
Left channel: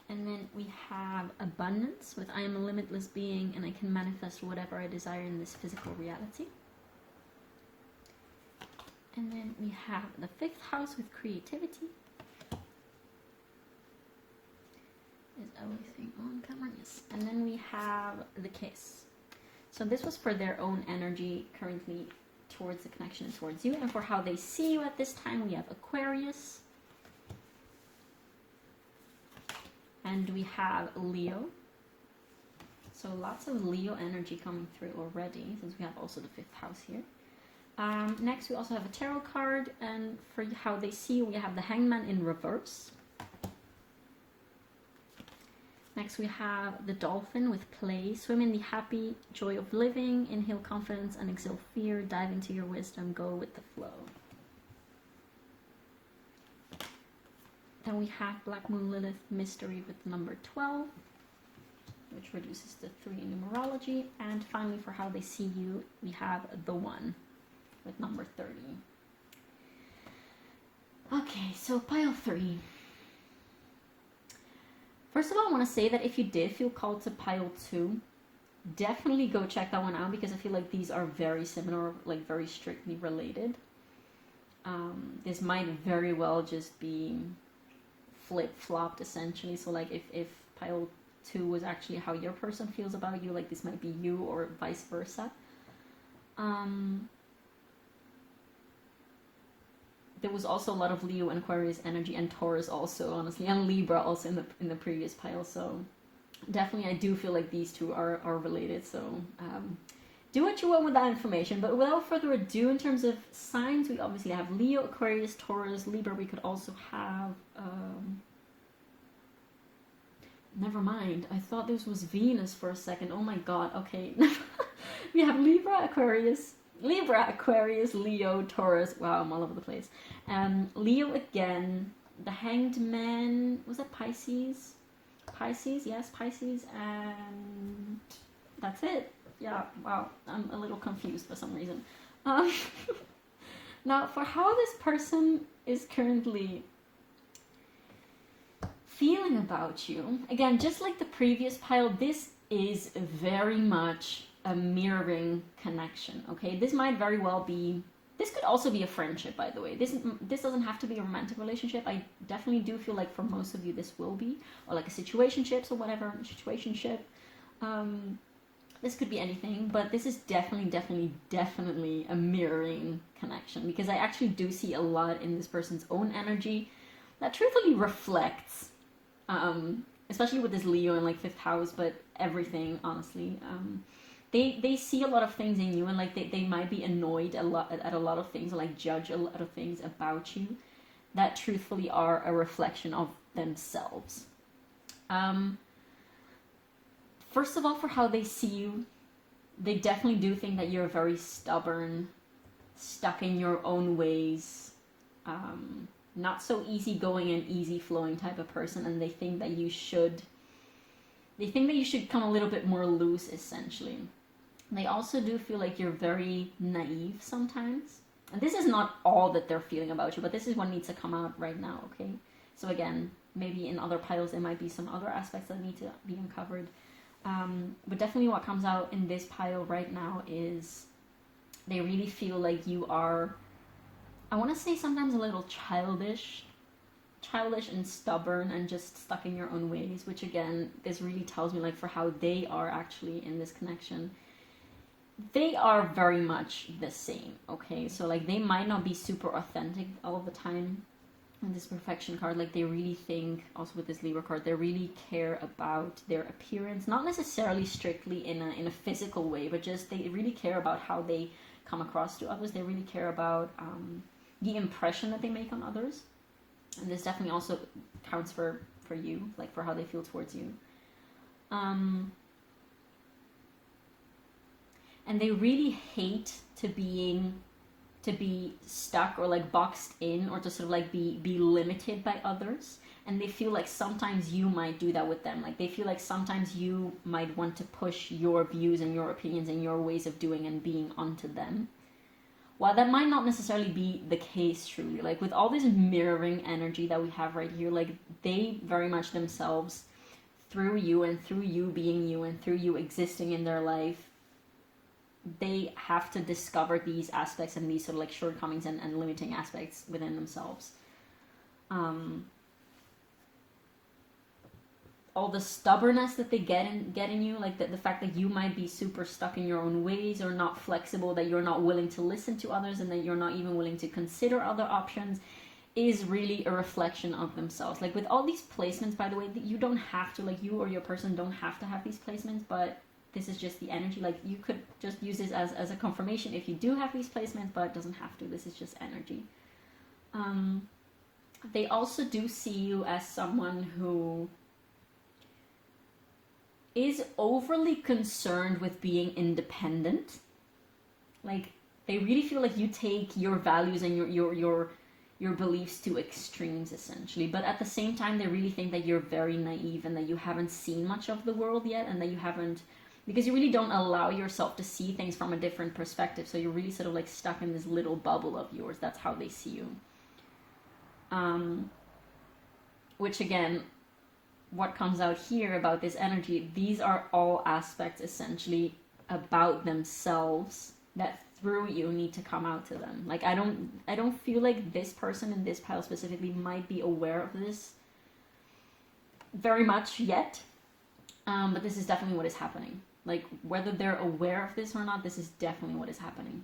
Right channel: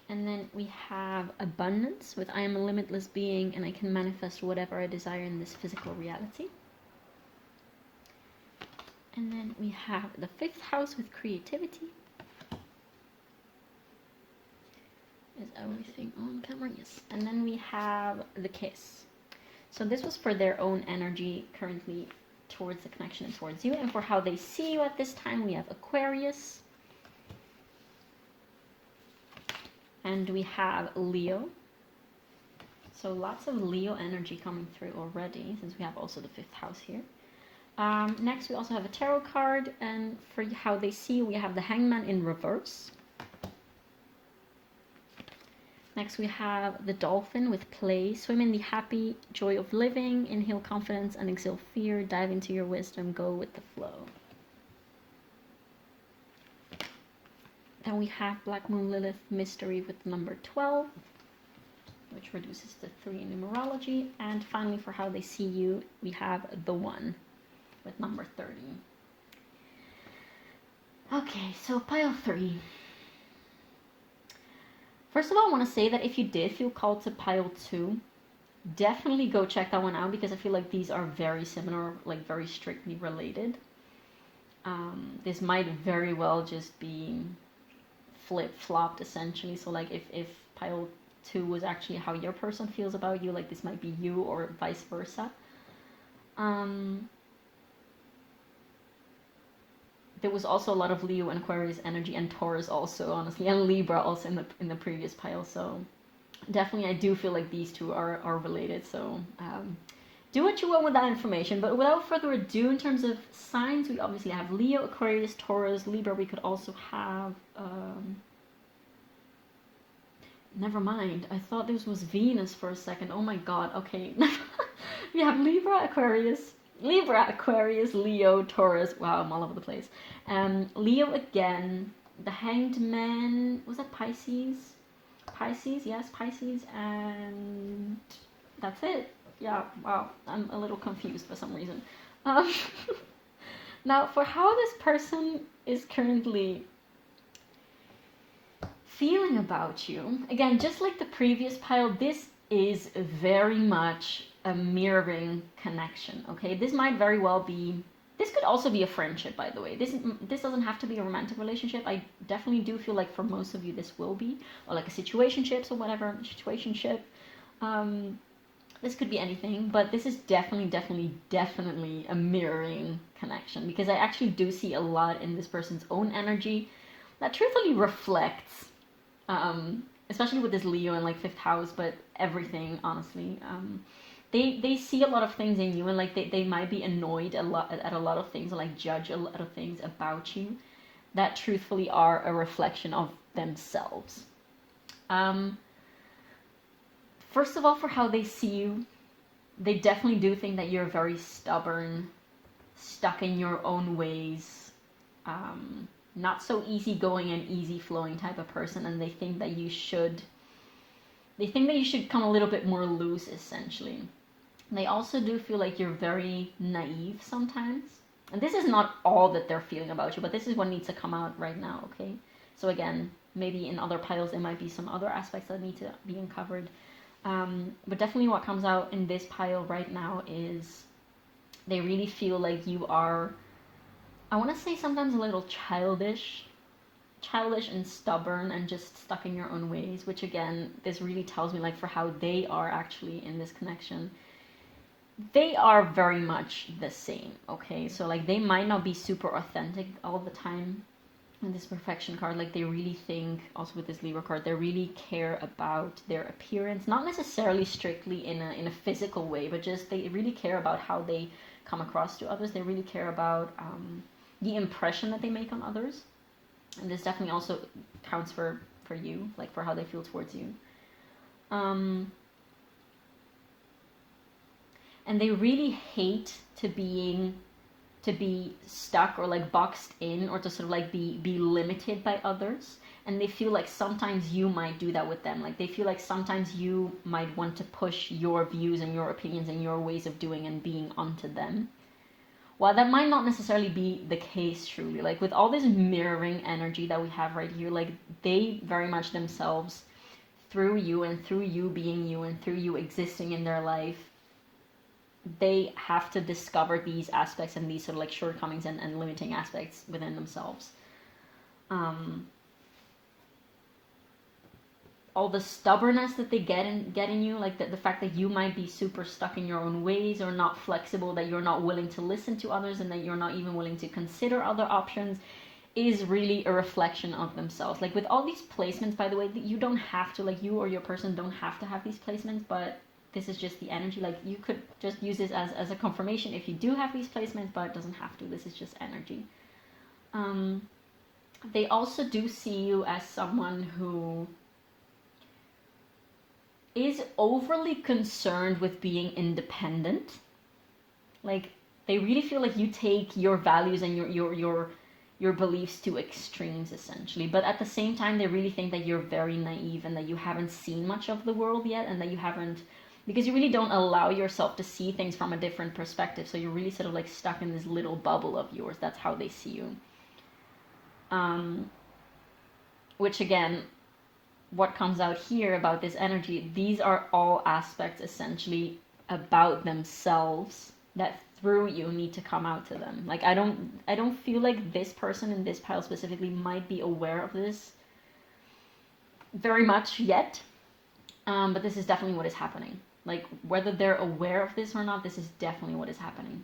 And then we have Abundance with I am a limitless being and I can manifest whatever I desire in this physical reality. And then we have the 5th house with Creativity. Is everything on camera? Yes. And then we have the Kiss. So this was for their own energy currently towards the connection and towards you, and for how they see you at this time, we have Aquarius, and we have Leo. So lots of Leo energy coming through already, since we have also the 5th house here. Next, we also have a tarot card, and for how they see you, we have the Hangman in reverse. Next, we have the Dolphin with Play. Swim in the happy joy of living. Inhale confidence and exhale fear. Dive into your wisdom. Go with the flow. Then we have Black Moon Lilith Mystery with the number 12, which reduces to 3 in numerology. And finally, for how they see you, we have the 1 with number 30. Okay, so pile 3. First of all, I want to say that if you did feel called to pile 2, definitely go check that one out, because I feel like these are very similar, like very strictly related. This might very well just be flip-flopped essentially. So like if pile 2 was actually how your person feels about you, like this might be you, or vice versa. There was also a lot of Leo and Aquarius energy, and Taurus also, honestly, and Libra also in the previous pile. So definitely I do feel like these two are related. So do what you want with that information. But without further ado, in terms of signs, we obviously have Leo, Aquarius, Taurus, Libra. We could also have never mind, I thought this was Venus for a second. Oh my god. Okay. We have Libra, Aquarius, Leo, Taurus. Wow, I'm all over the place. Leo again, the Hanged Man, was that Pisces? Yes, Pisces, and that's it. Yeah, wow, I'm a little confused for some reason. Now, for how this person is currently feeling about you, again, just like the previous pile, this is very much a mirroring connection. Okay, this might very well be, this could also be a friendship, by the way. This doesn't have to be a romantic relationship. I definitely do feel like for most of you this will be, or like a situationship or whatever, situationship. This could be anything, but this is definitely a mirroring connection, because I actually do see a lot in this person's own energy that truthfully reflects, especially with this Leo in like 5th house, but everything, honestly. They see a lot of things in you, and like they might be annoyed at a lot of things, or like judge a lot of things about you that truthfully are a reflection of themselves. First of all, for how they see you, they definitely do think that you're very stubborn, stuck in your own ways, not so easygoing and easy flowing type of person, and they think that you should come a little bit more loose, essentially. They also do feel like you're very naive sometimes. And this is not all that they're feeling about you, but this is what needs to come out right now, okay? So again, maybe in other piles there might be some other aspects that need to be uncovered. But definitely what comes out in this pile right now is they really feel like you are, I want to say sometimes a little childish and stubborn and just stuck in your own ways, which again, this really tells me, like, for how they are actually in this connection, they are very much the same, okay? So like they might not be super authentic all of the time. In this perfection card, like they really think, also with this Libra card, they really care about their appearance, not necessarily strictly in a physical way, but just they really care about how they come across to others. They really care about the impression that they make on others. And this definitely also counts for you, like for how they feel towards you. And they really hate to be stuck or like boxed in, or to sort of like be limited by others. And they feel like sometimes you might do that with them. Like they feel like sometimes you might want to push your views and your opinions and your ways of doing and being onto them. While that might not necessarily be the case truly, like with all this mirroring energy that we have right here, like they very much themselves, through you and through you being you and through you existing in their life, they have to discover these aspects and these sort of like shortcomings and limiting aspects within themselves. All the stubbornness that they get in you, like the fact that you might be super stuck in your own ways or not flexible, that you're not willing to listen to others and that you're not even willing to consider other options, is really a reflection of themselves. Like with all these placements, by the way, you don't have to, like you or your person don't have to have these placements, but this is just the energy. Like you could just use this as a confirmation if you do have these placements, but it doesn't have to. This is just energy. They also do see you as someone who is overly concerned with being independent. Like they really feel like you take your values and your beliefs to extremes, essentially. But at the same time, they really think that you're very naive and that you haven't seen much of the world yet, and that you haven't, because you really don't allow yourself to see things from a different perspective. So you're really sort of like stuck in this little bubble of yours. That's how they see you. Which again, what comes out here about this energy, these are all aspects essentially about themselves that through you need to come out to them. Like I don't feel like this person in this pile specifically might be aware of this very much yet. But this is definitely what is happening. Like whether they're aware of this or not, this is definitely what is happening.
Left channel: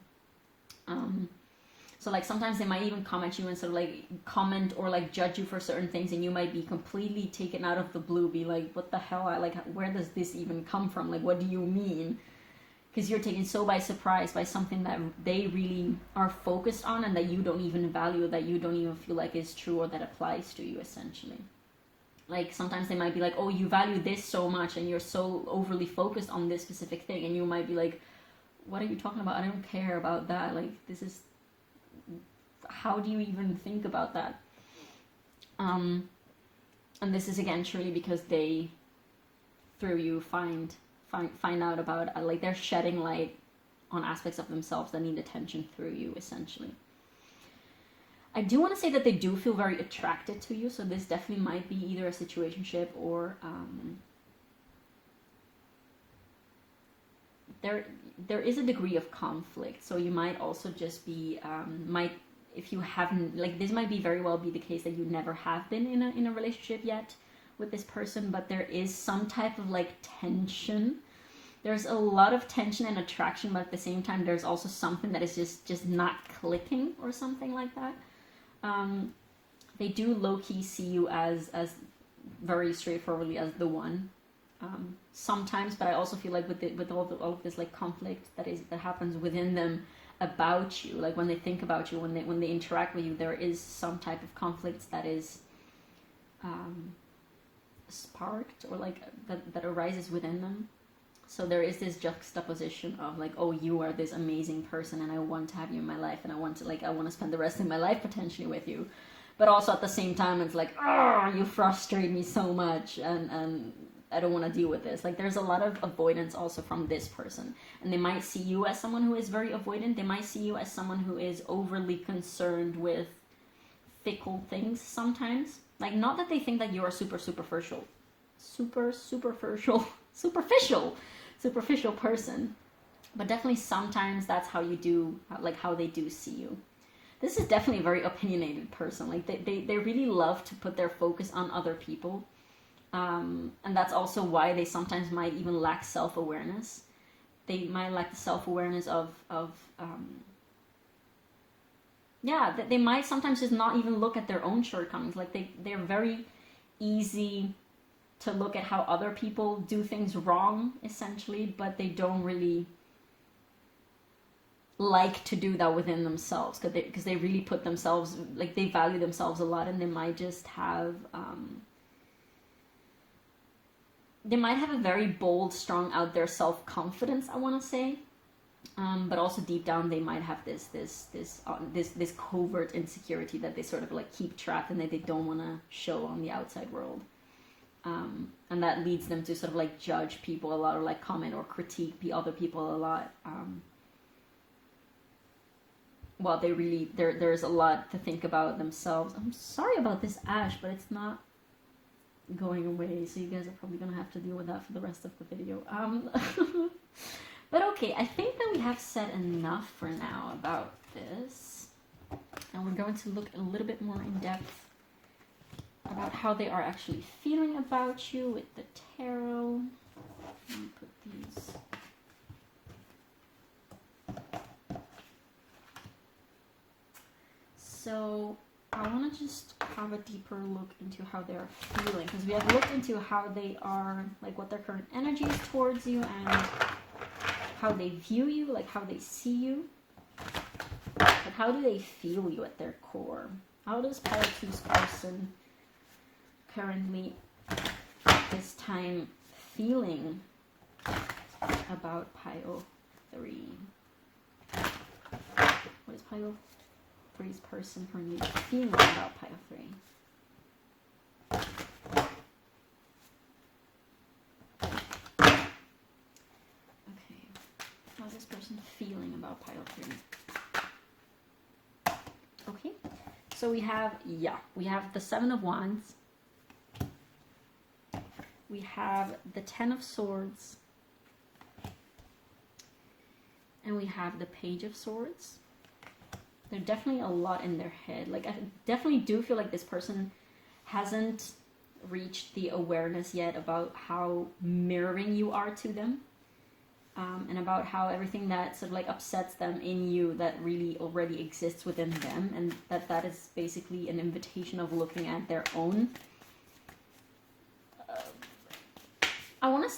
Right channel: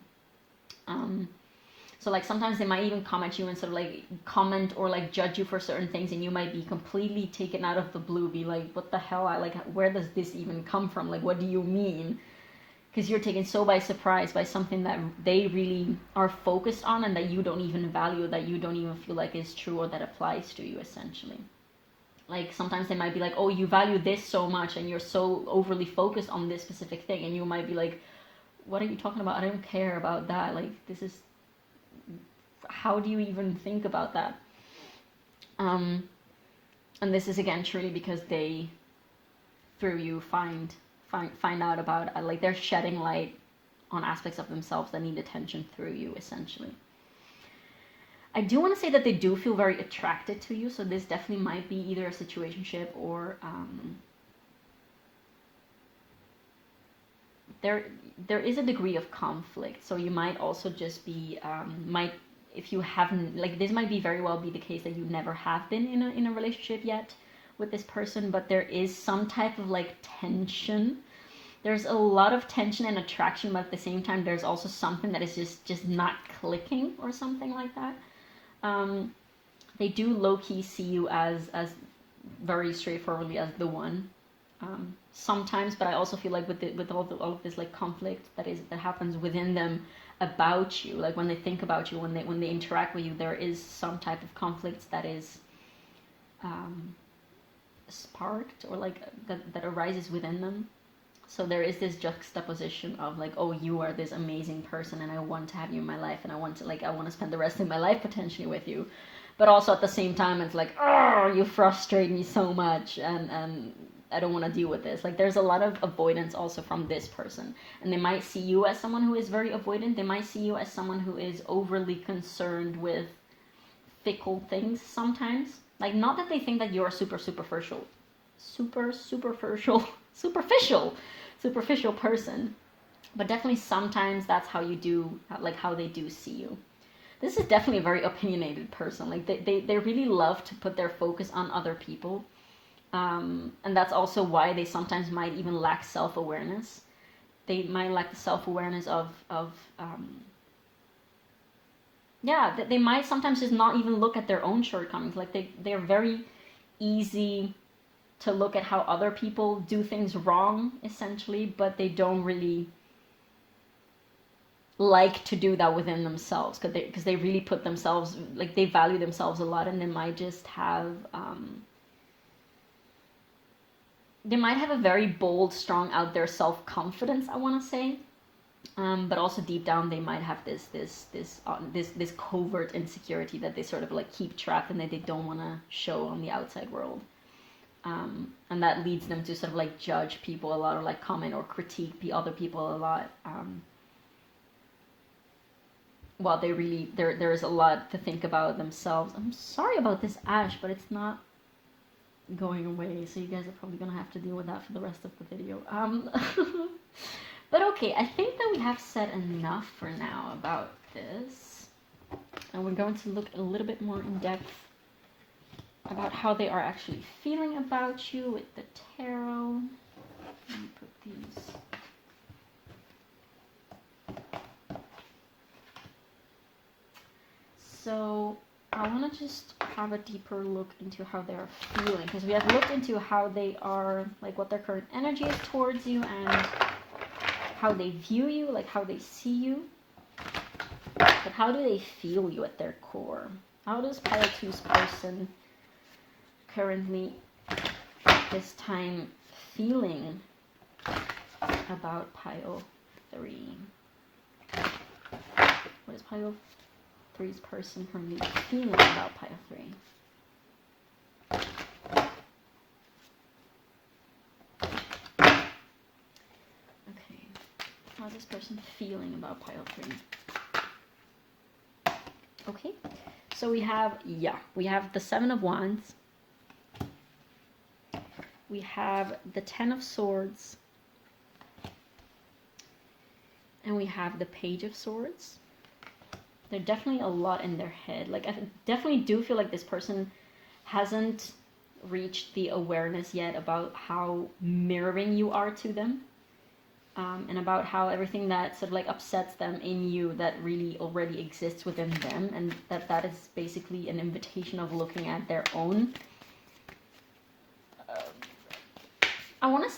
So like sometimes they might even comment you and sort of like comment or like judge you for certain things, and you might be completely taken out of the blue, be like, what the hell? Where does this even come from? Like, what do you mean? Because you're taken so by surprise by something that they really are focused on and that you don't even value, that you don't even feel like is true or that applies to you, essentially. Like sometimes they might be like, oh, you value this so much and you're so overly focused on this specific thing, and you might be like, what are you talking about? I don't care about that. Like this is, how do you even think about that? And this is again truly because they, through you, find out about like they're shedding light on aspects of themselves that need attention through you, essentially. I do want to say that they do feel very attracted to you, so this definitely might be either a situationship or there is a degree of conflict. So you might also just be if you haven't, like this might be very well be the case that you never have been in a relationship yet with this person, but there is some type of like tension. There's a lot of tension and attraction, but at the same time there's also something that is just not clicking or something like that. They do low-key see you as very straightforwardly as the one. sometimes, but I also feel like with all of this like conflict that happens within them about you, like when they think about you, when they interact with you, there is some type of conflict that is sparked, or like that arises within them. So there is this juxtaposition of like, oh, you are this amazing person and I want to have you in my life and I want to spend the rest of my life potentially with you. But also at the same time, it's like, oh, you frustrate me so much and I don't want to deal with this. Like there's a lot of avoidance also from this person. And they might see you as someone who is very avoidant. They might see you as someone who is overly concerned with fickle things sometimes. Like not that they think that you're superficial person, but definitely sometimes that's how you do, like how they do see you. This is definitely a very opinionated person. Like they really love to put their focus on other people. And that's also why they sometimes might even lack self-awareness. They might lack the self-awareness of that they might sometimes just not even look at their own shortcomings. Like they're very easy to look at how other people do things wrong, essentially, but they don't really like to do that within themselves, because they really put themselves, like they value themselves a lot, and they might just have a very bold, strong, out there self-confidence, I want to say, but also deep down they might have this covert insecurity that they sort of like keep trapped and that they don't want to show on the outside world. And that leads them to sort of like judge people a lot, or like comment or critique the other people a lot. Well, they really, there's a lot to think about themselves. I'm sorry about this ash, but it's not going away, so you guys are probably gonna have to deal with that for the rest of the video. But okay, I think that we have said enough for now about this, and we're going to look a little bit more in depth about how they are actually feeling about you with the tarot. Let me put these. So I want to just have a deeper look into how they are feeling, because we have looked into how they are, like what their current energy is towards you and how they view you, like how they see you. But how do they feel you at their core? How does Pile 2's person currently at this time feeling about Pile 3? What is Pile 3's person currently feeling about Pile 3? Okay, how's this person feeling about Pile 3? Okay, so we have the Seven of Wands. We have the Ten of Swords. And we have the Page of Swords. There's definitely a lot in their head. Like, I definitely do feel like this person hasn't reached the awareness yet about how mirroring you are to them. And about how everything that sort of like upsets them in you that really already exists within them. And that is basically an invitation of looking at their own. I want to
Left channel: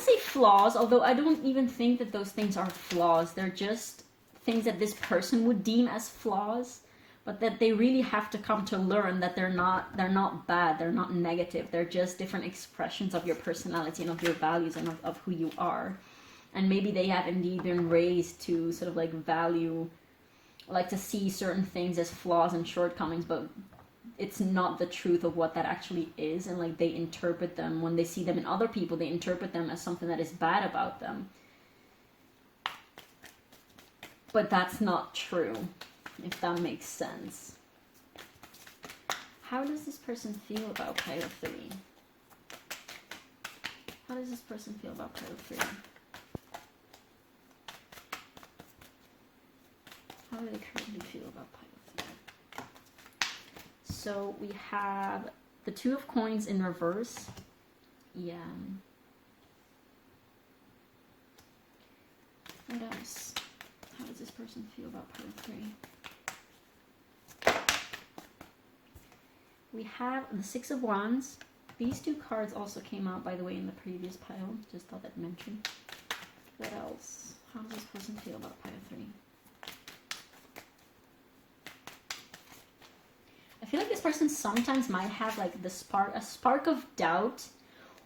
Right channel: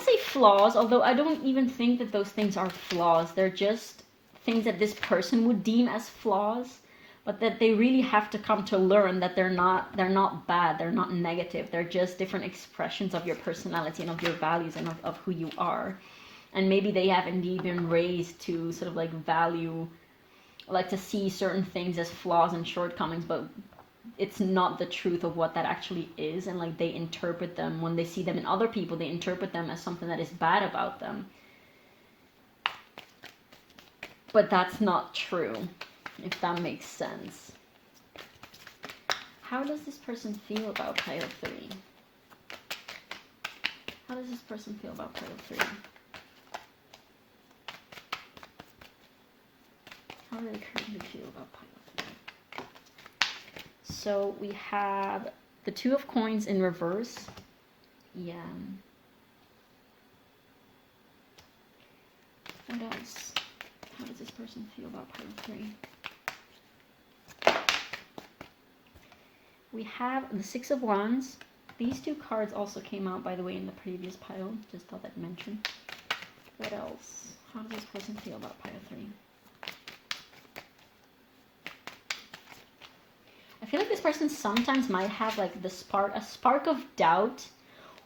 say flaws, although I don't even think that those things are flaws. They're just things that this person would deem as flaws, but that they really have to come to learn that they're not bad, they're not negative. They're just different expressions of your personality and of your values and of who you are. And maybe they have indeed been raised to sort of like value, like to see certain things as flaws and shortcomings, but it's not the truth of what that actually is. And like they interpret them, when they see them in other people, they interpret them as something that is bad about them. But that's not true, if that makes sense. How does this person feel about Pile 3? How does this person feel about Pile 3? How do they currently feel about Pile 3? So we have the Two of Coins in reverse. Yeah. What else? How does this person feel about Pile 3? We have the Six of Wands. These two cards also came out, by the way, in the previous pile. Just thought I'd mention. What else? How does this person feel about pile 3? I feel like this person sometimes might have like a spark of doubt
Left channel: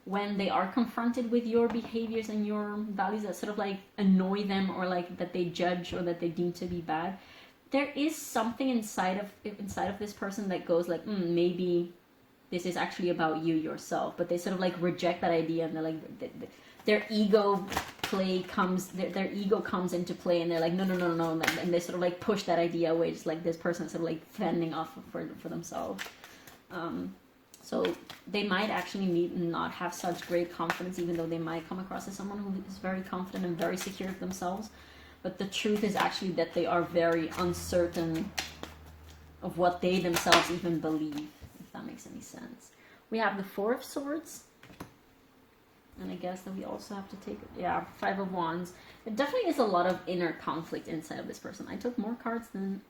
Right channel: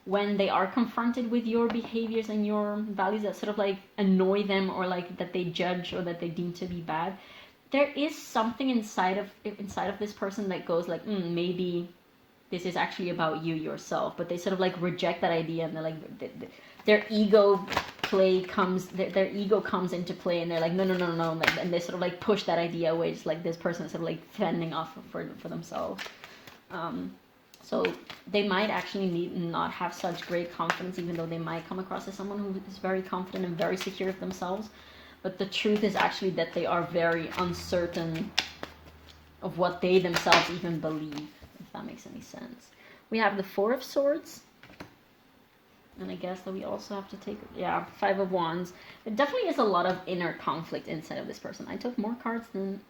when they are confronted with your behaviors and your values that sort of like annoy them, or like that they judge or that they deem to be bad. There is something inside of this person that goes like, maybe this is actually about you yourself, but they sort of like reject that idea, and they're like, their ego comes into play, and they're like, no, and they sort of like push that idea away, just like this person is sort of like fending off for themselves. So they might actually not have such great confidence, even though they might come across as someone who is very confident and very secure of themselves. But the truth is actually that they are very uncertain of what they themselves even believe, if that makes any sense. We have the 4 of Swords. And I guess that we also have to take, 5 of Wands. There definitely is a lot of inner conflict inside of this person. I took more cards than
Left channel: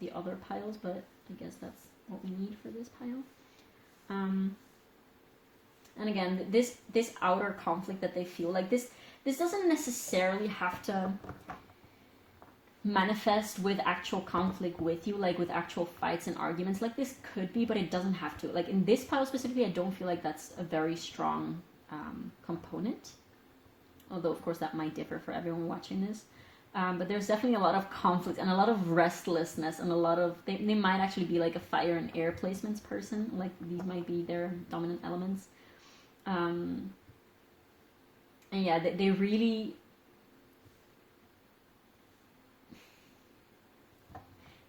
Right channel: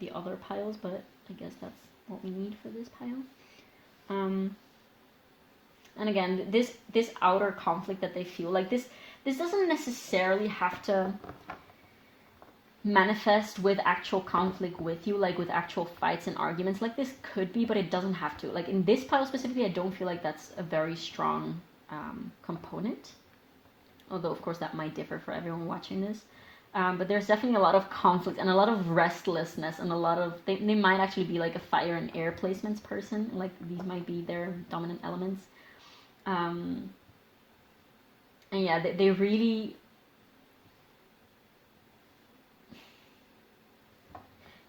the other piles, but I guess that's what we need for this pile. And again, this outer conflict that they feel, like this doesn't necessarily have to manifest with actual conflict with you, like with actual fights and arguments. Like this could be, but it doesn't have to. Like in this pile specifically, I don't feel like that's a very strong component. Although, of course, that might differ for everyone watching this. But there's definitely a lot of conflict and a lot of restlessness and a lot of... They might actually be like a fire and air placements person. Like these might be their dominant elements. And yeah, they really...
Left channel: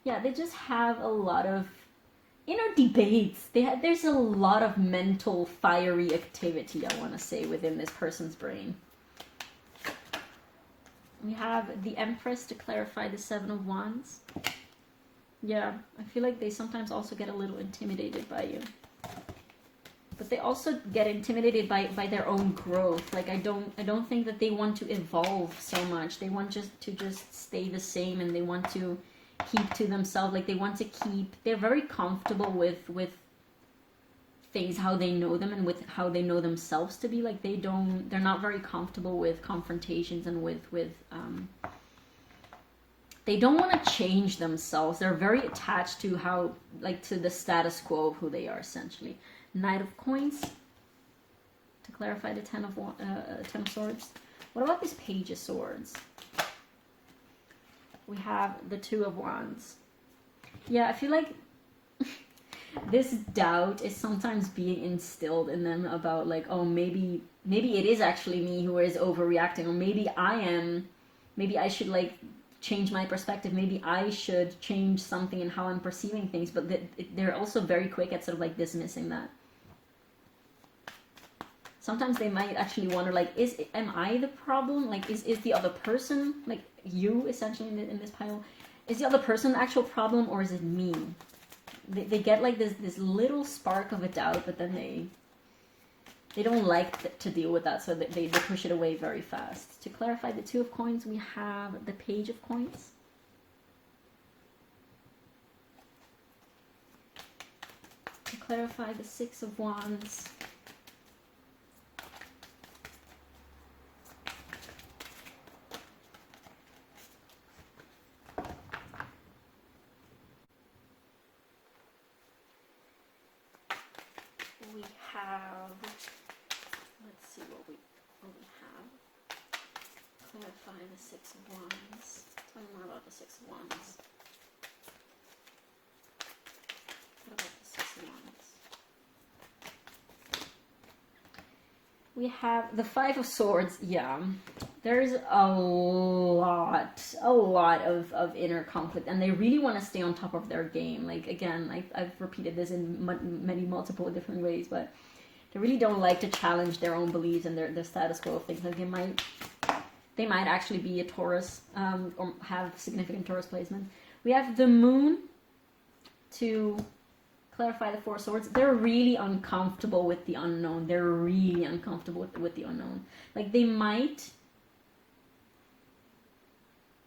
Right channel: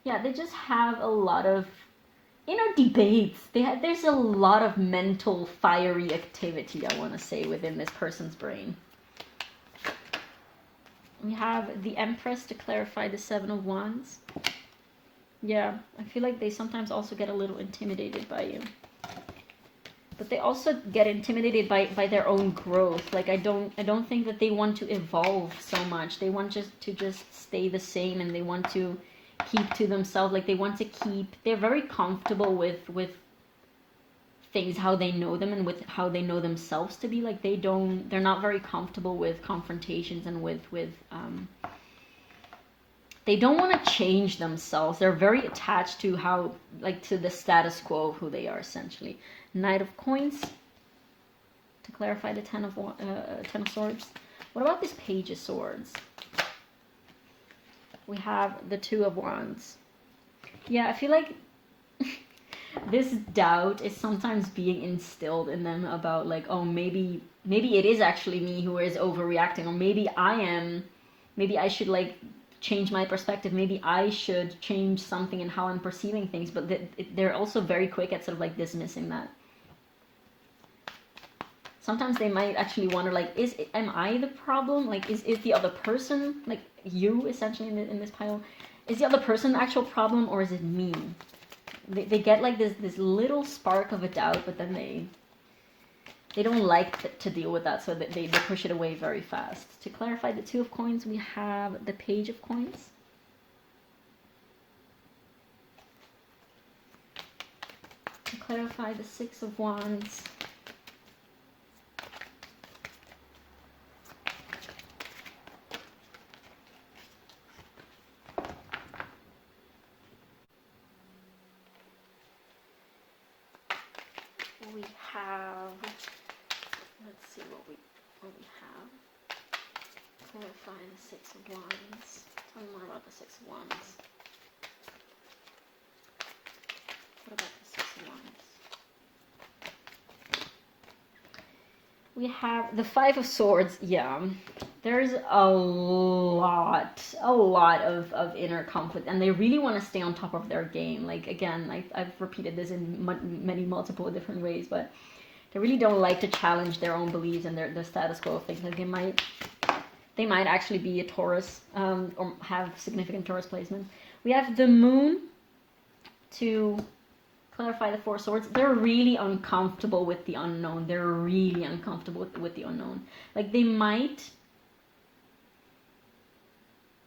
Yeah, they just have a lot of inner debates. There's a lot of mental fiery activity, I want to say, within this person's brain. We have the Empress to clarify the 7 of Wands. Yeah, I feel like they sometimes also get a little intimidated by you. But they also get intimidated by their own growth. Like I don't think that they want to evolve so much. They want to stay the same, and they want to keep to themselves. Like they want to keep... They're very comfortable with things, how they know them, and with how they know themselves to be. Like they're not very comfortable with confrontations and with they don't want to change themselves. They're very attached to how, like, to the status quo of who they are, essentially. Knight of Coins to clarify the 10 of Swords. What about this Page of Swords? We have the 2 of Wands. Yeah, I feel like this doubt is sometimes being instilled in them about, like, oh, maybe it is actually me who is overreacting, or maybe I should, like, change my perspective. Maybe I should change something in how I'm perceiving things. But they're also very quick at sort of like dismissing that. Sometimes they might actually wonder, like, am I the problem? Like, is the other person, like you essentially in this pile, is the other person the actual problem, or is it me? They get like this little spark of a doubt, but then they don't like to deal with that, so they push it away very fast. To clarify the 2 of Coins, we have the Page of Coins. To clarify the 6 of Wands. We have... Let's see what we have. Clarify the 6 of Wands. Tell me more about the 6 of Wands. What about the 6 of Wands? We have the 5 of Swords. Yeah, there's a lot of inner conflict, and they really want to stay on top of their game. Like, again, I've repeated this in many multiple different ways, but they really don't like to challenge their own beliefs and the status quo of things. Like they might actually be a Taurus, or have significant Taurus placement. We have the Moon to clarify the 4 of Swords. They're really uncomfortable with the unknown. They're really uncomfortable with the unknown. Like they might,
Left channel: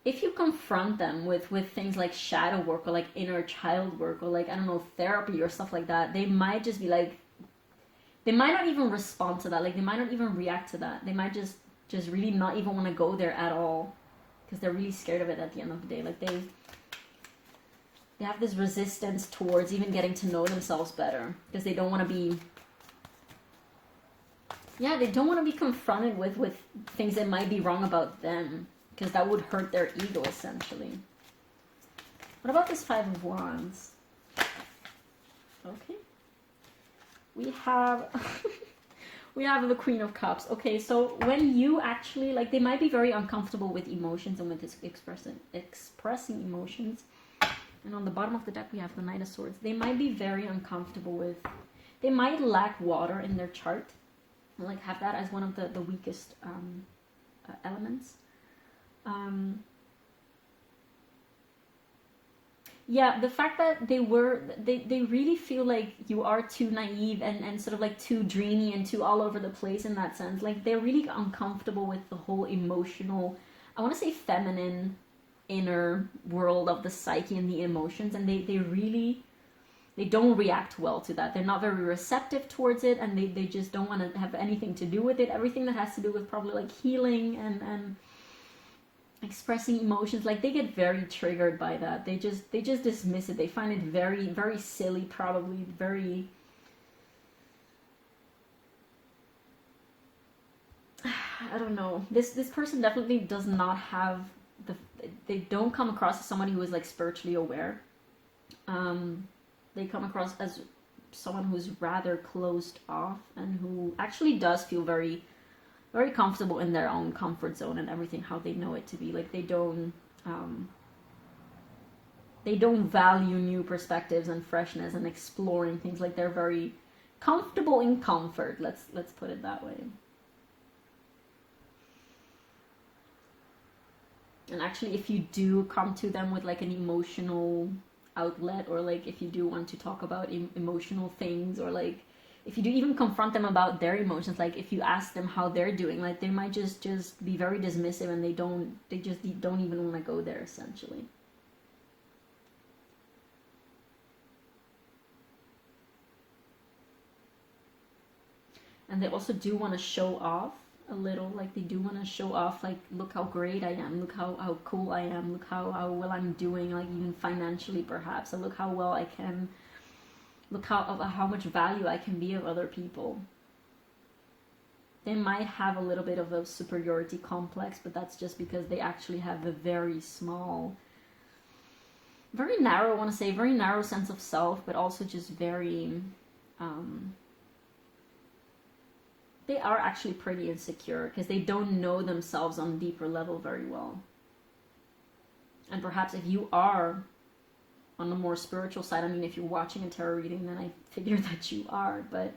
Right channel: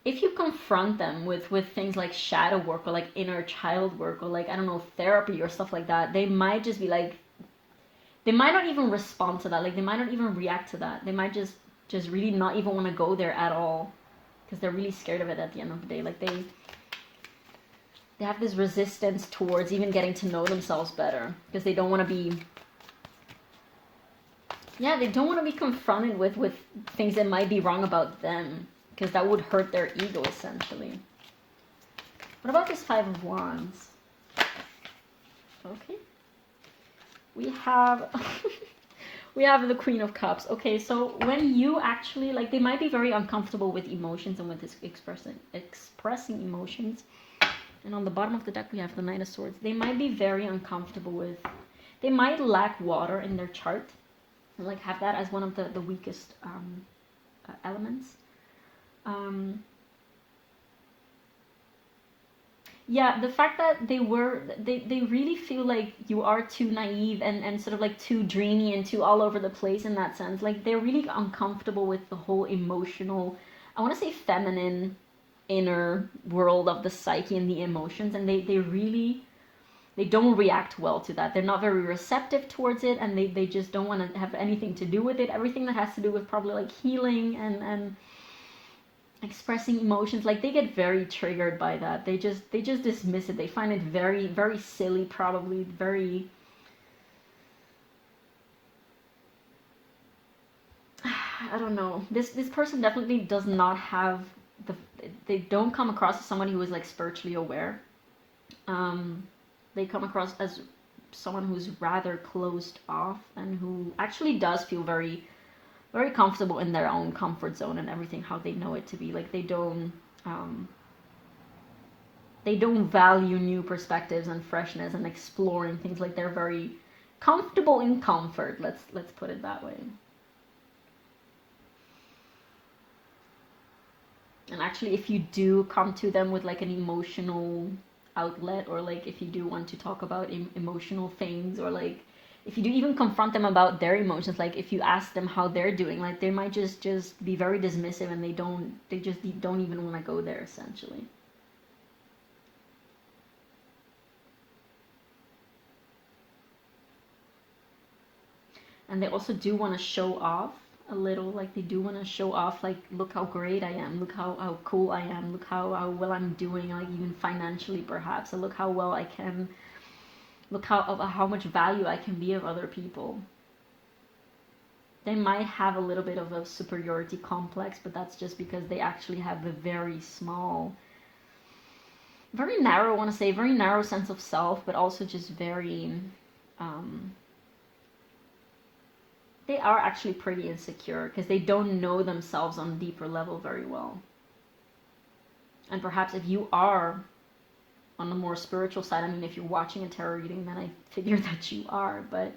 if you confront them with things like shadow work or like inner child work or like, I don't know, therapy or stuff like that, they might just be like, they might not even respond to that. Like they might not even react to that. They might just really not even want to go there at all, because they're really scared of it at the end of the day. Like they have this resistance towards even getting to know themselves better, because they don't want to be, yeah, they don't want to be confronted with things that might be wrong about them, because that would hurt their ego essentially. What about this Five of Wands? Okay. We have we have the Queen of Cups. Okay, so when you actually, like, they might be very uncomfortable with emotions and with this expressing emotions. And on the bottom of the deck we have the Knight of Swords. They might be very uncomfortable with, they might lack water in their chart, and like have that as one of the weakest elements. Yeah, the fact that they really feel like you are too naive and sort of like too dreamy and too all over the place in that sense. Like they're really uncomfortable with the whole emotional, I want to say feminine inner world of the psyche and the emotions, and they don't react well to that. They're not very receptive towards it, and they just don't want to have anything to do with it. Everything that has to do with probably like healing and expressing emotions, like they get very triggered by that. They just dismiss it. They find it very, very silly, probably very, I don't know. This person definitely does not have they don't come across as somebody who is like spiritually aware. They come across as someone who's rather closed off and who actually does feel very, very comfortable in their own comfort zone and everything how they know it to be. Like they don't value new perspectives and freshness and exploring things. Like they're very comfortable in comfort. Let's put it that way. And actually, if you do come to them with like an emotional outlet, or like if you do want to talk about emotional things, or like if you do even confront them about their emotions, like if you ask them how they're doing, like they might just be very dismissive, and they just don't even want to go there essentially. And they also do want to show off a little. Like they do want to show off, like, look how great I am, look how cool I am, look how well I'm doing, like even financially perhaps, and look how well I can, look how much value I can be of other people. They might have a little bit of a superiority complex, but that's just because they actually have a very small, very narrow, I want to say, very narrow sense of self, but also just very they are actually pretty insecure because they don't know themselves on a deeper level very well. And perhaps if you are on the more spiritual side, I mean, if you're watching a tarot reading, then I figure that you are, but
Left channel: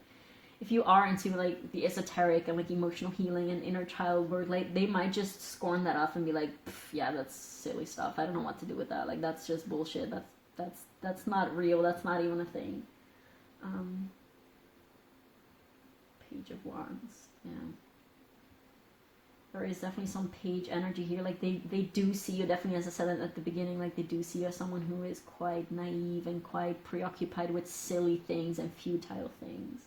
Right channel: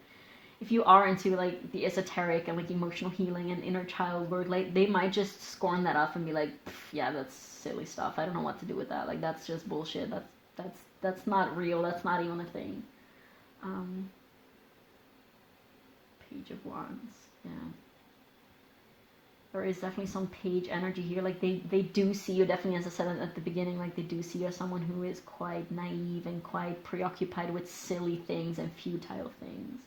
if you are into like the esoteric and like emotional healing and inner child work, like they might just scorn that off and be like, yeah, that's silly stuff, I don't know what to do with that, like that's just bullshit, that's not real, that's not even a thing. Page of Wands, yeah. There is definitely some page energy here. Like they do see you, definitely, as I said at the beginning, like they do see you as someone who is quite naive and quite preoccupied with silly things and futile things.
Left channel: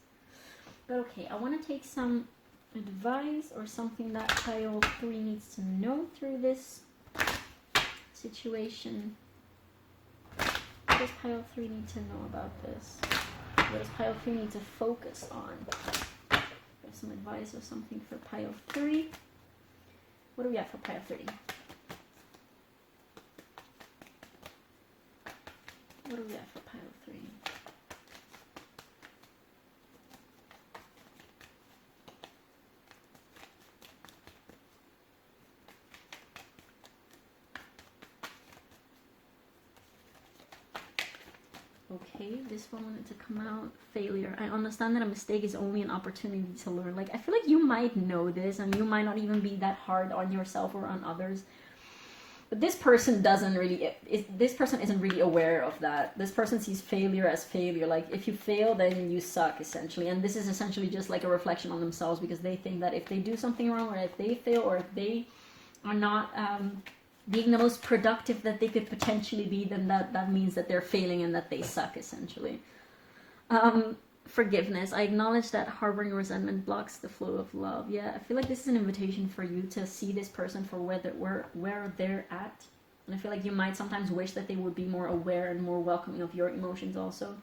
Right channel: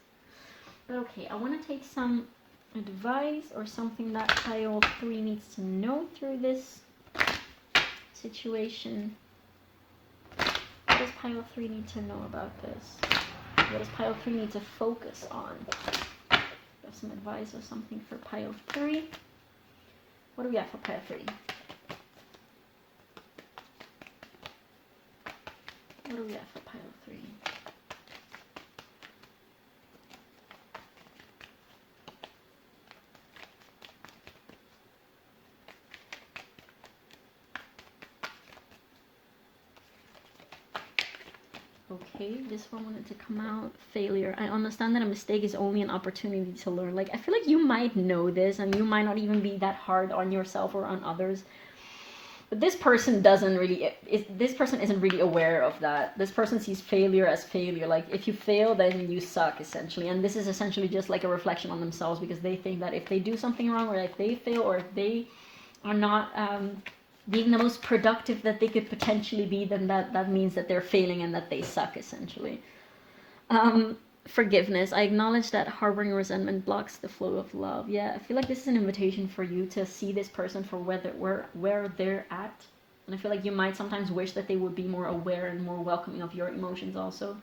But okay, I want to take some advice or something that pile 3 needs to know through this situation. What does pile 3 need to know about this? What does pile 3 need to focus on? Some advice or something for pile 3. What do we have for pile 3? What do we have for pile 3? Okay, this one wanted to come out. Failure. I understand that a mistake is only an opportunity to learn. Like, I feel like you might know this and you might not even be that hard on yourself or on others. But this person doesn't really, this person isn't really aware of that. This person sees failure as failure. Like, if you fail, then you suck, essentially. And this is essentially just like a reflection on themselves, because they think that if they do something wrong, or if they fail, or if they are not being the most productive that they could potentially be, then that means that they're failing and that they suck, essentially. Forgiveness. I acknowledge that harboring resentment blocks the flow of love. Yeah, I feel like this is an invitation for you to see this person for where they're at. And I feel like you might sometimes wish that they would be more aware and more welcoming of your emotions also.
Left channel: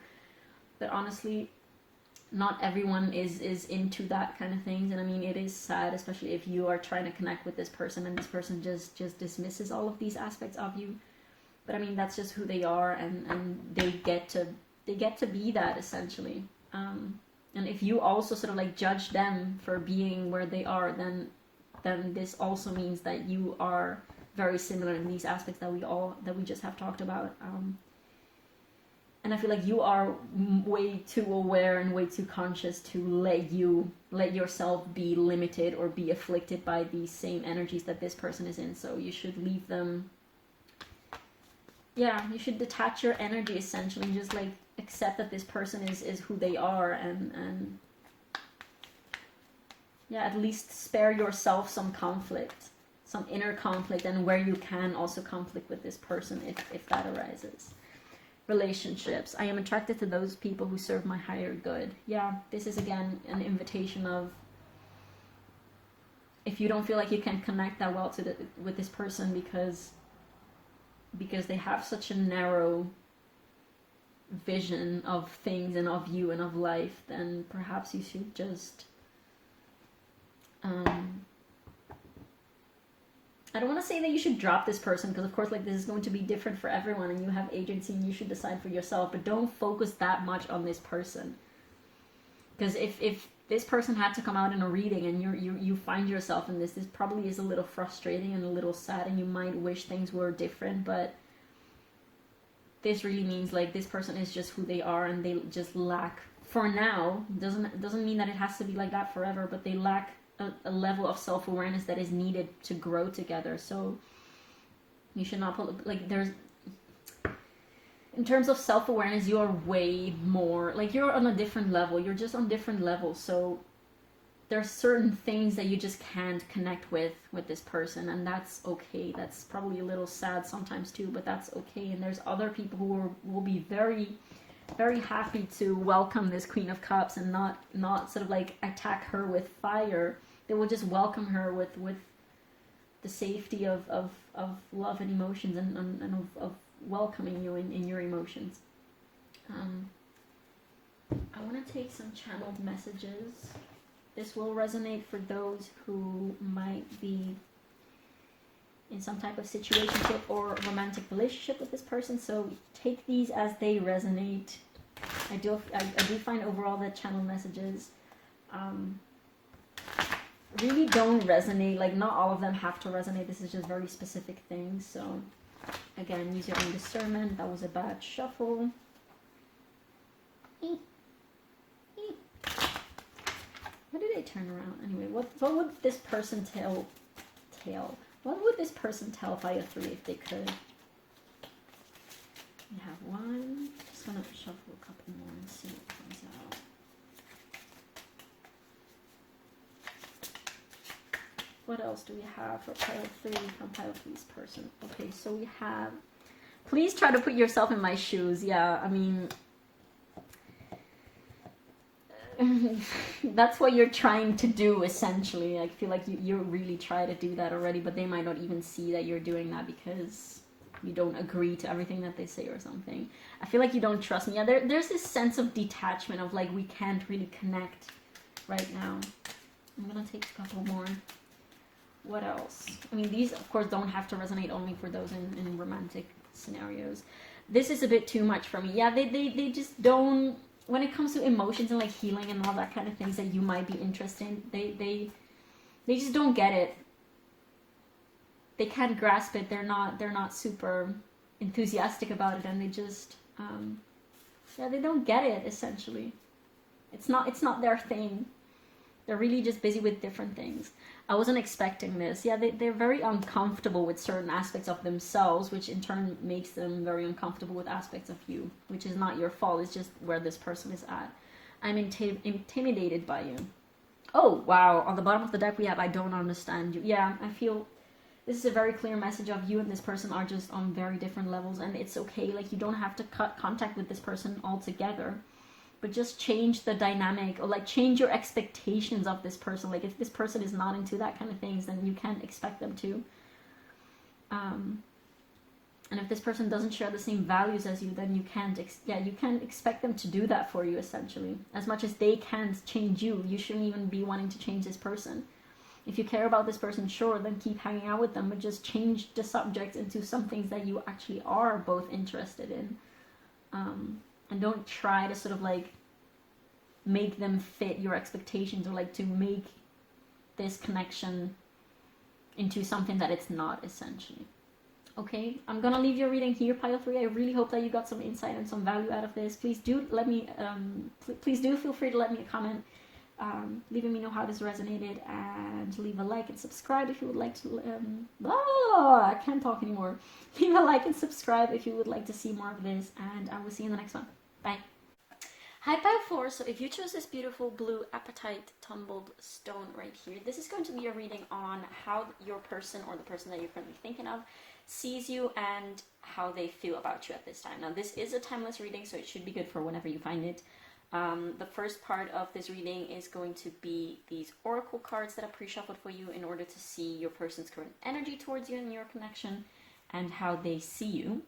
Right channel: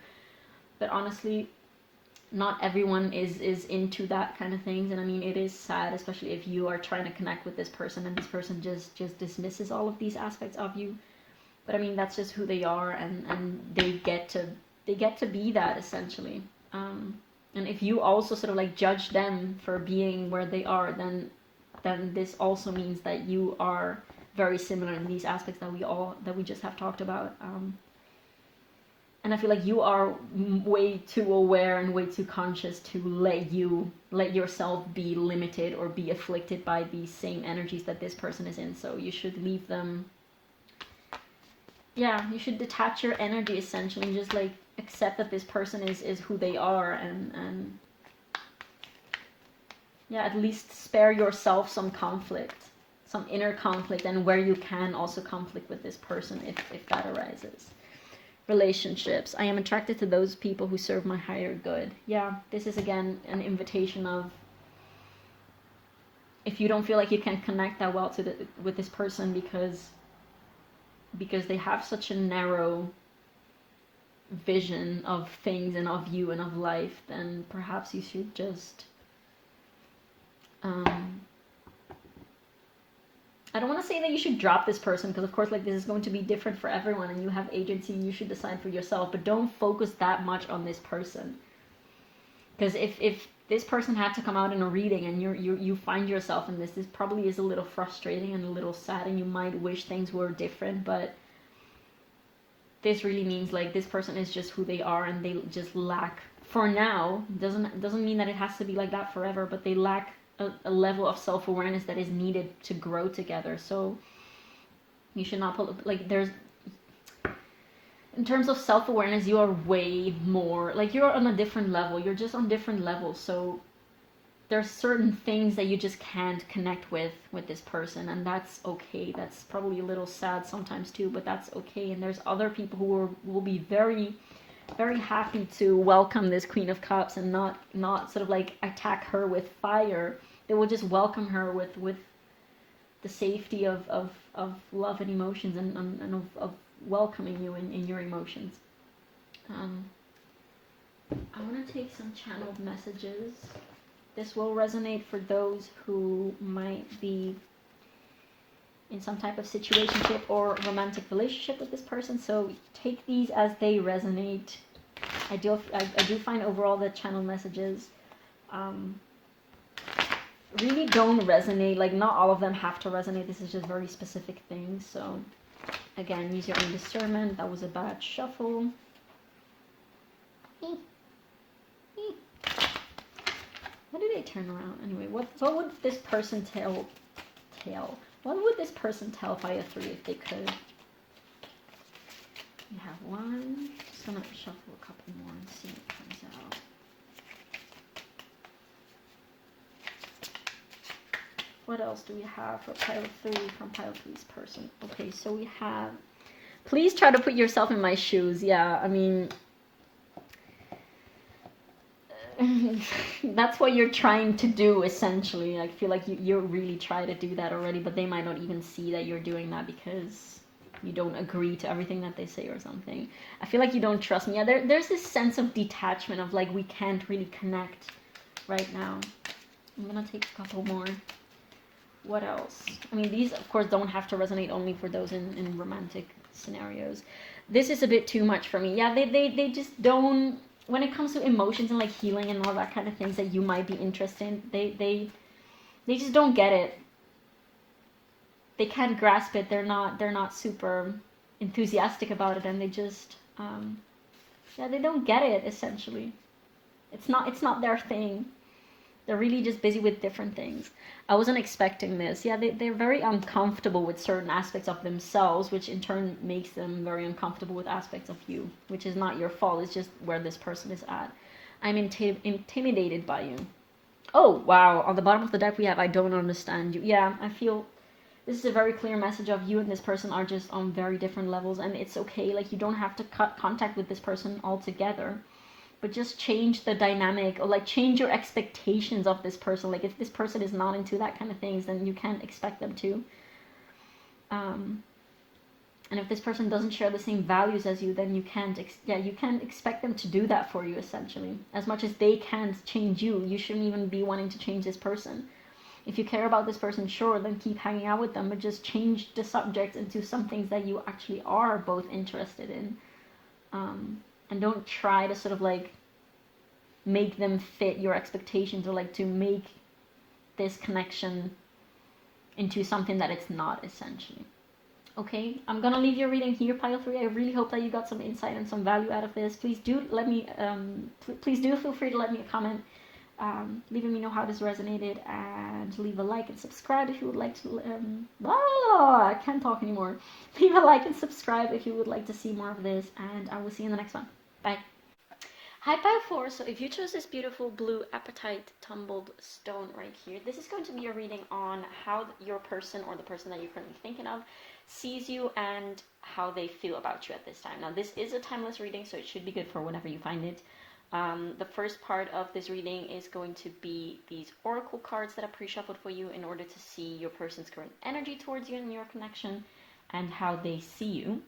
But honestly, not everyone is into that kind of things. And I mean, it is sad, especially if you are trying to connect with this person and this person just dismisses all of these aspects of you. But I mean, that's just who they are, and they get to be that essentially. And if you also sort of like judge them for being where they are, then this also means that you are very similar in these aspects that we just have talked about. And I feel like you are way too aware and way too conscious to let yourself be limited or be afflicted by these same energies that this person is in. So you should leave them. Yeah, you should detach your energy essentially and just like accept that this person is who they are, and yeah, at least spare yourself some conflict, some inner conflict, and where you can also conflict with this person if that arises. Relationships. I am attracted to those people who serve my higher good. Yeah, this is again an invitation of, if you don't feel like you can connect that well with this person because they have such a narrow vision of things and of you and of life, then perhaps you should just I don't want to say that you should drop this person, because of course like this is going to be different for everyone and you have agency and you should decide for yourself, but don't focus that much on this person. Because if this person had to come out in a reading and you find yourself in this probably is a little frustrating and a little sad, and you might wish things were different, but this really means like this person is just who they are, and they just lack, for now, doesn't mean that it has to be like that forever, but they lack a level of self-awareness that is needed to grow together. So you should not put, like, there's, in terms of self-awareness, you are way more, like, you're on a different level, you're just on different levels. So there's certain things that you just can't connect with this person, and that's okay. That's probably a little sad sometimes too, but that's okay. And there's other people who will be very, very happy to welcome this Queen of Cups and not sort of like attack her with fire. They will just welcome her with the safety of love and emotions, and of welcoming you in your emotions. I want to take some channeled messages. This will resonate for those who might be in some type of situationship or romantic relationship with this person. So take these as they resonate. I do find overall that channel messages really don't resonate. Like, not all of them have to resonate. This is just very specific things. So again, use your own discernment. That was a bad shuffle. Why did they turn around? Anyway, what would this person tell? What would this person tell Fire 3 if they could? We have one. Just gonna shuffle a couple more and see what comes out. What else do we have for Pile 3 from Pile 3's person? Okay, so we have, please try to put yourself in my shoes. Yeah, I mean, that's what you're trying to do, essentially. I feel like you really try to do that already, but they might not even see that you're doing that because you don't agree to everything that they say or something. I feel like you don't trust me. Yeah, there's this sense of detachment of like, we can't really connect right now. I'm gonna take a couple more. What else? I mean, these of course don't have to resonate only for those in romantic scenarios. This is a bit too much for me. Yeah, they just don't, when it comes to emotions and like healing and all that kind of things that you might be interested in, they just don't get it. They can't grasp it. They're not super enthusiastic about it, and they just they don't get it, essentially. It's not their thing. They're really just busy with different things. I wasn't expecting this. Yeah, they're very uncomfortable with certain aspects of themselves, which in turn makes them very uncomfortable with aspects of you, which is not your fault. It's just where this person is at. I'm intimidated by you. Oh, wow. On the bottom of the deck we have, I don't understand you. Yeah, I feel this is a very clear message of you and this person are just on very different levels, and it's okay. Like, you don't have to cut contact with this person altogether. but just change the dynamic, or like change your expectations of this person. Like if this person is not into that kind of things, then you can't expect them to. And if this person doesn't share the same values as you, then you can't expect them to do that for you, essentially. As much as they can't change you, you shouldn't even be wanting to change this person. If you care about this person, sure, then keep hanging out with them, but just change the subject into some things that you actually are both interested in. And don't try to sort of like make them fit your expectations, or like to make this connection into something that it's not, essentially. Okay, I'm gonna leave your reading here, pile 3. I really hope that you got some insight and some value out of this. Please do let me, please do feel free to let me a comment, leaving me know how this resonated, and leave a like and subscribe if you would like to. I can't talk anymore. Leave a like and subscribe if you would like to see more of this, and I will see you in the next one. Bye. Hi, pile 4. So if you chose this beautiful blue apatite tumbled stone right here, this is going to be a reading on how your person, or the person that you're currently thinking of, sees you and how they feel about you at this time. Now, this is a timeless reading, so it should be good for whenever you find it. The first part of this reading is going to be these oracle cards that I pre-shuffled for you in order to see your person's current energy towards you and your connection, and how they see you.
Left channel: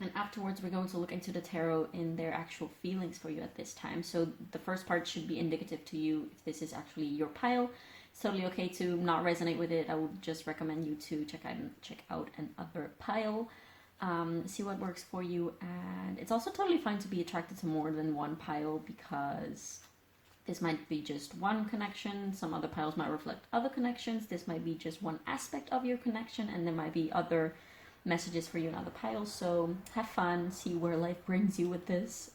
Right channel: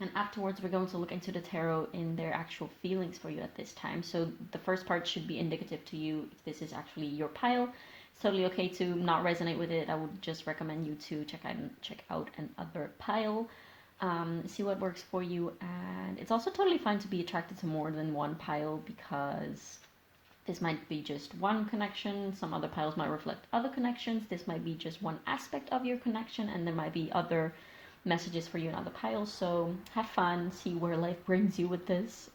And afterwards, we're going to look into the tarot in their actual feelings for you at this time. So the first part should be indicative to you if this is actually your pile. It's totally okay to not resonate with it. I would just recommend you to check out another pile, see what works for you. And it's also totally fine to be attracted to more than one pile, because this might be just one connection. Some other piles might reflect other connections. This might be just one aspect of your connection, and there might be other messages for you in other piles. So have fun, see where life brings you with this.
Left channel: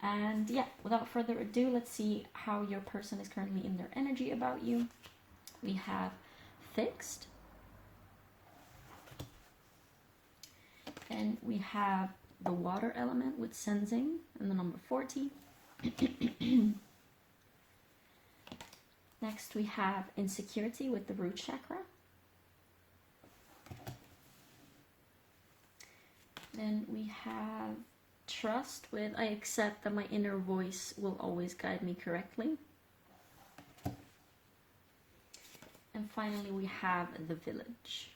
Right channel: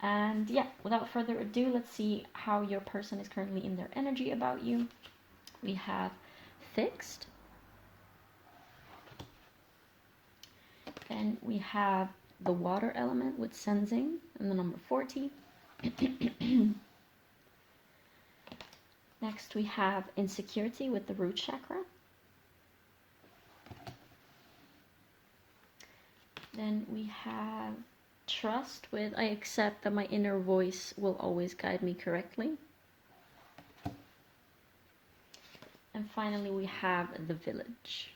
And yeah, without further ado, let's see how your person is currently in their energy about you. We have fixed. Then we have the water element with sensing and the number 40. Next we have insecurity with the root chakra. Then we have trust with I accept that my inner voice will always guide me correctly. And finally we have the village.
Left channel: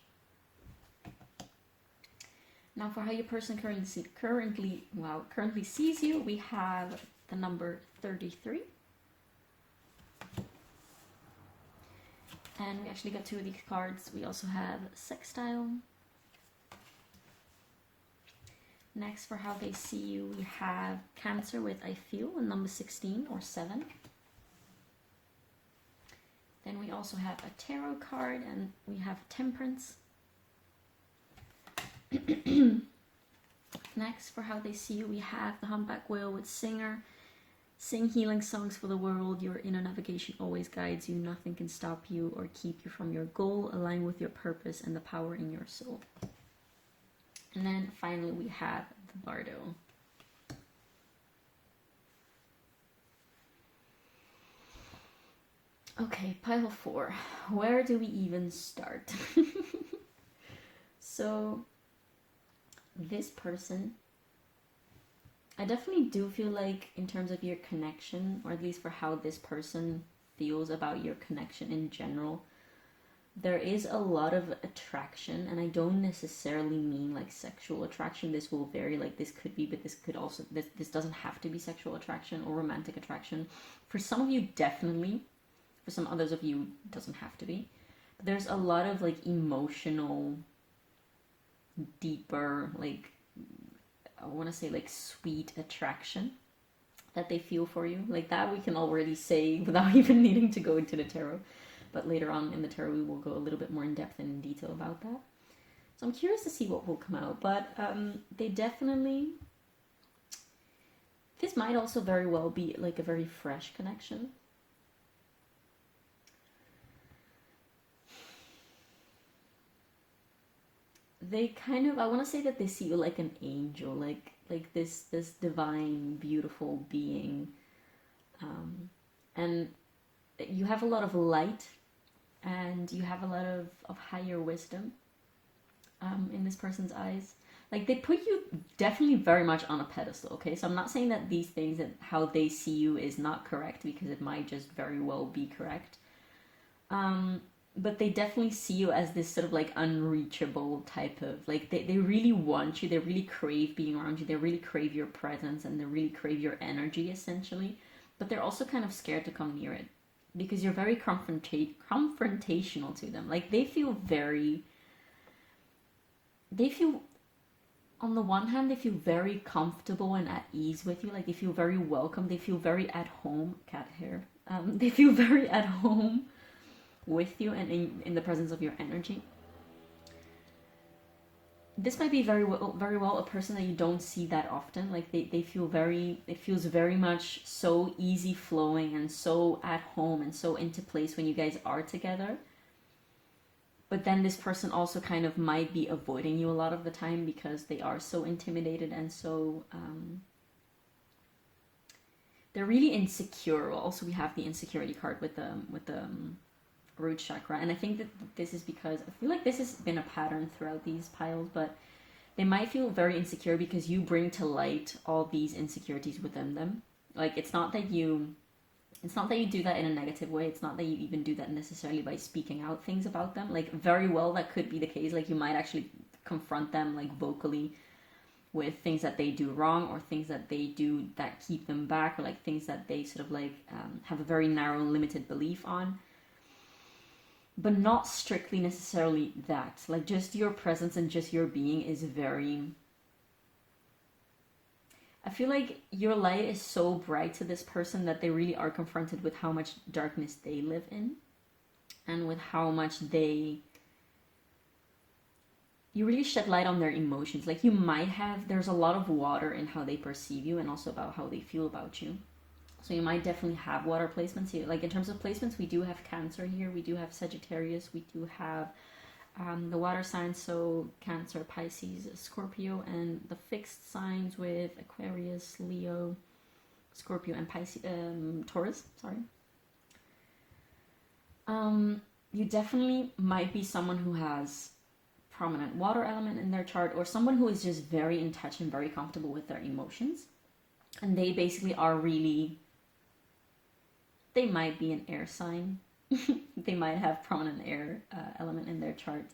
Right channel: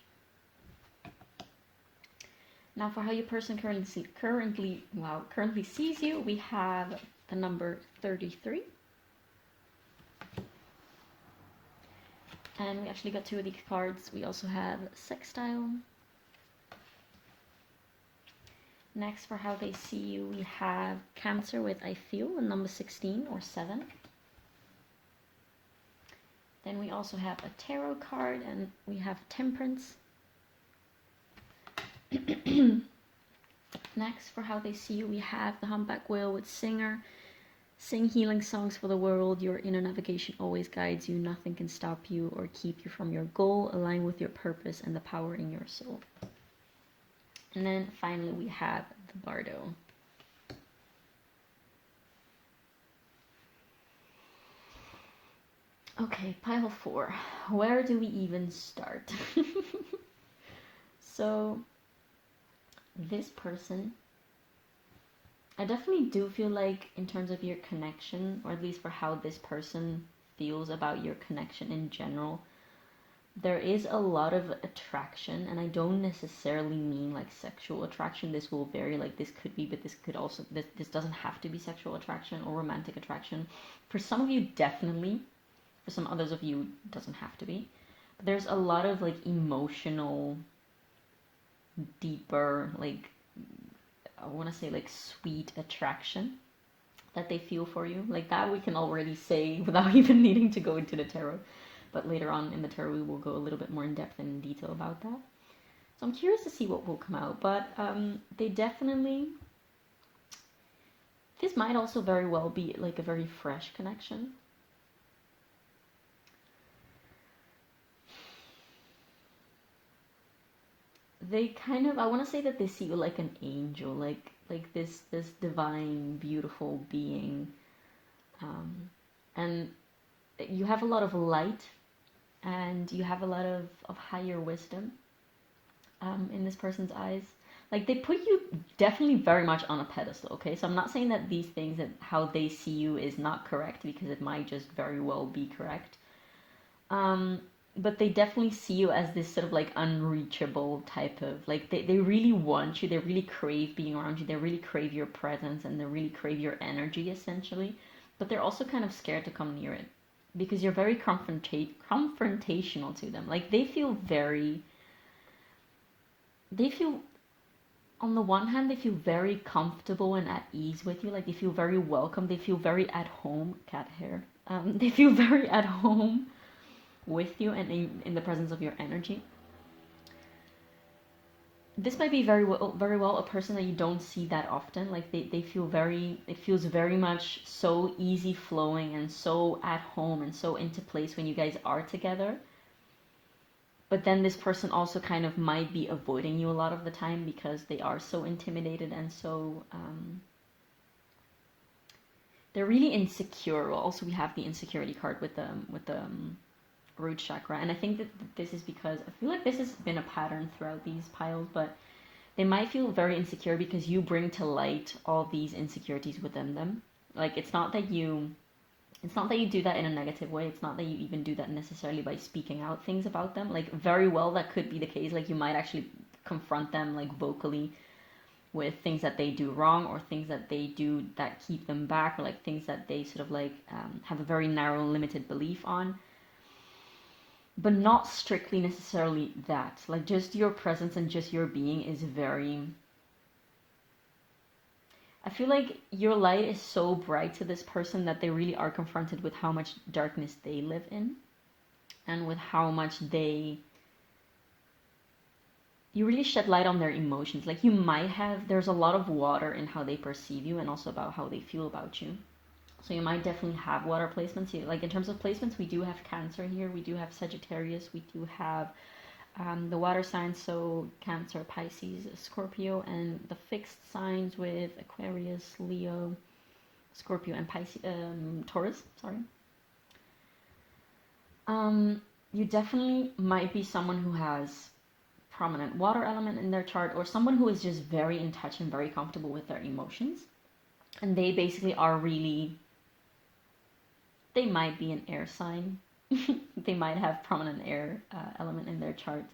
Now for how your person currently sees you, we have the number 33. And we actually got 2 of these cards. We also have sextile. Next, for how they see you, we have Cancer with I feel, and number 16 or 7. Then we also have a tarot card, and we have Temperance. Next, for how they see you, we have the Humpback Whale with Singer. Sing healing songs for the world. Your inner navigation always guides you. Nothing can stop you or keep you from your goal. Align with your purpose and the power in your soul. And then finally we have the Bardo. Okay, pile 4. Where do we even start? So, this person, I definitely do feel like in terms of your connection, or at least for how this person feels about your connection in general, there is a lot of attraction, and I don't necessarily mean like sexual attraction. This will vary, like this could be, but this could also, this doesn't have to be sexual attraction or romantic attraction. For some of you, definitely. For some others of you, it doesn't have to be. But there's a lot of like emotional, deeper, like, I want to say like sweet attraction that they feel for you. Like that we can already say without even needing to go into the tarot. But later on in the tarot, we will go a little bit more in depth and in detail about that. So I'm curious to see what will come out. But they definitely... This might also very well be like a very fresh connection. They kind of... I want to say that they see you like an angel. Like this divine, beautiful being. And you have a lot of light. And you have a lot of higher wisdom in this person's eyes. like they put you definitely very much on a pedestal, okay? So I'm not saying that these things and how they see you is not correct, because it might just very well be correct. But they definitely see you as this sort of like unreachable type of, like they really want you, they really crave being around you, they really crave your presence, and they really crave your energy essentially. But they're also kind of scared to come near it because you're very confrontational to them. Like they feel on the one hand, they feel very comfortable and at ease with you. Like they feel very welcome. They feel very at home. Cat hair. They feel very at home with you and in the presence of your energy. This might be very well a person that you don't see that often. Like they feel very, it feels very much so easy flowing and so at home and so into place when you guys are together. But then this person also kind of might be avoiding you a lot of the time because they are so intimidated and so they're really insecure. Also, we have the insecurity card with the root chakra, and I think that this is because I feel like this has been a pattern throughout these piles, but they might feel very insecure because you bring to light all these insecurities within them. Like it's not that you do that in a negative way. It's not that you even do that necessarily by speaking out things about them. Like very well that could be the case. Like you might actually confront them like vocally with things that they do wrong, or things that they do that keep them back, or like things that they sort of like have a very narrow limited belief on. But not strictly necessarily that. Like just your presence and just your being is very, I feel like your light is so bright to this person that they really are confronted with how much darkness they live in, and with how much you really shed light on their emotions. Like you might have, there's a lot of water in how they perceive you and also about how they feel about you. So you might definitely have water placements here. Like in terms of placements, we do have Cancer here, we do have Sagittarius, we do have the water signs, so Cancer, Pisces, Scorpio, and the fixed signs with Aquarius, Leo, Scorpio, and Pisces, Taurus. Sorry. You definitely might be someone who has prominent water element in their chart, or someone who is just very in touch and very comfortable with their emotions, and they basically are really. They might be an air sign. They might have prominent air element in their chart,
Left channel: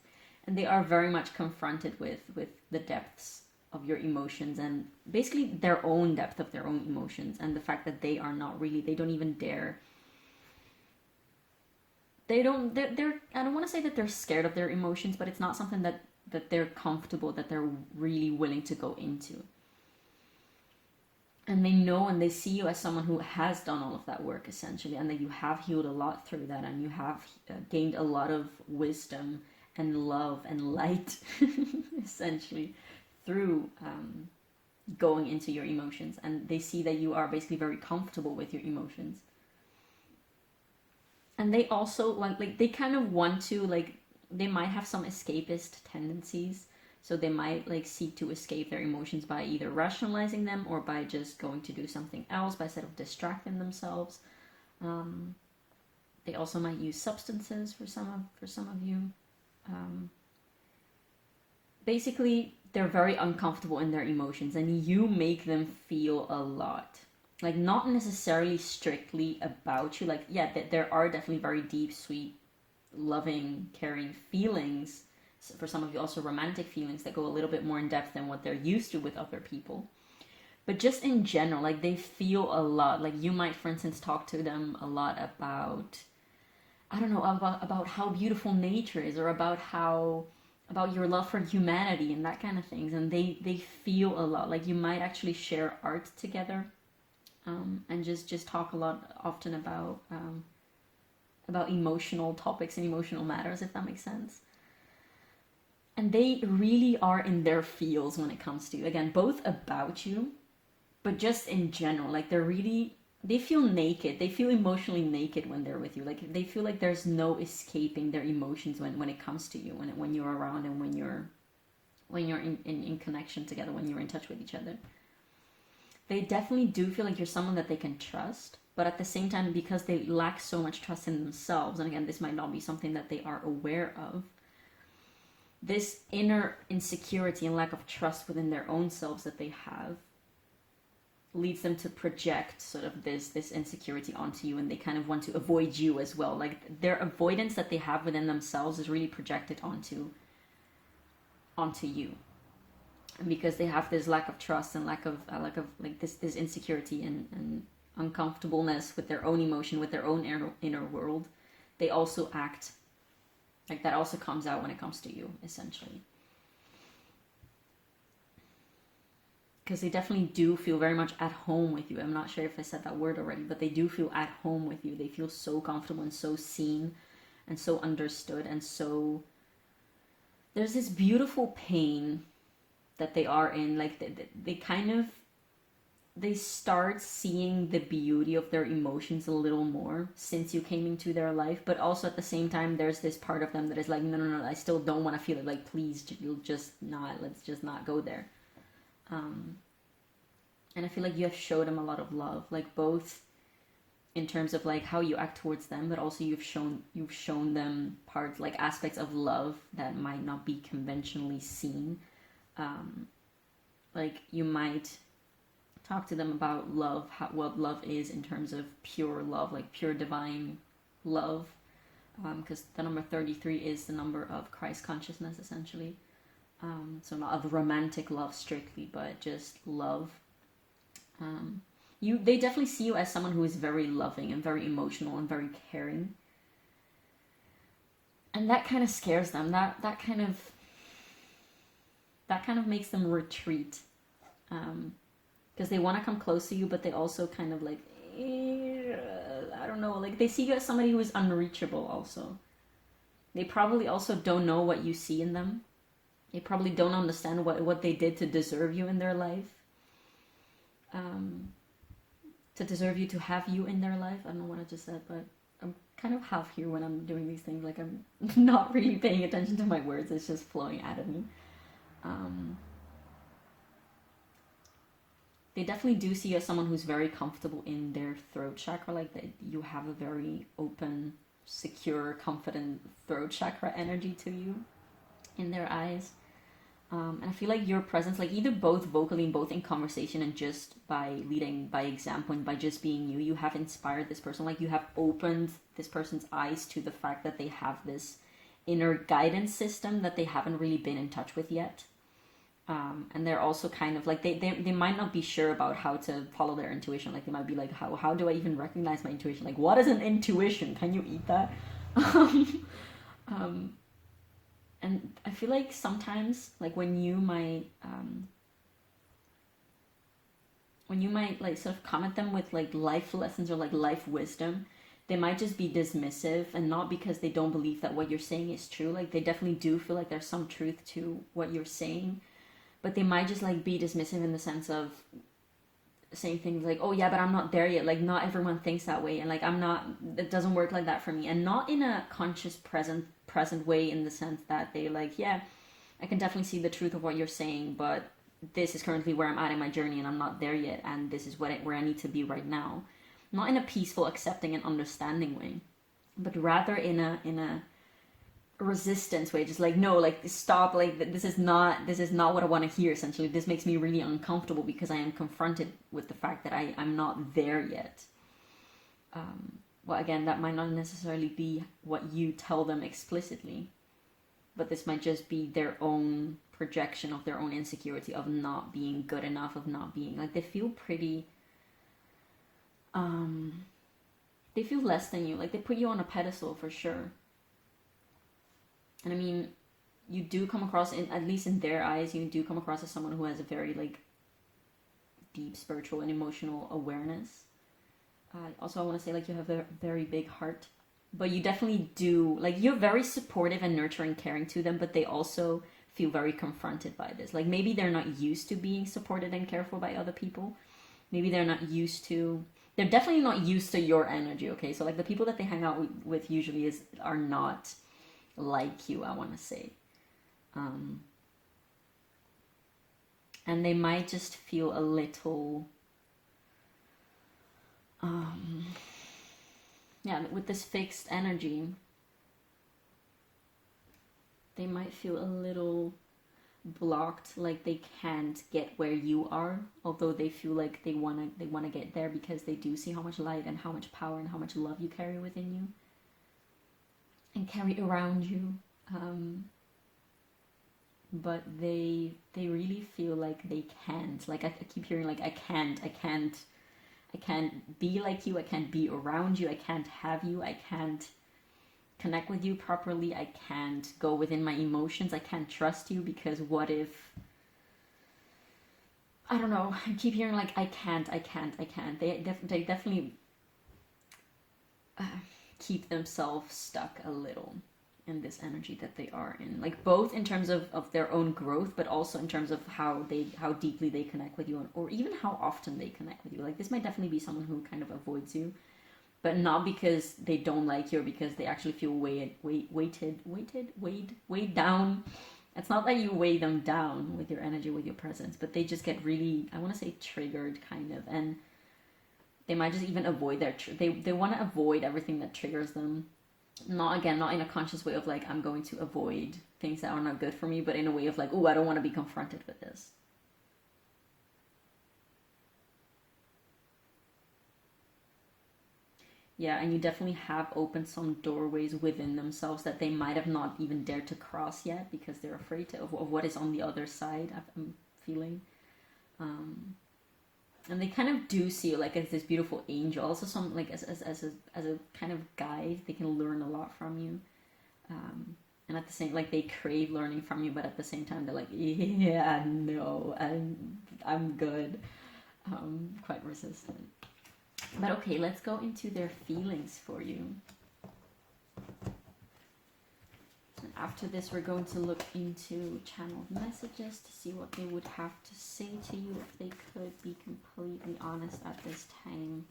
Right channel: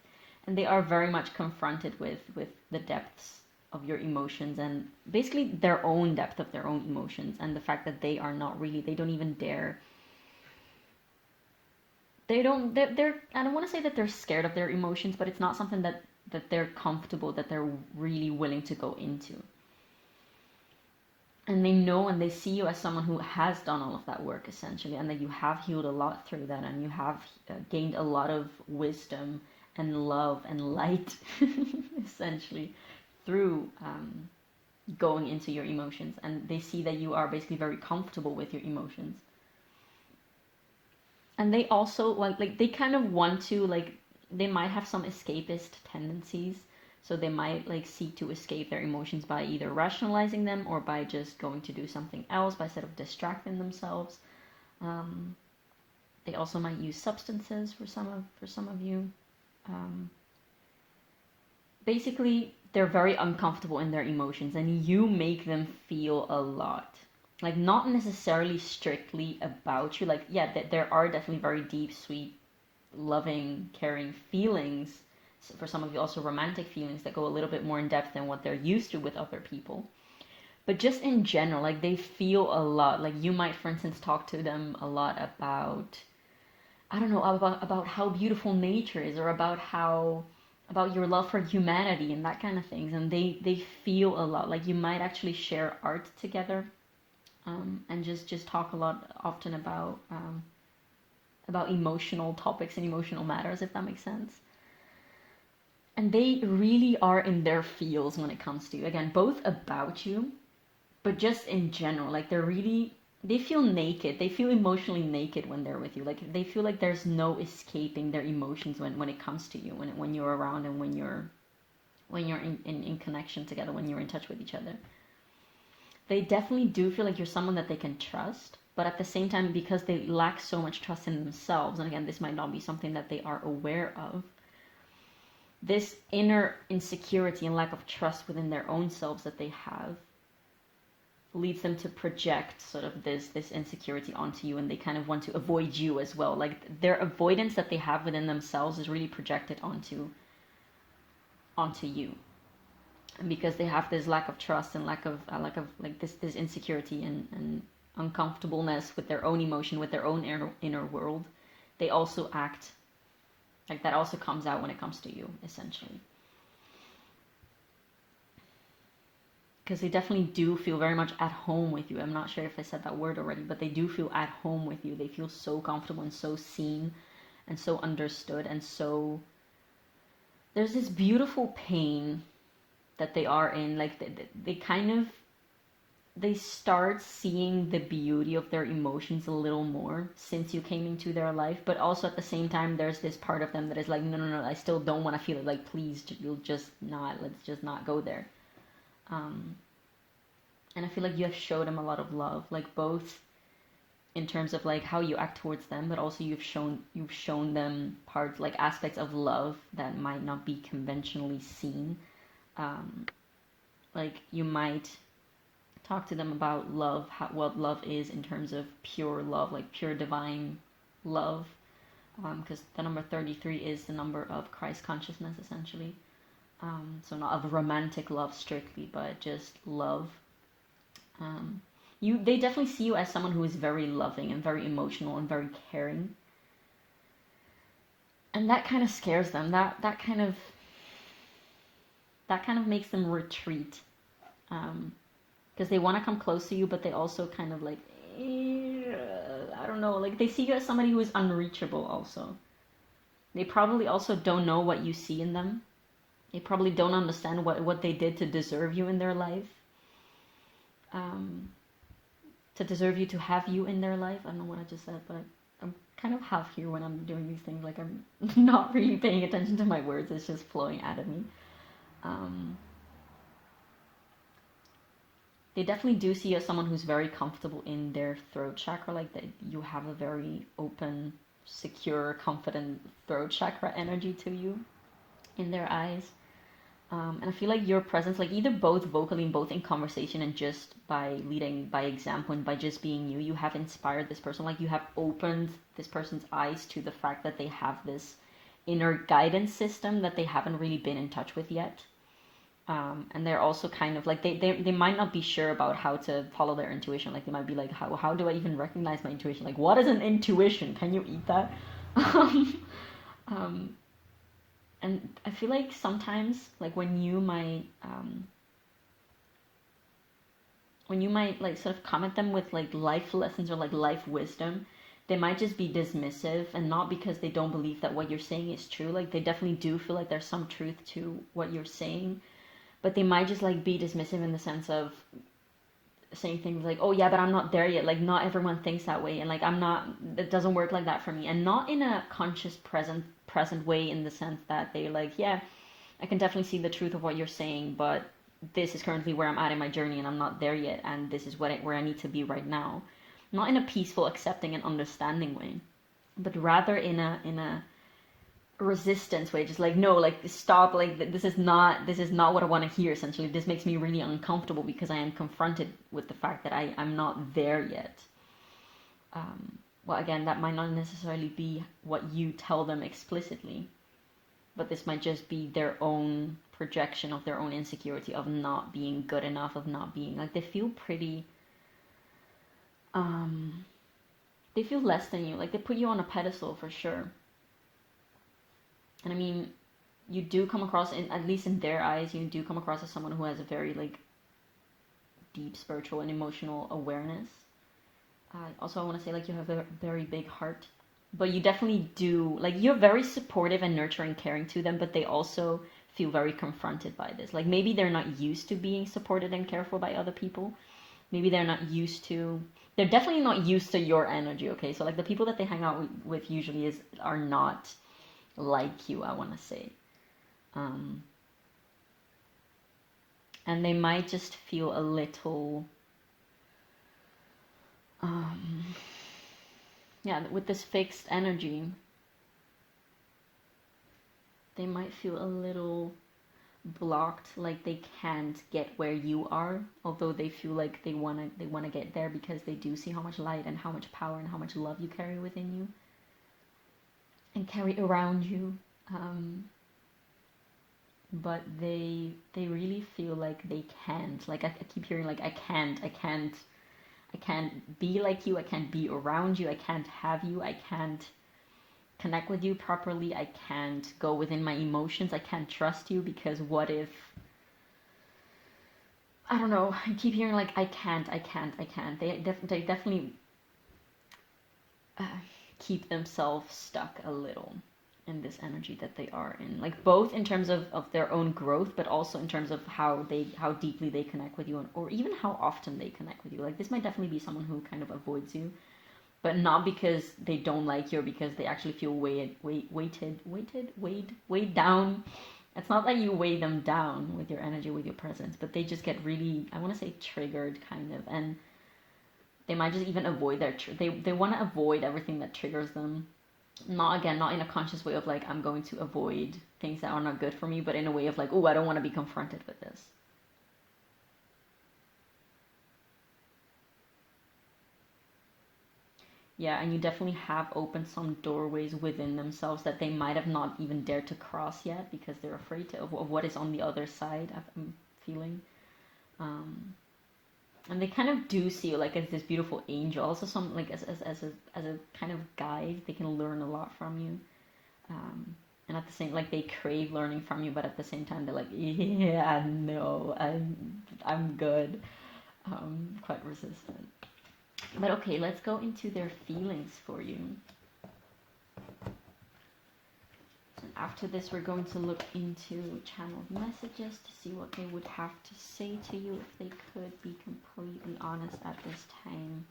and they are very much confronted with the depths of your emotions, and basically their own depth of their own emotions, and the fact that they are not really, they don't even dare, they're I don't want to say that they're scared of their emotions, but it's not something that they're comfortable, that they're really willing to go into. And they know and they see you as someone who has done all of that work essentially, and that you have healed a lot through that, and you have gained a lot of wisdom and love and light essentially through going into your emotions. And they see that you are basically very comfortable with your emotions. And they also like they kind of want to, like, they might have some escapist tendencies. So they might like seek to escape their emotions by either rationalizing them or by just going to do something else, by sort of distracting themselves. They also might use substances for some of you. Basically, they're very uncomfortable in their emotions, and you make them feel a lot. Like not necessarily strictly about you. Like yeah, there are definitely very deep, sweet, loving, caring feelings. For some of you also romantic feelings that go a little bit more in depth than what they're used to with other people. But just in general, like they feel a lot. Like you might, for instance, talk to them a lot about, I don't know, about how beautiful nature is, or about your love for humanity and that kind of things. And they feel a lot. Like you might actually share art together, and just talk a lot often about emotional topics and emotional matters, if that makes sense. And they really are in their feels when it comes to you. Again, both about you, but just in general. Like they feel naked. They feel emotionally naked when they're with you. Like they feel like there's no escaping their emotions when it comes to you, when you're around, and when you're in connection together, when you're in touch with each other. They definitely do feel like you're someone that they can trust. But at the same time, because they lack so much trust in themselves, and again, this might not be something that they are aware of, this inner insecurity and lack of trust within their own selves that they have leads them to project sort of this insecurity onto you, and they kind of want to avoid you as well. Like their avoidance that they have within themselves is really projected onto you, and because they have this lack of trust and lack of like this insecurity and uncomfortableness with their own emotion, with their own inner world, they also act like that. Also comes out when it comes to you, essentially. Because they definitely do feel very much at home with you. I'm not sure if I said that word already, but they do feel at home with you. They feel so comfortable and so seen and so understood, and so there's this beautiful pain that they are in. Like they kind of, they start seeing the beauty of their emotions a little more since you came into their life. But also at the same time, there's this part of them that is like, no, I still don't want to feel it. Like, please, you'll just not, let's just not go there. And I feel like you have showed them a lot of love, like both in terms of like how you act towards them, but also you've shown them parts, like aspects of love that might not be conventionally seen. Like you might talk to them about love, what love is in terms of pure love, like pure divine love, because the number 33 is the number of Christ consciousness, essentially. So not of romantic love strictly, but just love. They definitely see you as someone who is very loving and very emotional and very caring, and that kind of scares them. That kind of makes them retreat, because they want to come close to you, but they also kind of like, I don't know, like they see you as somebody who is unreachable. Also, they probably also don't know what you see in them. They probably don't understand what they did to deserve you in their life. To deserve you, to have you in their life. I don't know what I just said, but I'm kind of half here when I'm doing these things. Like I'm not really paying attention to my words. It's just flowing out of me. They definitely do see you as someone who's very comfortable in their throat chakra. Like that you have a very open, secure, confident throat chakra energy to you in their eyes. And I feel like your presence, like either both vocally and both in conversation and just by leading by example and by just being you have inspired this person. Like you have opened this person's eyes to the fact that they have this inner guidance system that they haven't really been in touch with yet. And they're also kind of like, they might not be sure about how to follow their intuition. Like they might be like, how do I even recognize my intuition? Like, what is an intuition? Can you eat that? And I feel like sometimes, like when you might like sort of come at them with like life lessons or like life wisdom, they might just be dismissive, and not because they don't believe that what you're saying is true. Like they definitely do feel like there's some truth to what you're saying, but they might just like be dismissive in the sense of saying things like, oh yeah, but I'm not there yet. Like not everyone thinks that way, and like it doesn't work like that for me. And not in a conscious present way, in the sense that they're like, yeah, I can definitely see the truth of what you're saying, but this is currently where I'm at in my journey and I'm not there yet, and this is where I need to be right now. Not in a peaceful, accepting and understanding way, but rather in a resistance way, just like, no, like stop, like this is not what I want to hear. Essentially, this makes me really uncomfortable because I am confronted with the fact that I'm not there yet. Well, again, that might not necessarily be what you tell them explicitly, but this might just be their own projection of their own insecurity of not being good enough, of not being, like, they feel pretty, they feel less than you. Like, they put you on a pedestal for sure. And I mean, you do come across, at least in their eyes, you do come across as someone who has a very, like, deep spiritual and emotional awareness. Also, I want to say, like, you have a very big heart, but you definitely do, like, you're very supportive and nurturing, caring to them, but they also feel very confronted by this. Like, maybe they're not used to being supported and cared for by other people. Maybe they're definitely not used to your energy, okay? So, like, the people that they hang out with usually are not like you, I want to say. And they might just feel a little... with this fixed energy, They might feel a little blocked, like they can't get where you are, although they feel like they wanna get there because they do see how much light and how much power and how much love you carry within you and carry around you. But they really feel like they can't. Like I keep hearing like I can't be like you, I can't be around you, I can't have you, I can't connect with you properly, I can't go within my emotions, I can't trust you because what if, I don't know, I keep hearing like I can't. They definitely keep themselves stuck a little in this energy that they are in, like both in terms of their own growth, but also in terms of how deeply they connect with you, or even how often they connect with you. Like this might definitely be someone who kind of avoids you, but not because they don't like you or because they actually feel weighed down. It's not that you weigh them down with your energy, with your presence, but they just get really, I want to say, triggered kind of, and they might just even avoid they want to avoid everything that triggers them. Not in a conscious way of like I'm going to avoid things that are not good for me, but in a way of like, oh, I don't want to be confronted with this. Yeah, and you definitely have opened some doorways within themselves that they might have not even dared to cross yet because they're afraid of what is on the other side. I'm feeling, and they kind of do see you like as this beautiful angel, also some like as a kind of guide. They can learn a lot from you, and at the same, like they crave learning from you, but at the same time they're like, yeah, no, I'm good. Quite resistant. But okay, let's go into their feelings for you. And after this, we're going to look into channeled messages to see what they would have to say to you if they could be completely honest at this time.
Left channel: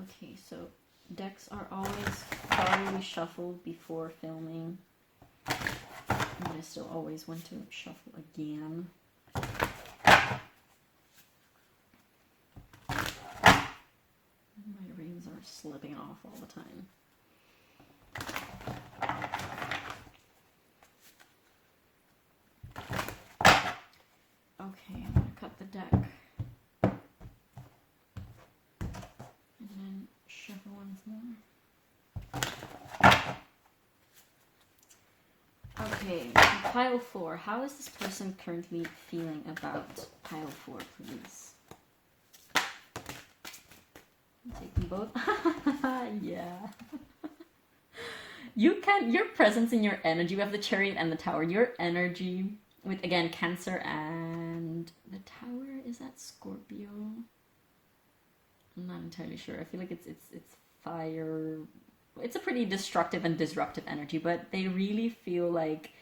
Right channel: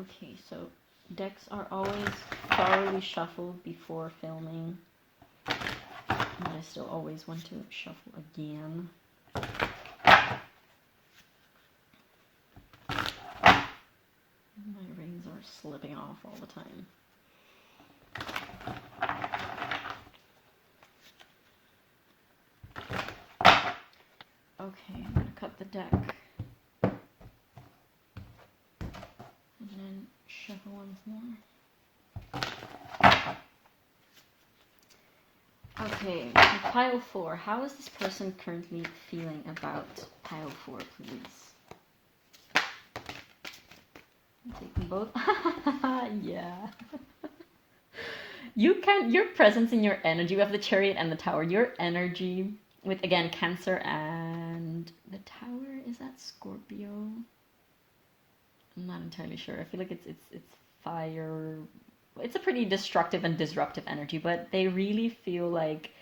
Okay, so decks are always thoroughly shuffled before filming. But I still always want to shuffle again. My rings are slipping off all the time. Okay, I'm going to cut the deck. And then shuffle once more. Okay, pile 4. How is this person currently feeling about pile 4, please? I'll take them both. Yeah. Your presence and your energy, we have the Chariot and the Tower. Your energy with, again, Cancer and the Tower, is that Scorpio? I'm not entirely sure. I feel like it's fire. It's a pretty destructive and disruptive energy, but they really feel like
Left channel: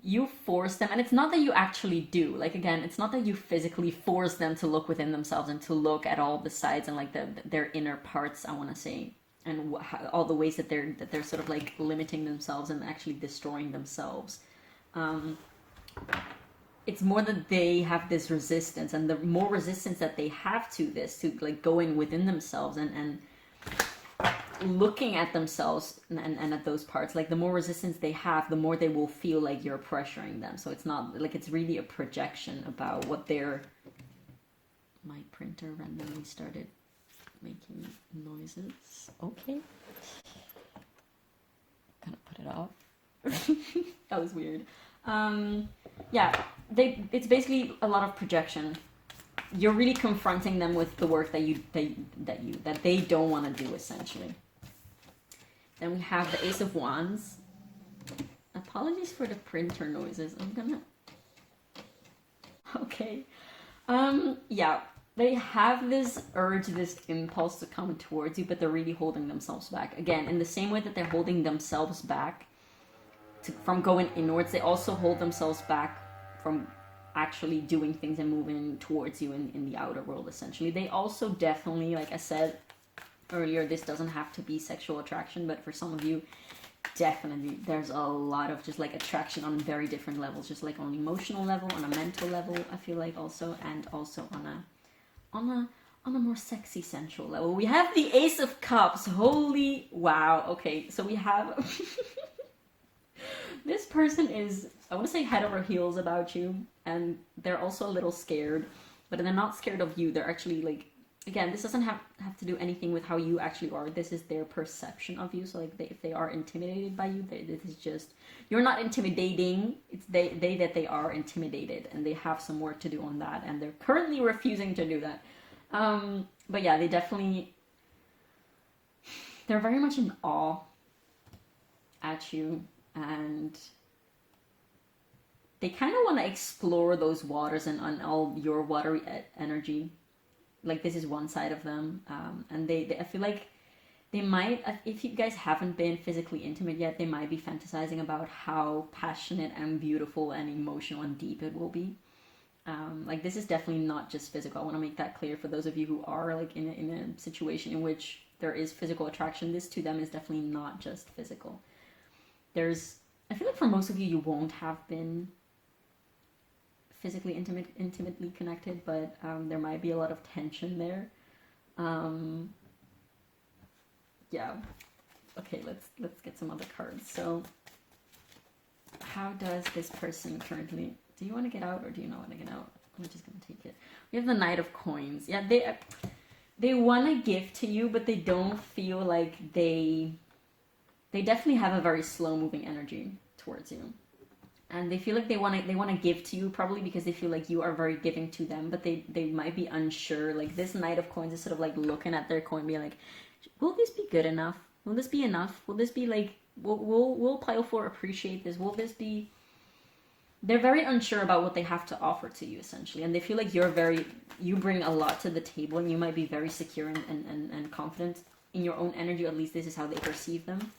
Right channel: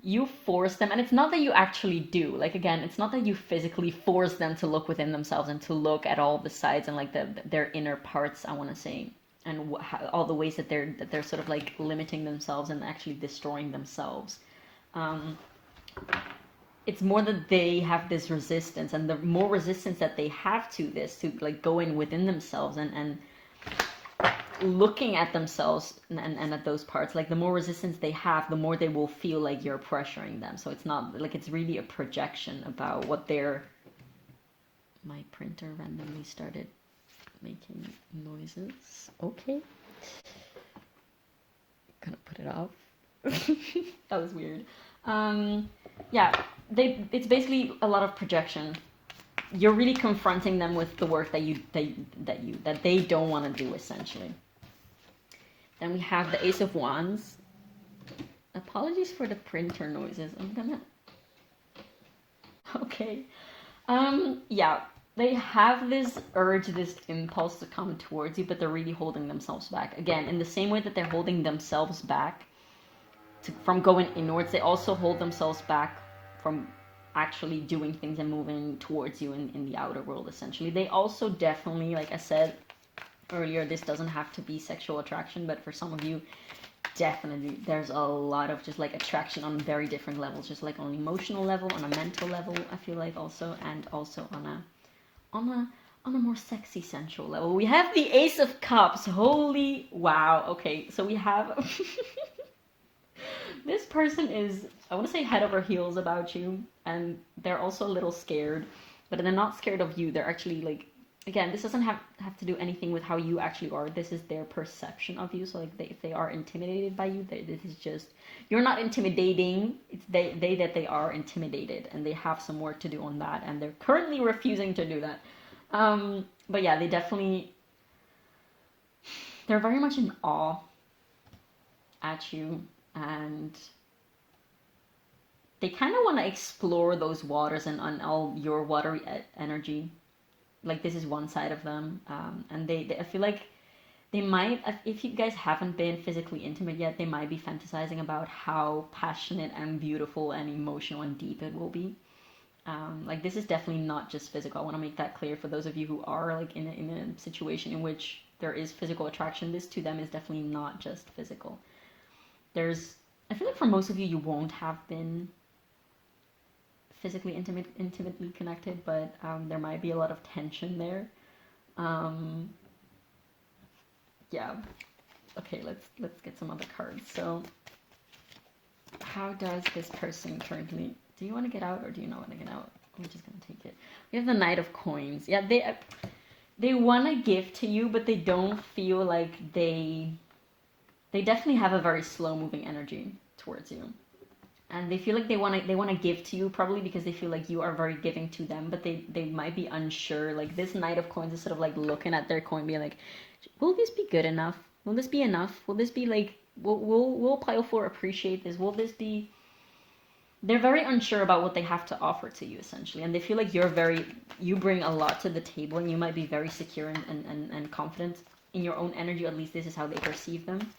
you force them, and it's not that you actually do. Like again, it's not that you physically force them to look within themselves and to look at all the sides and like their inner parts, I want to say, and all the ways that they're sort of like limiting themselves and actually destroying themselves. It's more that they have this resistance, and the more resistance that they have to this, to like go in within themselves and looking at themselves and at those parts, like the more resistance they have, the more they will feel like you're pressuring them. So it's not like, it's really a projection about what they're... My printer randomly started making noises. Okay, gonna put it off. That was weird. Yeah, it's basically a lot of projection. You're really confronting them with the work that they don't want to do, essentially. Then we have the Ace of Wands. Apologies for the printer noises. I'm gonna... Okay. Yeah, they have this urge, this impulse to come towards you, but they're really holding themselves back. Again, in the same way that they're holding themselves back from going inwards, they also hold themselves back from actually doing things and moving towards you in the outer world, essentially. They also definitely, like I said earlier, this doesn't have to be sexual attraction, but for some of you, definitely there's a lot of just like attraction on very different levels, just like on an emotional level, on a mental level, I feel like, also, and also on on a more sexy, sensual level. We have the Ace of Cups. Holy wow. Okay, so we have this person is, I want to say, head over heels about you, and they're also a little scared, but they're not scared of you. They're actually like, again, this doesn't have to do anything with how you actually are. This is their perception of you. So like, if they are intimidated by you, this is just, you're not intimidating. It's they are intimidated, and they have some work to do on that, and they're currently refusing to do that. But yeah, they're very much in awe at you, and they kind of want to explore those waters and on all your watery energy. Like, this is one side of them, and I feel like they might, if you guys haven't been physically intimate yet, they might be fantasizing about how passionate and beautiful and emotional and deep it will be. Like, this is definitely not just physical. I want to make that clear for those of you who are like in a situation in which there is physical attraction. This to them is definitely not just physical. I feel like for most of you, you won't have been physically intimately connected, but there might be a lot of tension there. Yeah. Okay, let's get some other cards. So, how does this person currently? Do you want to get out, or do you not want to get out? I'm just gonna take it. We have the Knight of Coins. Yeah, they want to give to you, but they don't feel like they definitely have a very slow moving energy towards you. And they feel like they want to give to you, probably because they feel like you are very giving to them, but they might be unsure. Like, this Knight of Coins is sort of like looking at their coin, being like, will this be good enough? Will this be enough? Will this be like, will Pile 4 appreciate this? Will this be... They're very unsure about what they have to offer to you, essentially. And they feel like you bring a lot to the table, and you might be very secure and confident in your own energy. At least this is how they perceive them.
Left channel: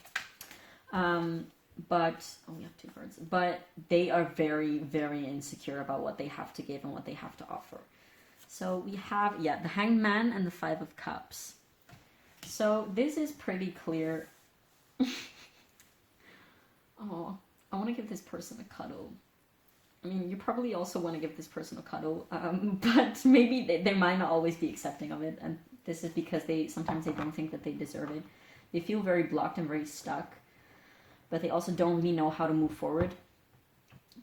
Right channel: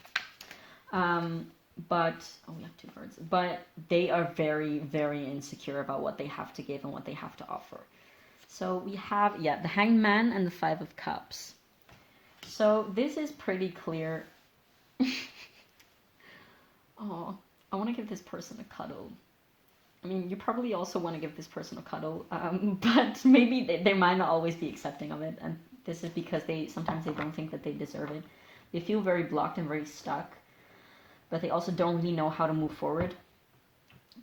But we have two cards. But they are very, very insecure about what they have to give and what they have to offer. So we have, the Hanged Man and the Five of Cups. So this is pretty clear. Oh, I want to give this person a cuddle. I mean, you probably also want to give this person a cuddle, but maybe they might not always be accepting of it. And this is because sometimes they don't think that they deserve it. They feel very blocked and very stuck. But they also don't really know how to move forward,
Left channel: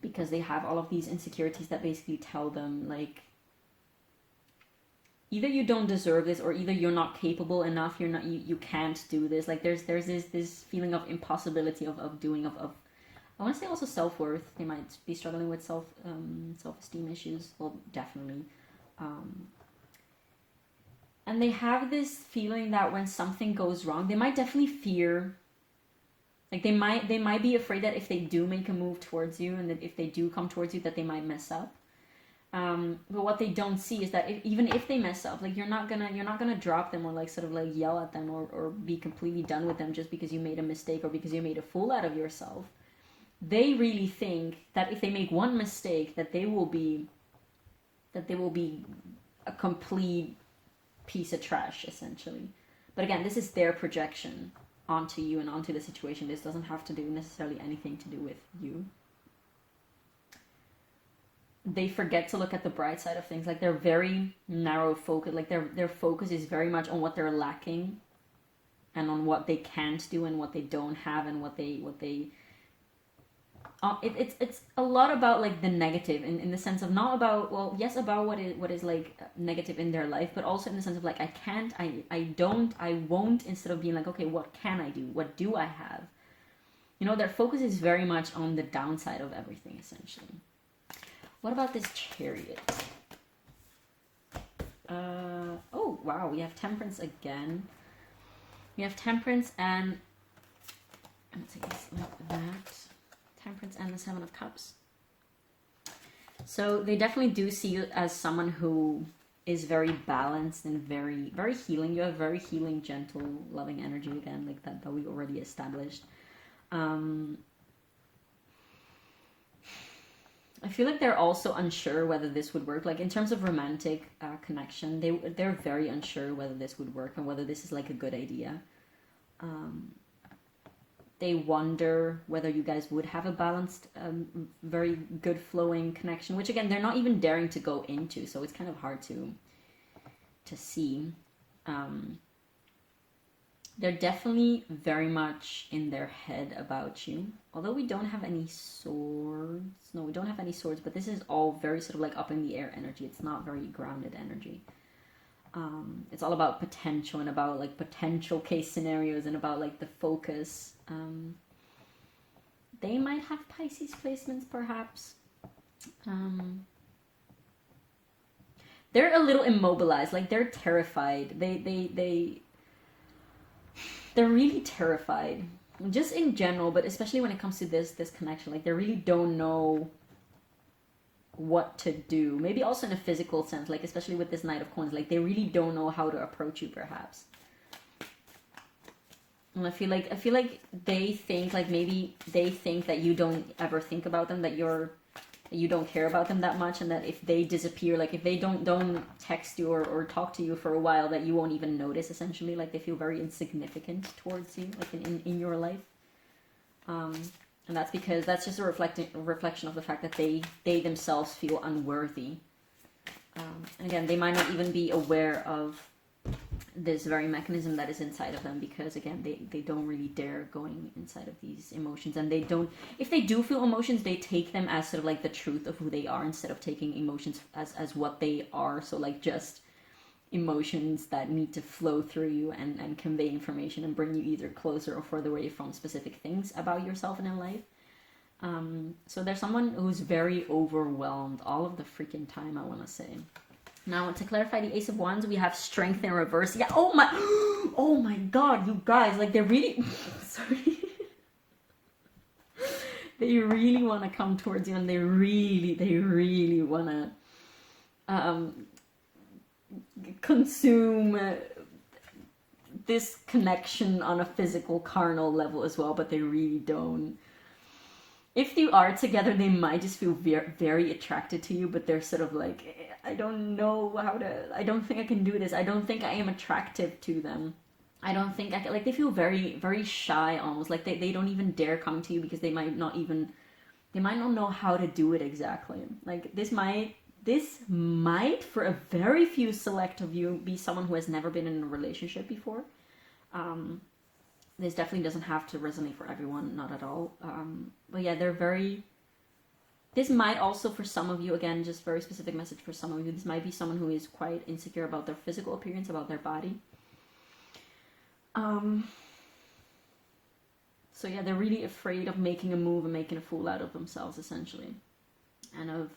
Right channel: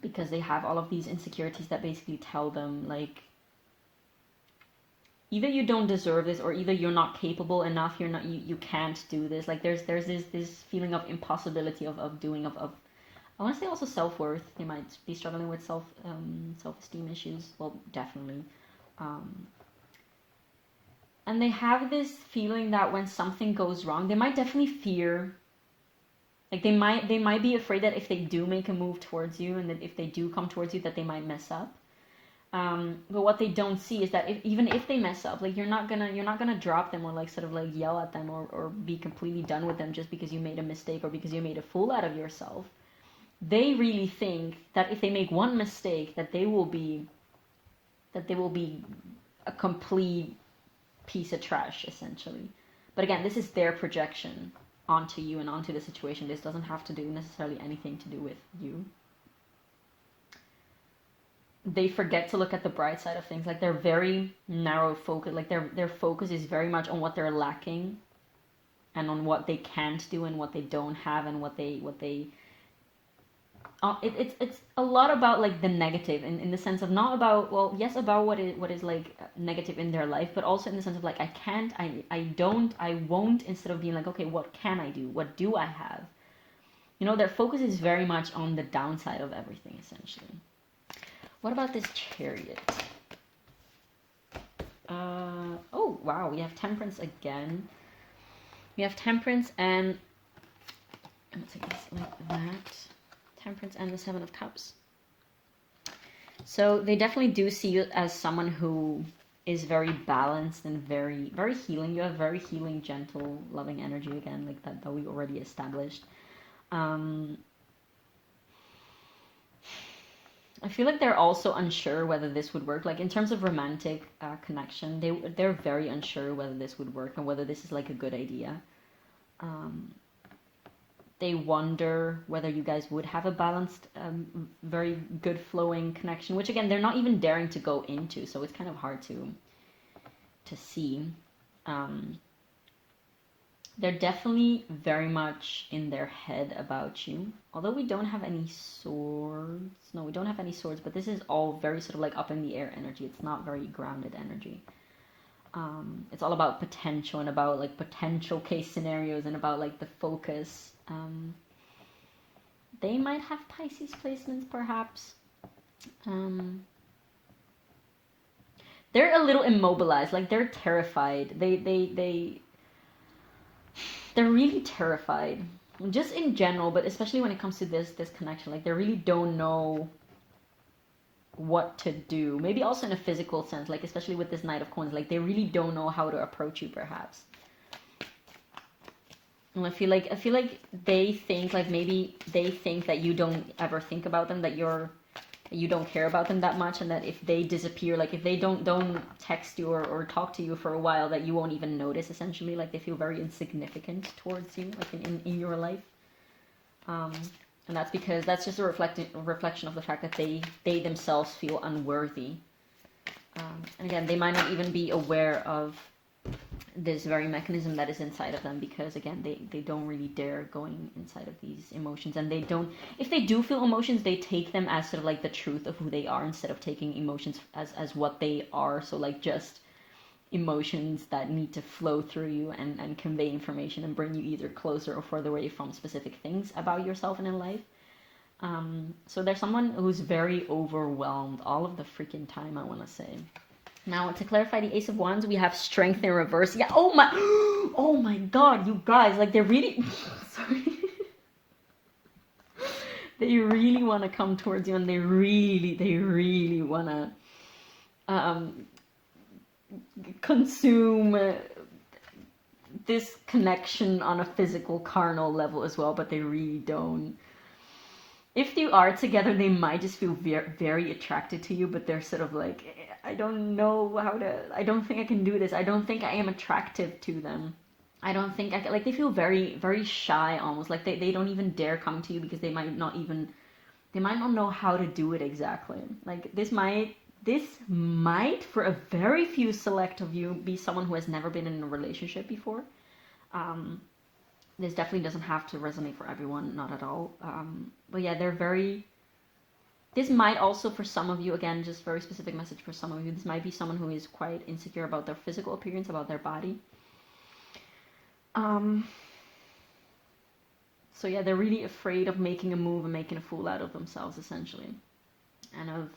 because they have all of these insecurities that basically tell them, like, either you don't deserve this, or either you're not capable enough, you can't do this. Like, there's this feeling of impossibility of doing, of I want to say also self-worth. They might be struggling with self-esteem issues. Well, definitely. And they have this feeling that when something goes wrong, they might definitely fear. Like, they might be afraid that if they do make a move towards you, and that if they do come towards you, that they might mess up. But what they don't see is that even if they mess up, like, you're not gonna drop them, or like sort of like yell at them, or be completely done with them just because you made a mistake, or because you made a fool out of yourself. They really think that if they make one mistake, that they will be a complete piece of trash, essentially. But again, this is their projection onto you and onto the situation. This doesn't have to do necessarily anything to do with you. They forget to look at the bright side of things. Like, they're very narrow focused. Like, their focus is very much on what they're lacking, and on what they can't do, and what they don't have, and what they it's a lot about, like, the negative, in the sense of not about, well, yes, about what is like negative in their life, but also in the sense of, like, I can't, I don't, I won't, instead of being like, okay, what can I do? What do I have? You know, their focus is very much on the downside of everything, essentially. What about this Chariot? Oh, wow, we have Temperance again. We have Temperance and... It's like that. Temperance and the Seven of Cups. So they definitely do see you as someone who is very balanced and very, very healing. You have very healing, gentle, loving energy, again, like that we already established. I feel like they're also unsure whether this would work. Like, in terms of romantic connection, they're very unsure whether this would work and whether this is like a good idea. They wonder whether you guys would have a balanced, very good flowing connection, which again, they're not even daring to go into. So it's kind of hard to to see. They're definitely very much in their head about you. Although we don't have any swords. No, we don't have any swords, but this is all very sort of like up in the air energy. It's not very grounded energy. It's all about potential and about like potential case scenarios and about like the focus. They might have Pisces placements, perhaps. They're a little immobilized, like they're terrified. They're really terrified, just in general, but especially when it comes to this connection. Like they really don't know what to do. Maybe also in a physical sense, like especially with this Knight of Coins, like they really don't know how to approach you, perhaps. And I feel like they think, like maybe they think that you don't ever think about them, that you don't care about them that much, and that if they disappear, like if they don't text you or talk to you for a while, that you won't even notice, essentially. Like they feel very insignificant towards you, like in your life. And that's because that's just a reflection of the fact that they themselves feel unworthy. Again, they might not even be aware of this very mechanism that is inside of them, because again they don't really dare going inside of these emotions, and they don't, if they do feel emotions, they take them as sort of like the truth of who they are, instead of taking emotions as what they are. So like just emotions that need to flow through you and convey information and bring you either closer or further away from specific things about yourself and in life. So there's someone who's very overwhelmed all of the freaking time, I want to say. Now, to clarify the Ace of Wands, we have Strength in reverse. Yeah, oh my god, you guys, like, they're really, sorry. They really want to come towards you, and they really want to consume this connection on a physical, carnal level as well, but they really don't. If you are together, they might just feel very attracted to you, but they're sort of like, I don't know how to, I don't think I can do this. I don't think I am attractive to them. I don't think I can, like, they feel very, very shy almost. Like they don't even dare come to you because they might not know how to do it exactly. Like this might, for a very few select of you, be someone who has never been in a relationship before. This definitely doesn't have to resonate for everyone, not at all. But yeah, they're very... This might also, for some of you, again, just very specific message for some of you, this might be someone who is quite insecure about their physical appearance, about their body. So yeah, they're really afraid of making a move and making a fool out of themselves, essentially. And of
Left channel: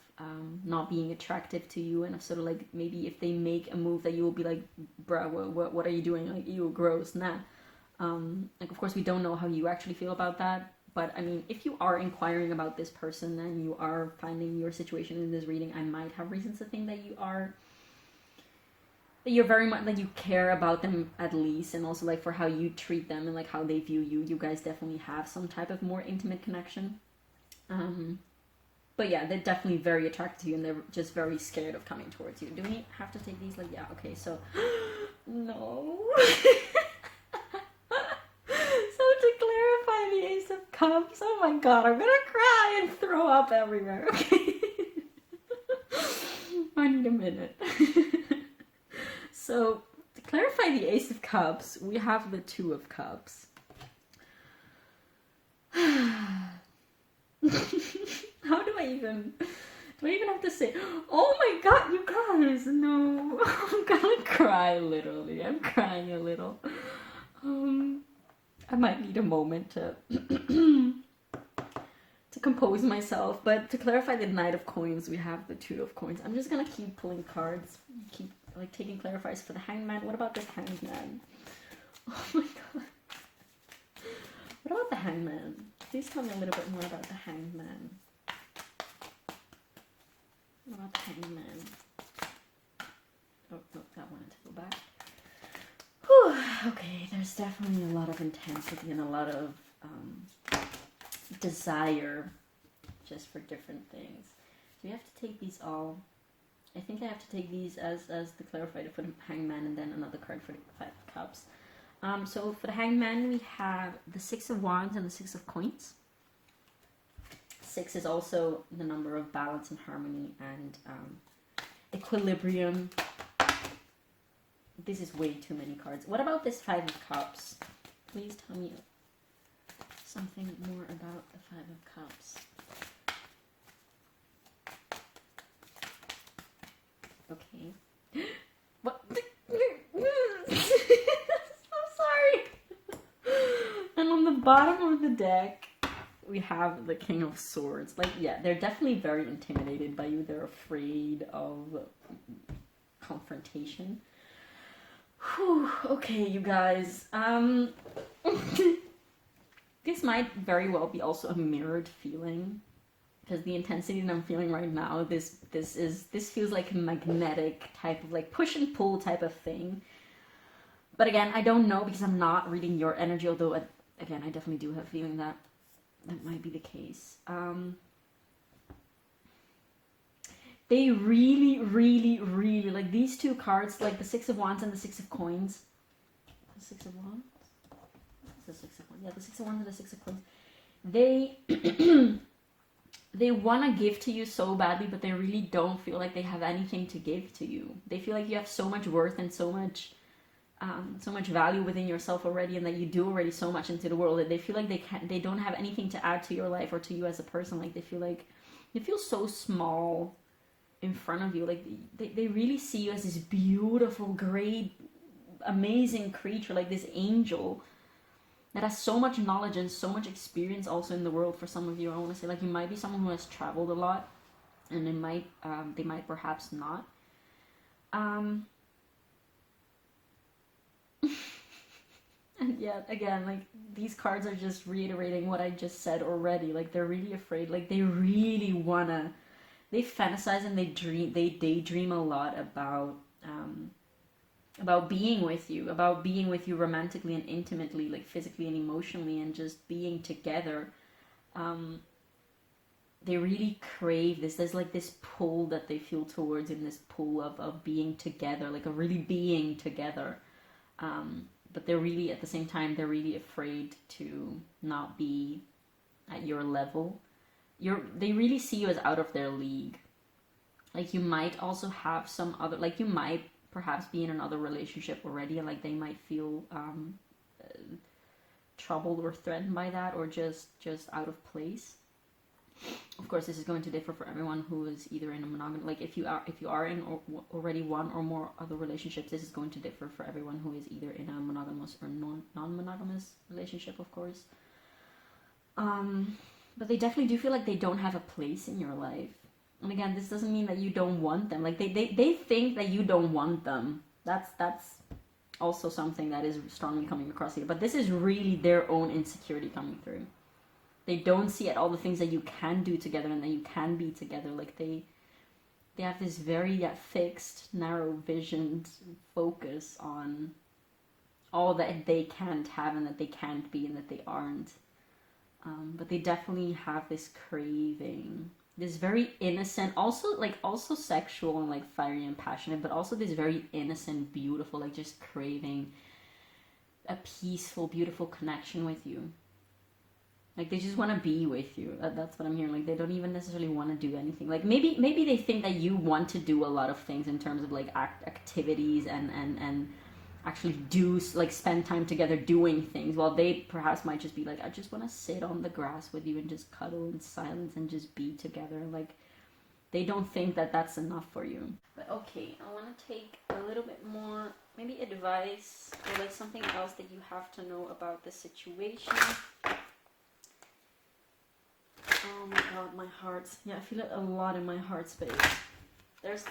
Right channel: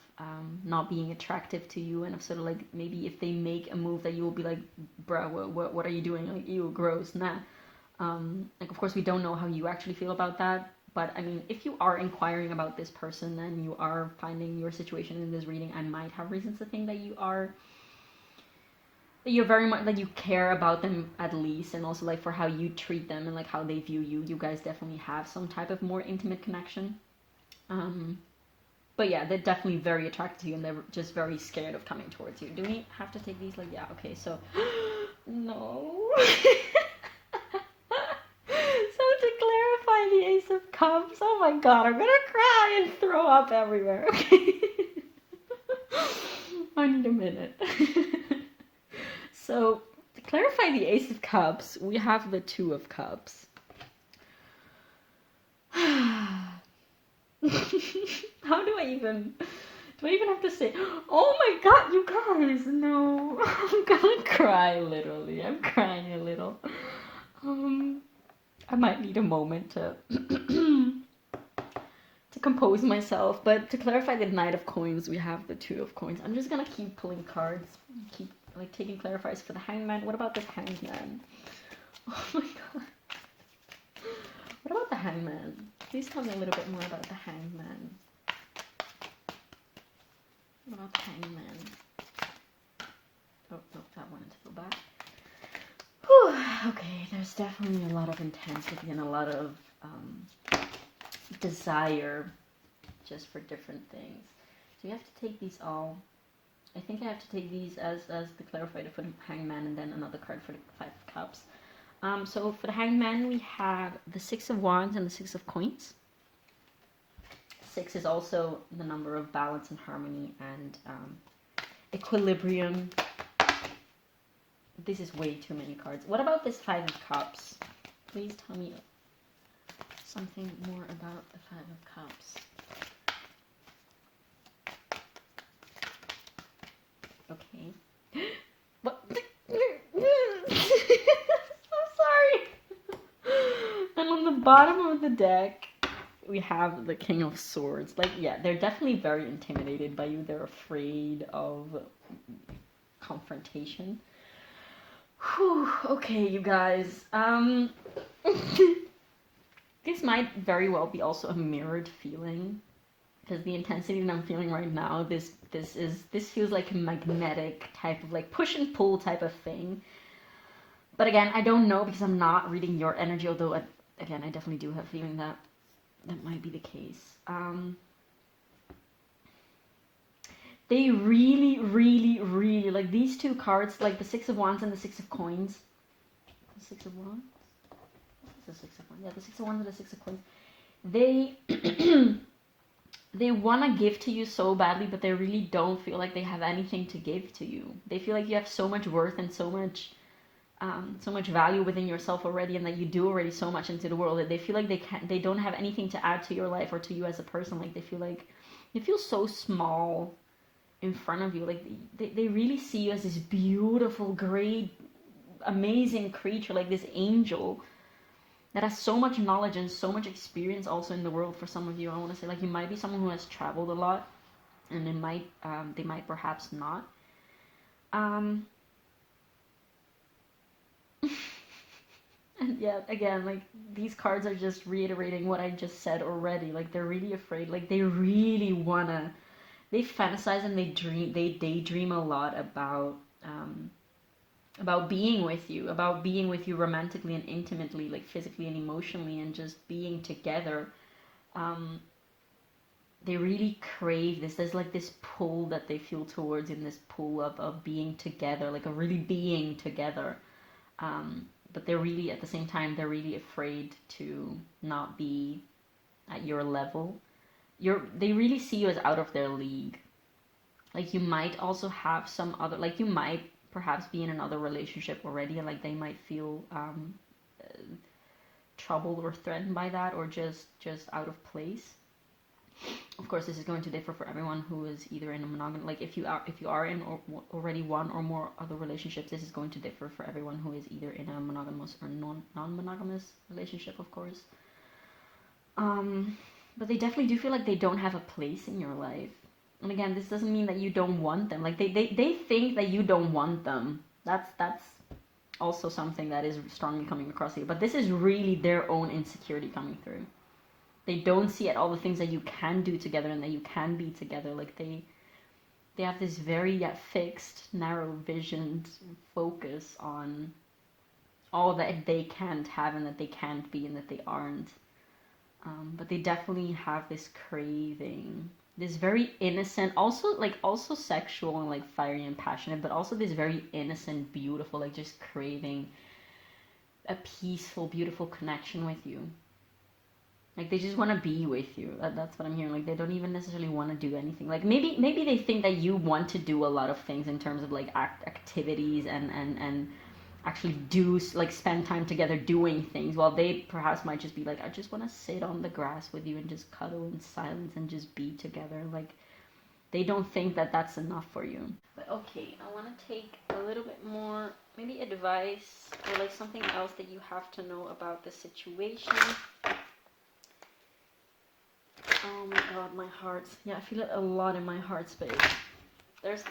not being attractive to you, and of sort of like, maybe if they make a move that you will be like, bruh, what are you doing? Like, you gross, nah. Like, of course, we don't know how you actually feel about that, but I mean, if you are inquiring about this person and you are finding your situation in this reading, I might have reasons to think that you're very much, like, you care about them at least, and also like for how you treat them and like how they view you. You guys definitely have some type of more intimate connection. But yeah, they're definitely very attracted to you, and they're just very scared of coming towards you. Do we have to take these? Like, yeah, okay, so no. So to clarify the Ace of Cups, oh my god, I'm gonna cry and throw up everywhere, okay? I need a minute. So, to clarify the Ace of Cups, we have the Two of Cups. How do I even have to say, oh my god, you guys, no. I'm gonna cry, literally. I'm crying a little. I might need a moment to compose myself. But to clarify the Knight of Coins, we have the Two of Coins. I'm just gonna keep pulling cards, keep like taking clarifiers for the Hangman. What about this Hangman? Oh my god. What about the Hangman? Please tell me a little bit more about the Hangman. What about the Hangman? Oh, that wanted to go back. Whew. Okay, there's definitely a lot of intensity and a lot of desire just for different things. So you have to take these all. I think I have to take these as the clarifier for the Hangman, and then another card for the Five of Cups. So for the Hangman, we have the Six of Wands and the Six of Coins. 6 is also the number of balance and harmony and equilibrium. this is way too many cards. What about this Five of Cups? Please tell me something more about the Five of Cups. Okay. What? I'm sorry. And on the bottom of the deck, we have the King of Swords. Like, yeah, they're definitely very intimidated by you. They're afraid of confrontation. Whew, okay, you guys. This might very well be also a mirrored feeling, because the intensity that I'm feeling right now, this feels like a magnetic type of like push and pull type of thing. But again, I don't know because I'm not reading your energy, although again, I definitely do have a feeling that that might be the case. They really, really, really, like these two cards, like the Six of Wands and the Six of Coins. The Six of Wands? The Six of Wands. Yeah, the Six of Wands and the Six of Coins. They they want to give to you so badly, but they really don't feel like they have anything to give to you. They feel like you have so much worth and so much value within yourself already, and that you do already so much into the world, that they feel like they don't have anything to add to your life or to you as a person. Like they feel so small in front of you. Like they really see you as this beautiful, great, amazing creature, like this angel that has so much knowledge and so much experience also in the world. For some of you, I want to say, like, you might be someone who has traveled a lot, and they might perhaps not. And yet again, like, these cards are just reiterating what I just said already. Like, they're really afraid. Like, they really wanna, they fantasize and they daydream a lot about being with you, romantically and intimately, like physically and emotionally, and just being together. They really crave this. There's like this pull that they feel towards, in this pull of being together, like a really being together. But they're really, at the same time, they're really afraid to not be at your level. They really see you as out of their league. Like, you might also have some other, like, you might perhaps be in another relationship already, and like they might feel troubled or threatened by that, or just out of place. Of course, this is going to differ for everyone who is either in a monogamous, like if you are in already one or more other relationships, this is going to differ for everyone who is either in a monogamous or non-monogamous relationship, of course. But they definitely do feel like they don't have a place in your life. And again, this doesn't mean that you don't want them. Like they think that you don't want them. That's also something that is strongly coming across here. But this is really their own insecurity coming through. They don't see all the things that you can do together and that you can be together. Like they have this very fixed, narrow-visioned focus on all that they can't have and that they can't be and that they aren't. But they definitely have this craving, this very innocent, also sexual and like fiery and passionate, but also this very innocent, beautiful, like just craving a peaceful, beautiful connection with you. Like they just want to be with you. That's what I'm hearing. Like they don't even necessarily want to do anything. Like maybe they think that you want to do a lot of things in terms of like activities and actually do like spend time together doing things, while they perhaps might just be like, I just want to sit on the grass with you and just cuddle in silence and just be together. Like they don't think that that's enough for you. But okay, I want to take a little bit more, maybe advice or like something else that you have to know about the situation. Oh my god, my heart. Yeah, I feel it a lot in my heart space. There's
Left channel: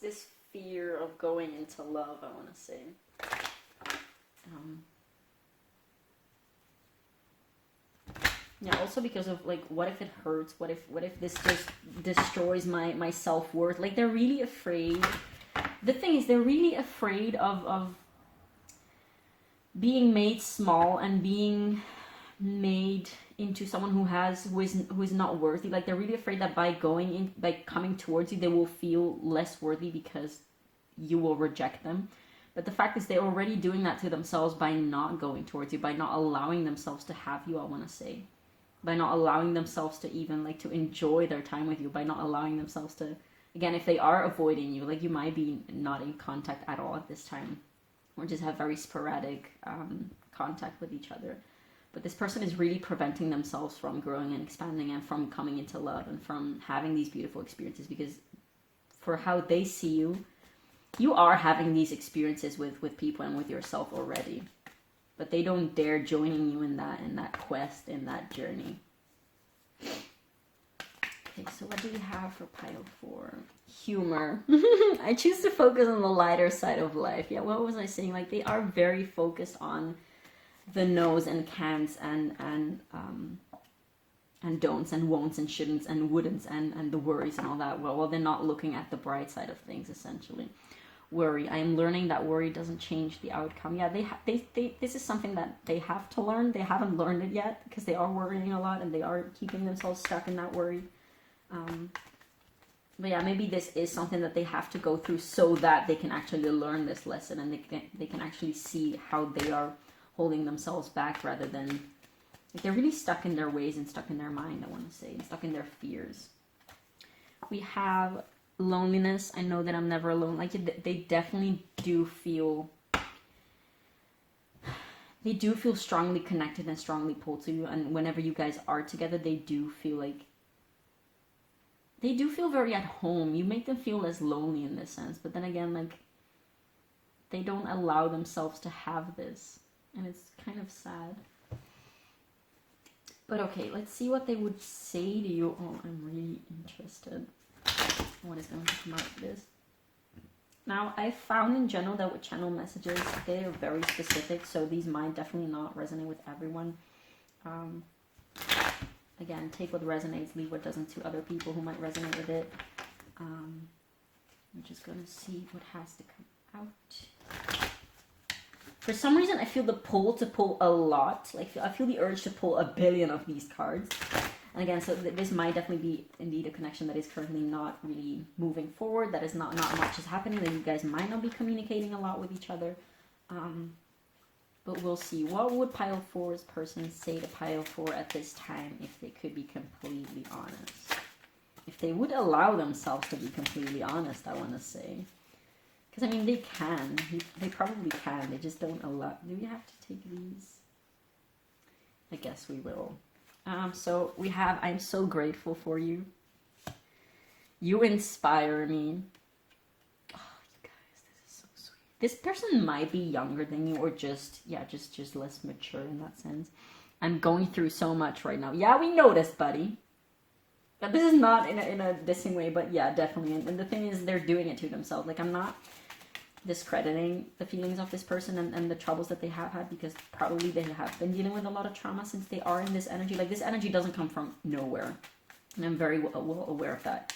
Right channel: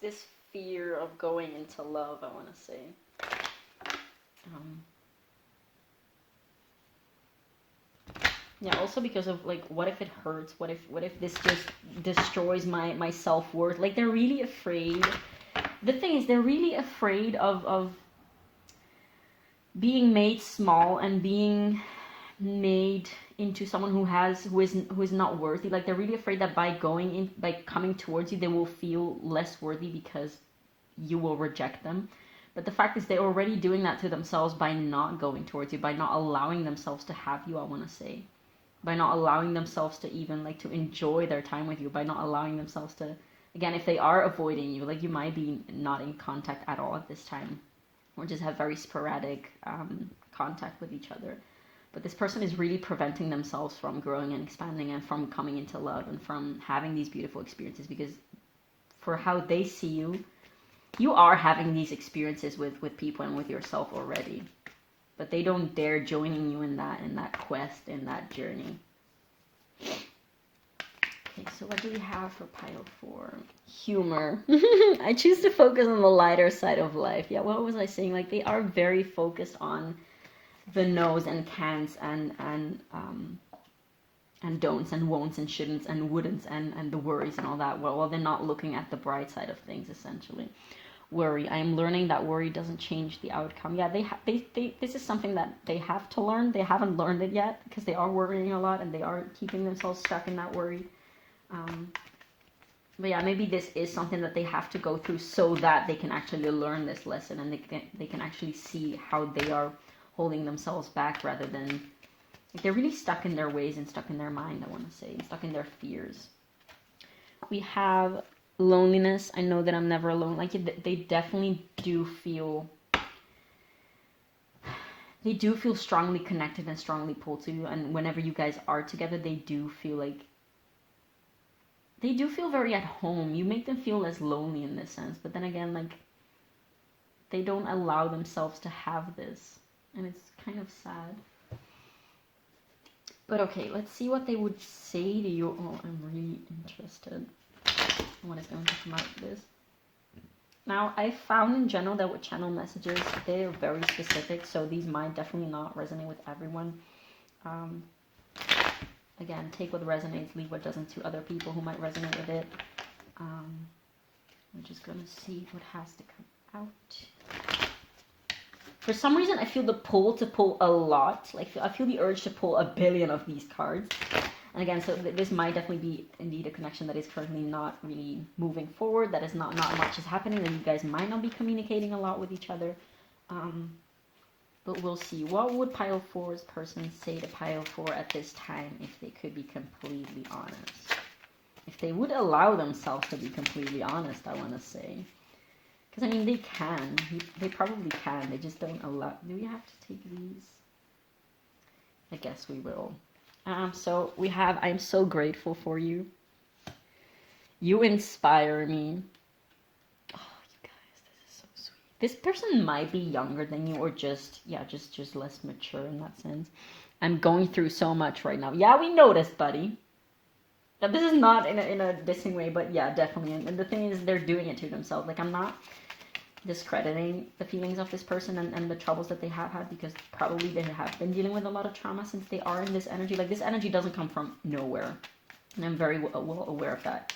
this fear of going into love, I want to say. Yeah, also because of like, what if it hurts? What if this just destroys my self-worth? Like they're really afraid. The thing is, they're really afraid of being made small and being made into someone who is not worthy. Like they're really afraid that by coming towards you, they will feel less worthy because you will reject them. But the fact is, they're already doing that to themselves by not going towards you, by not allowing themselves to have you, I want to say, by not allowing themselves to even like to enjoy their time with you, by not allowing themselves to again, if they are avoiding you, like you might be not in contact at all at this time, or just have very sporadic contact with each other. But this person is really preventing themselves from growing and expanding and from coming into love and from having these beautiful experiences, because for how they see you, you are having these experiences with people and with yourself already. But they don't dare joining you in that quest, in that journey. Okay, so what do we have for pile 4? Humor. I choose to focus on the lighter side of life. Yeah, what was I saying? Like, they are very focused on the no's and can'ts and don'ts and won'ts and shouldn'ts and wouldn'ts and the worries and all that. Well, they're not looking at the bright side of things, essentially. Worry. I am learning that worry doesn't change the outcome. Yeah, they this is something that they have to learn. They haven't learned it yet because they are worrying a lot and they are keeping themselves stuck in that worry. But yeah, maybe this is something that they have to go through so that they can actually learn this lesson, and they can actually see how they are holding themselves back, rather than, like, they're really stuck in their ways and stuck in their mind, I want to say, and stuck in their fears. We have loneliness. I know that I'm never alone. Like, they definitely do feel, strongly connected and strongly pulled to you, and whenever you guys are together, they do feel very at home. You make them feel less lonely in this sense, but then again, like, they don't allow themselves to have this, and it's kind of sad. But okay, let's see what they would say to you. Oh, I'm really interested. What is going to come out of this? Now, I found in general that with channel messages, they're very specific, so these might definitely not resonate with everyone. Again, take what resonates, leave what doesn't to other people who might resonate with it. I'm just going to see what has to come out. For some reason, I feel the pull to pull a lot. Like, I feel the urge to pull 1 billion of these cards. And again, so this might definitely be indeed a connection that is currently not really moving forward. That is not much is happening. That you guys might not be communicating a lot with each other. But we'll see. What would pile 4's person say to pile 4 at this time if they could be completely honest? If they would allow themselves to be completely honest, I want to say. Because, I mean, they can. They probably can. They just don't allow. Do we have to take these? I guess we will. So we have, I'm so grateful for you. You inspire me. Oh, you guys, this is so sweet. This person might be younger than you, or just less mature in that sense. I'm going through so much right now. Yeah, we noticed, buddy. But this is not in a dissing way, but yeah, definitely. And the thing is, they're doing it to themselves. Like, I'm not discrediting the feelings of this person and the troubles that they have had, because probably they have been dealing with a lot of trauma since they are in this energy. Like, this energy doesn't come from nowhere, and I'm very well aware of that.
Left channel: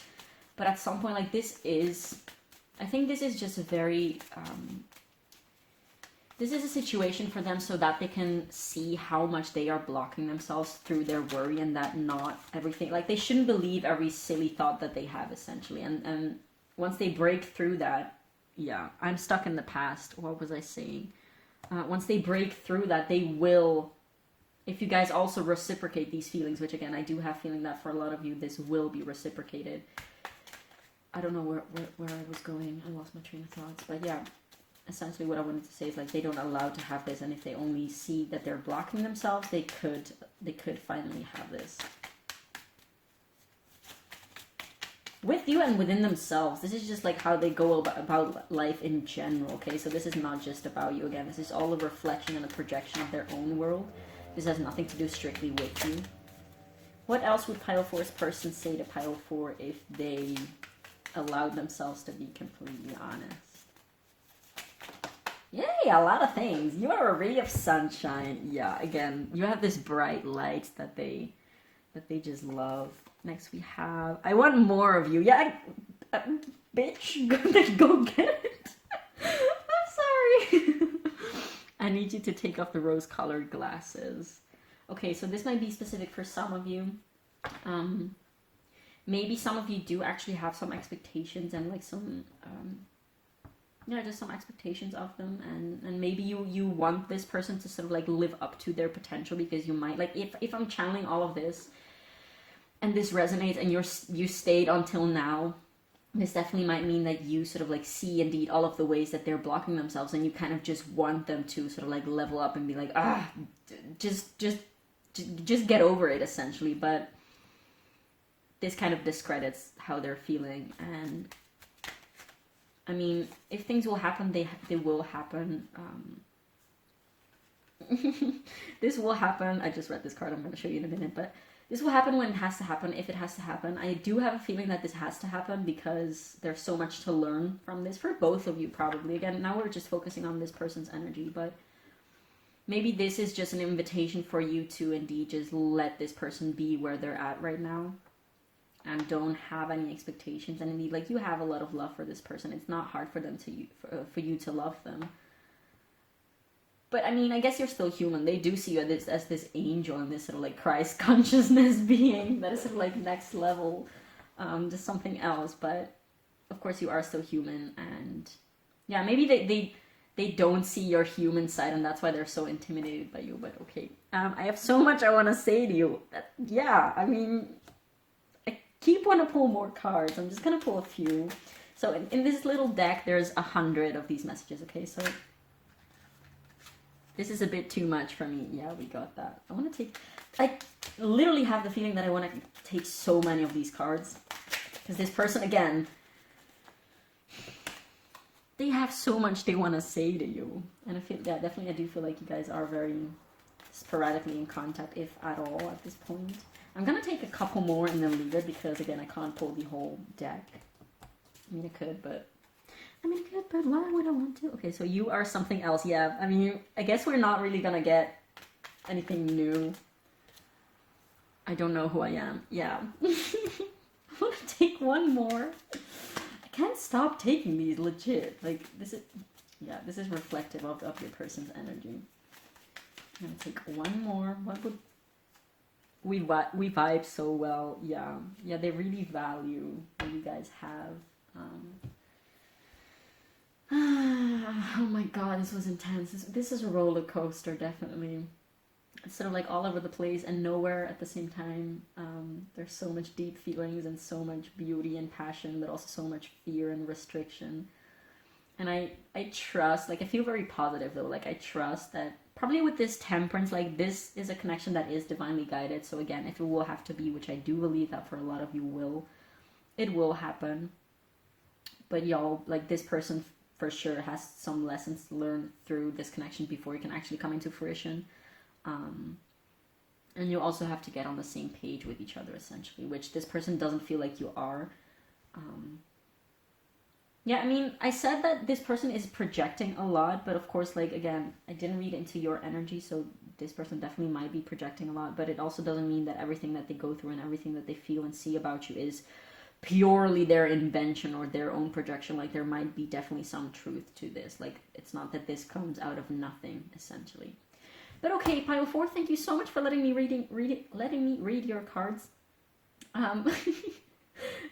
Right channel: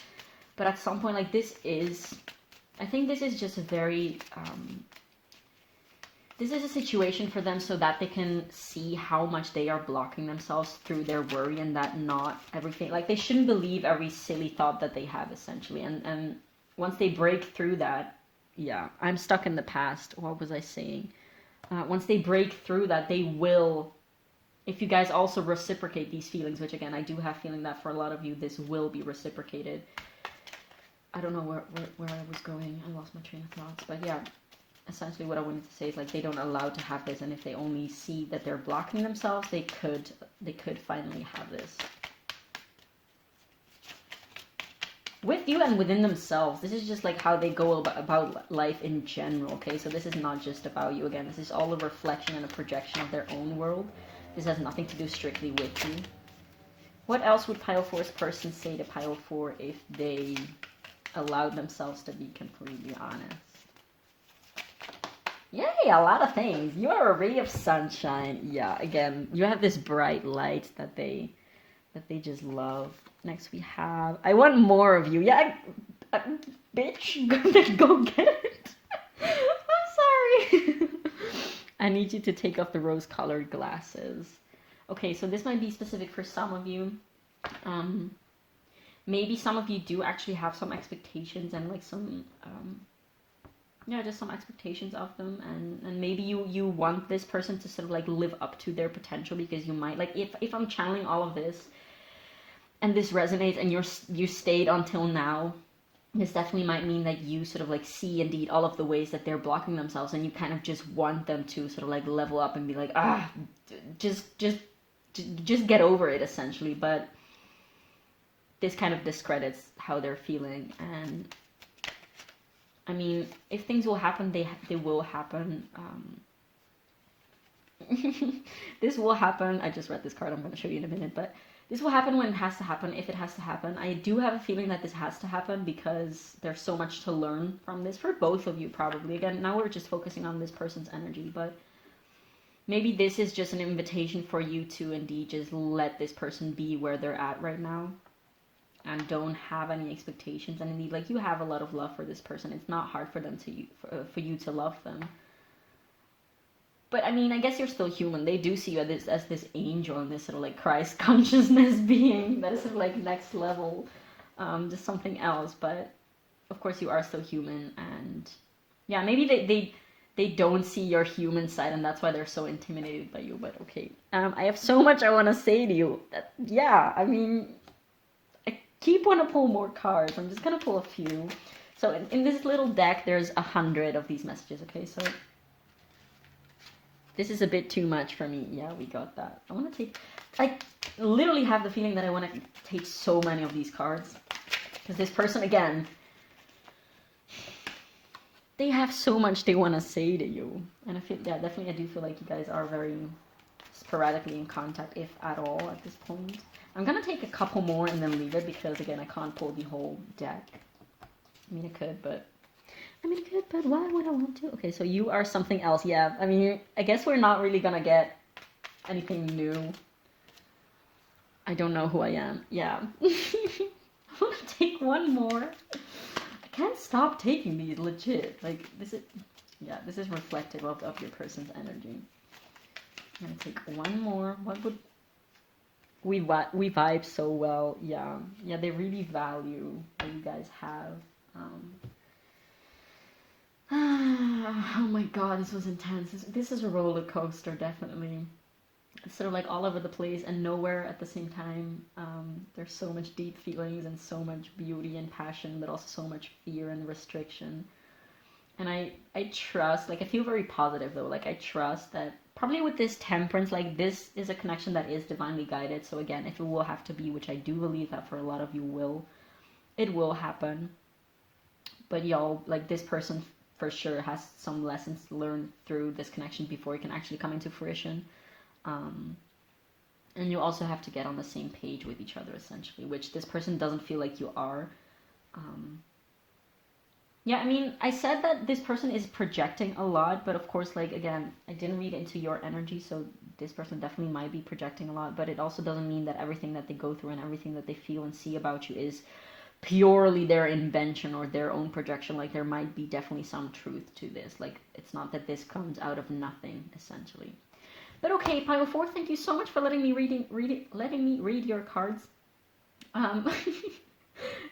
But at some point, like, I think this is just a very this is a situation for them so that they can see how much they are blocking themselves through their worry, and that not everything, like, they shouldn't believe every silly thought that they have, essentially. And once they break through that, yeah, I'm stuck in the past. What was I saying? Once they break through that, they will, if you guys also reciprocate these feelings, which again, I do have feeling that for a lot of you, this will be reciprocated. I don't know where I was going. I lost my train of thoughts. But yeah, essentially what I wanted to say is, like, they don't allow to have this, and if they only see that they're blocking themselves, they could finally have this. With you and within themselves. This is just like how they go about life in general, okay? So this is not just about you. Again, this is all a reflection and a projection of their own world. This has nothing to do strictly with you. What else would pile 4's person say to pile 4 if they allowed themselves to be completely honest? Yay, a lot of things. You are a ray of sunshine. Yeah, again, you have this bright light that they just love. Next we have, I want more of you. Yeah, bitch, go get it. I'm sorry. I need you to take off the rose-colored glasses. Okay, so this might be specific for some of you. Maybe some of you do actually have some expectations and like some, just some expectations of them. And maybe you want this person to sort of like live up to their potential, because you might, like, if I'm channeling all of this, and this resonates, and you stayed until now, This definitely might mean that you sort of like see indeed all of the ways that they're blocking themselves, and you kind of just want them to sort of like level up and be like, just get over it, essentially. But this kind of discredits how they're feeling. And I mean, if things will happen, they will happen. This will happen. I just read this card. I'm going to show you in a minute, but this will happen when it has to happen, if it has to happen. I do have a feeling that this has to happen because there's so much to learn from this for both of you, probably. Again, now we're just focusing on this person's energy, but maybe this is just an invitation for you to indeed just let this person be where they're at right now and don't have any expectations. And indeed, like, you have a lot of love for this person. It's not hard for them for you to love them. But I mean, I guess you're still human. They do see you as this angel and this sort of like Christ consciousness being that is sort of like next level, just something else. But of course, you are still human, and yeah, maybe they don't see your human side, and that's why they're so intimidated by you. But okay, I have so much I want to say to you. Yeah, I mean, I keep want to pull more cards. I'm just gonna pull a few. So in this little deck, there's 100 of these messages. Okay, so. This is a bit too much for me. Yeah, we got that. I want to take... I literally have the feeling that I want to take so many of these cards. Because this person, again... They have so much they want to say to you. And I feel... Yeah, definitely I do feel like you guys are very sporadically in contact, if at all, at this point. I'm going to take a couple more and then leave it. Because, again, I can't pull the whole deck. I mean, I could, but... why would I want to? Okay, so you are something else. Yeah, I mean, I guess we're not really gonna get anything new. I don't know who I am. Yeah. I'm gonna take one more. I can't stop taking these, legit. Like, this is... Yeah, this is reflective of your person's energy. I'm gonna take one more. What would... We vibe so well. Yeah. Yeah, they really value what you guys have. Oh my god, this was intense. This is a roller coaster, definitely. It's sort of like all over the place and nowhere at the same time. There's so much deep feelings and so much beauty and passion, but also so much fear and restriction. And I trust, like, I feel very positive though. Like, I trust that probably with this Temperance, like, this is a connection that is divinely guided. So again, if it will have to be, which I do believe that for a lot of you will, it will happen. But y'all, like, this person for sure has some lessons to learn through this connection before it can actually come into fruition. And you also have to get on the same page with each other, essentially, which this person doesn't feel like you are. Yeah, I mean, I said that this person is projecting a lot, but of course, like, again, I didn't read into your energy, so this person definitely might be projecting a lot, but it also doesn't mean that everything that they go through and everything that they feel and see about you is purely their invention or their own projection. Like, there might be definitely some truth to this. Like, it's not that this comes out of nothing, essentially. But okay, Pile 4, thank you so much for letting me read your cards.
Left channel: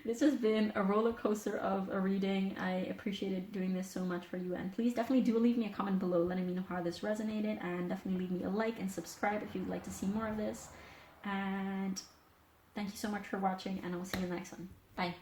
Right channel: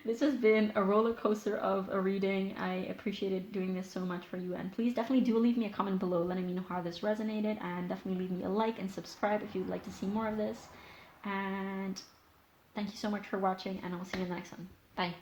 This has been a roller coaster of a reading. I appreciated doing this so much for you, and please definitely do leave me a comment below letting me know how this resonated, and definitely leave me a like and subscribe if you'd like to see more of this. And thank you so much for watching, and I will see you in the next one. Bye.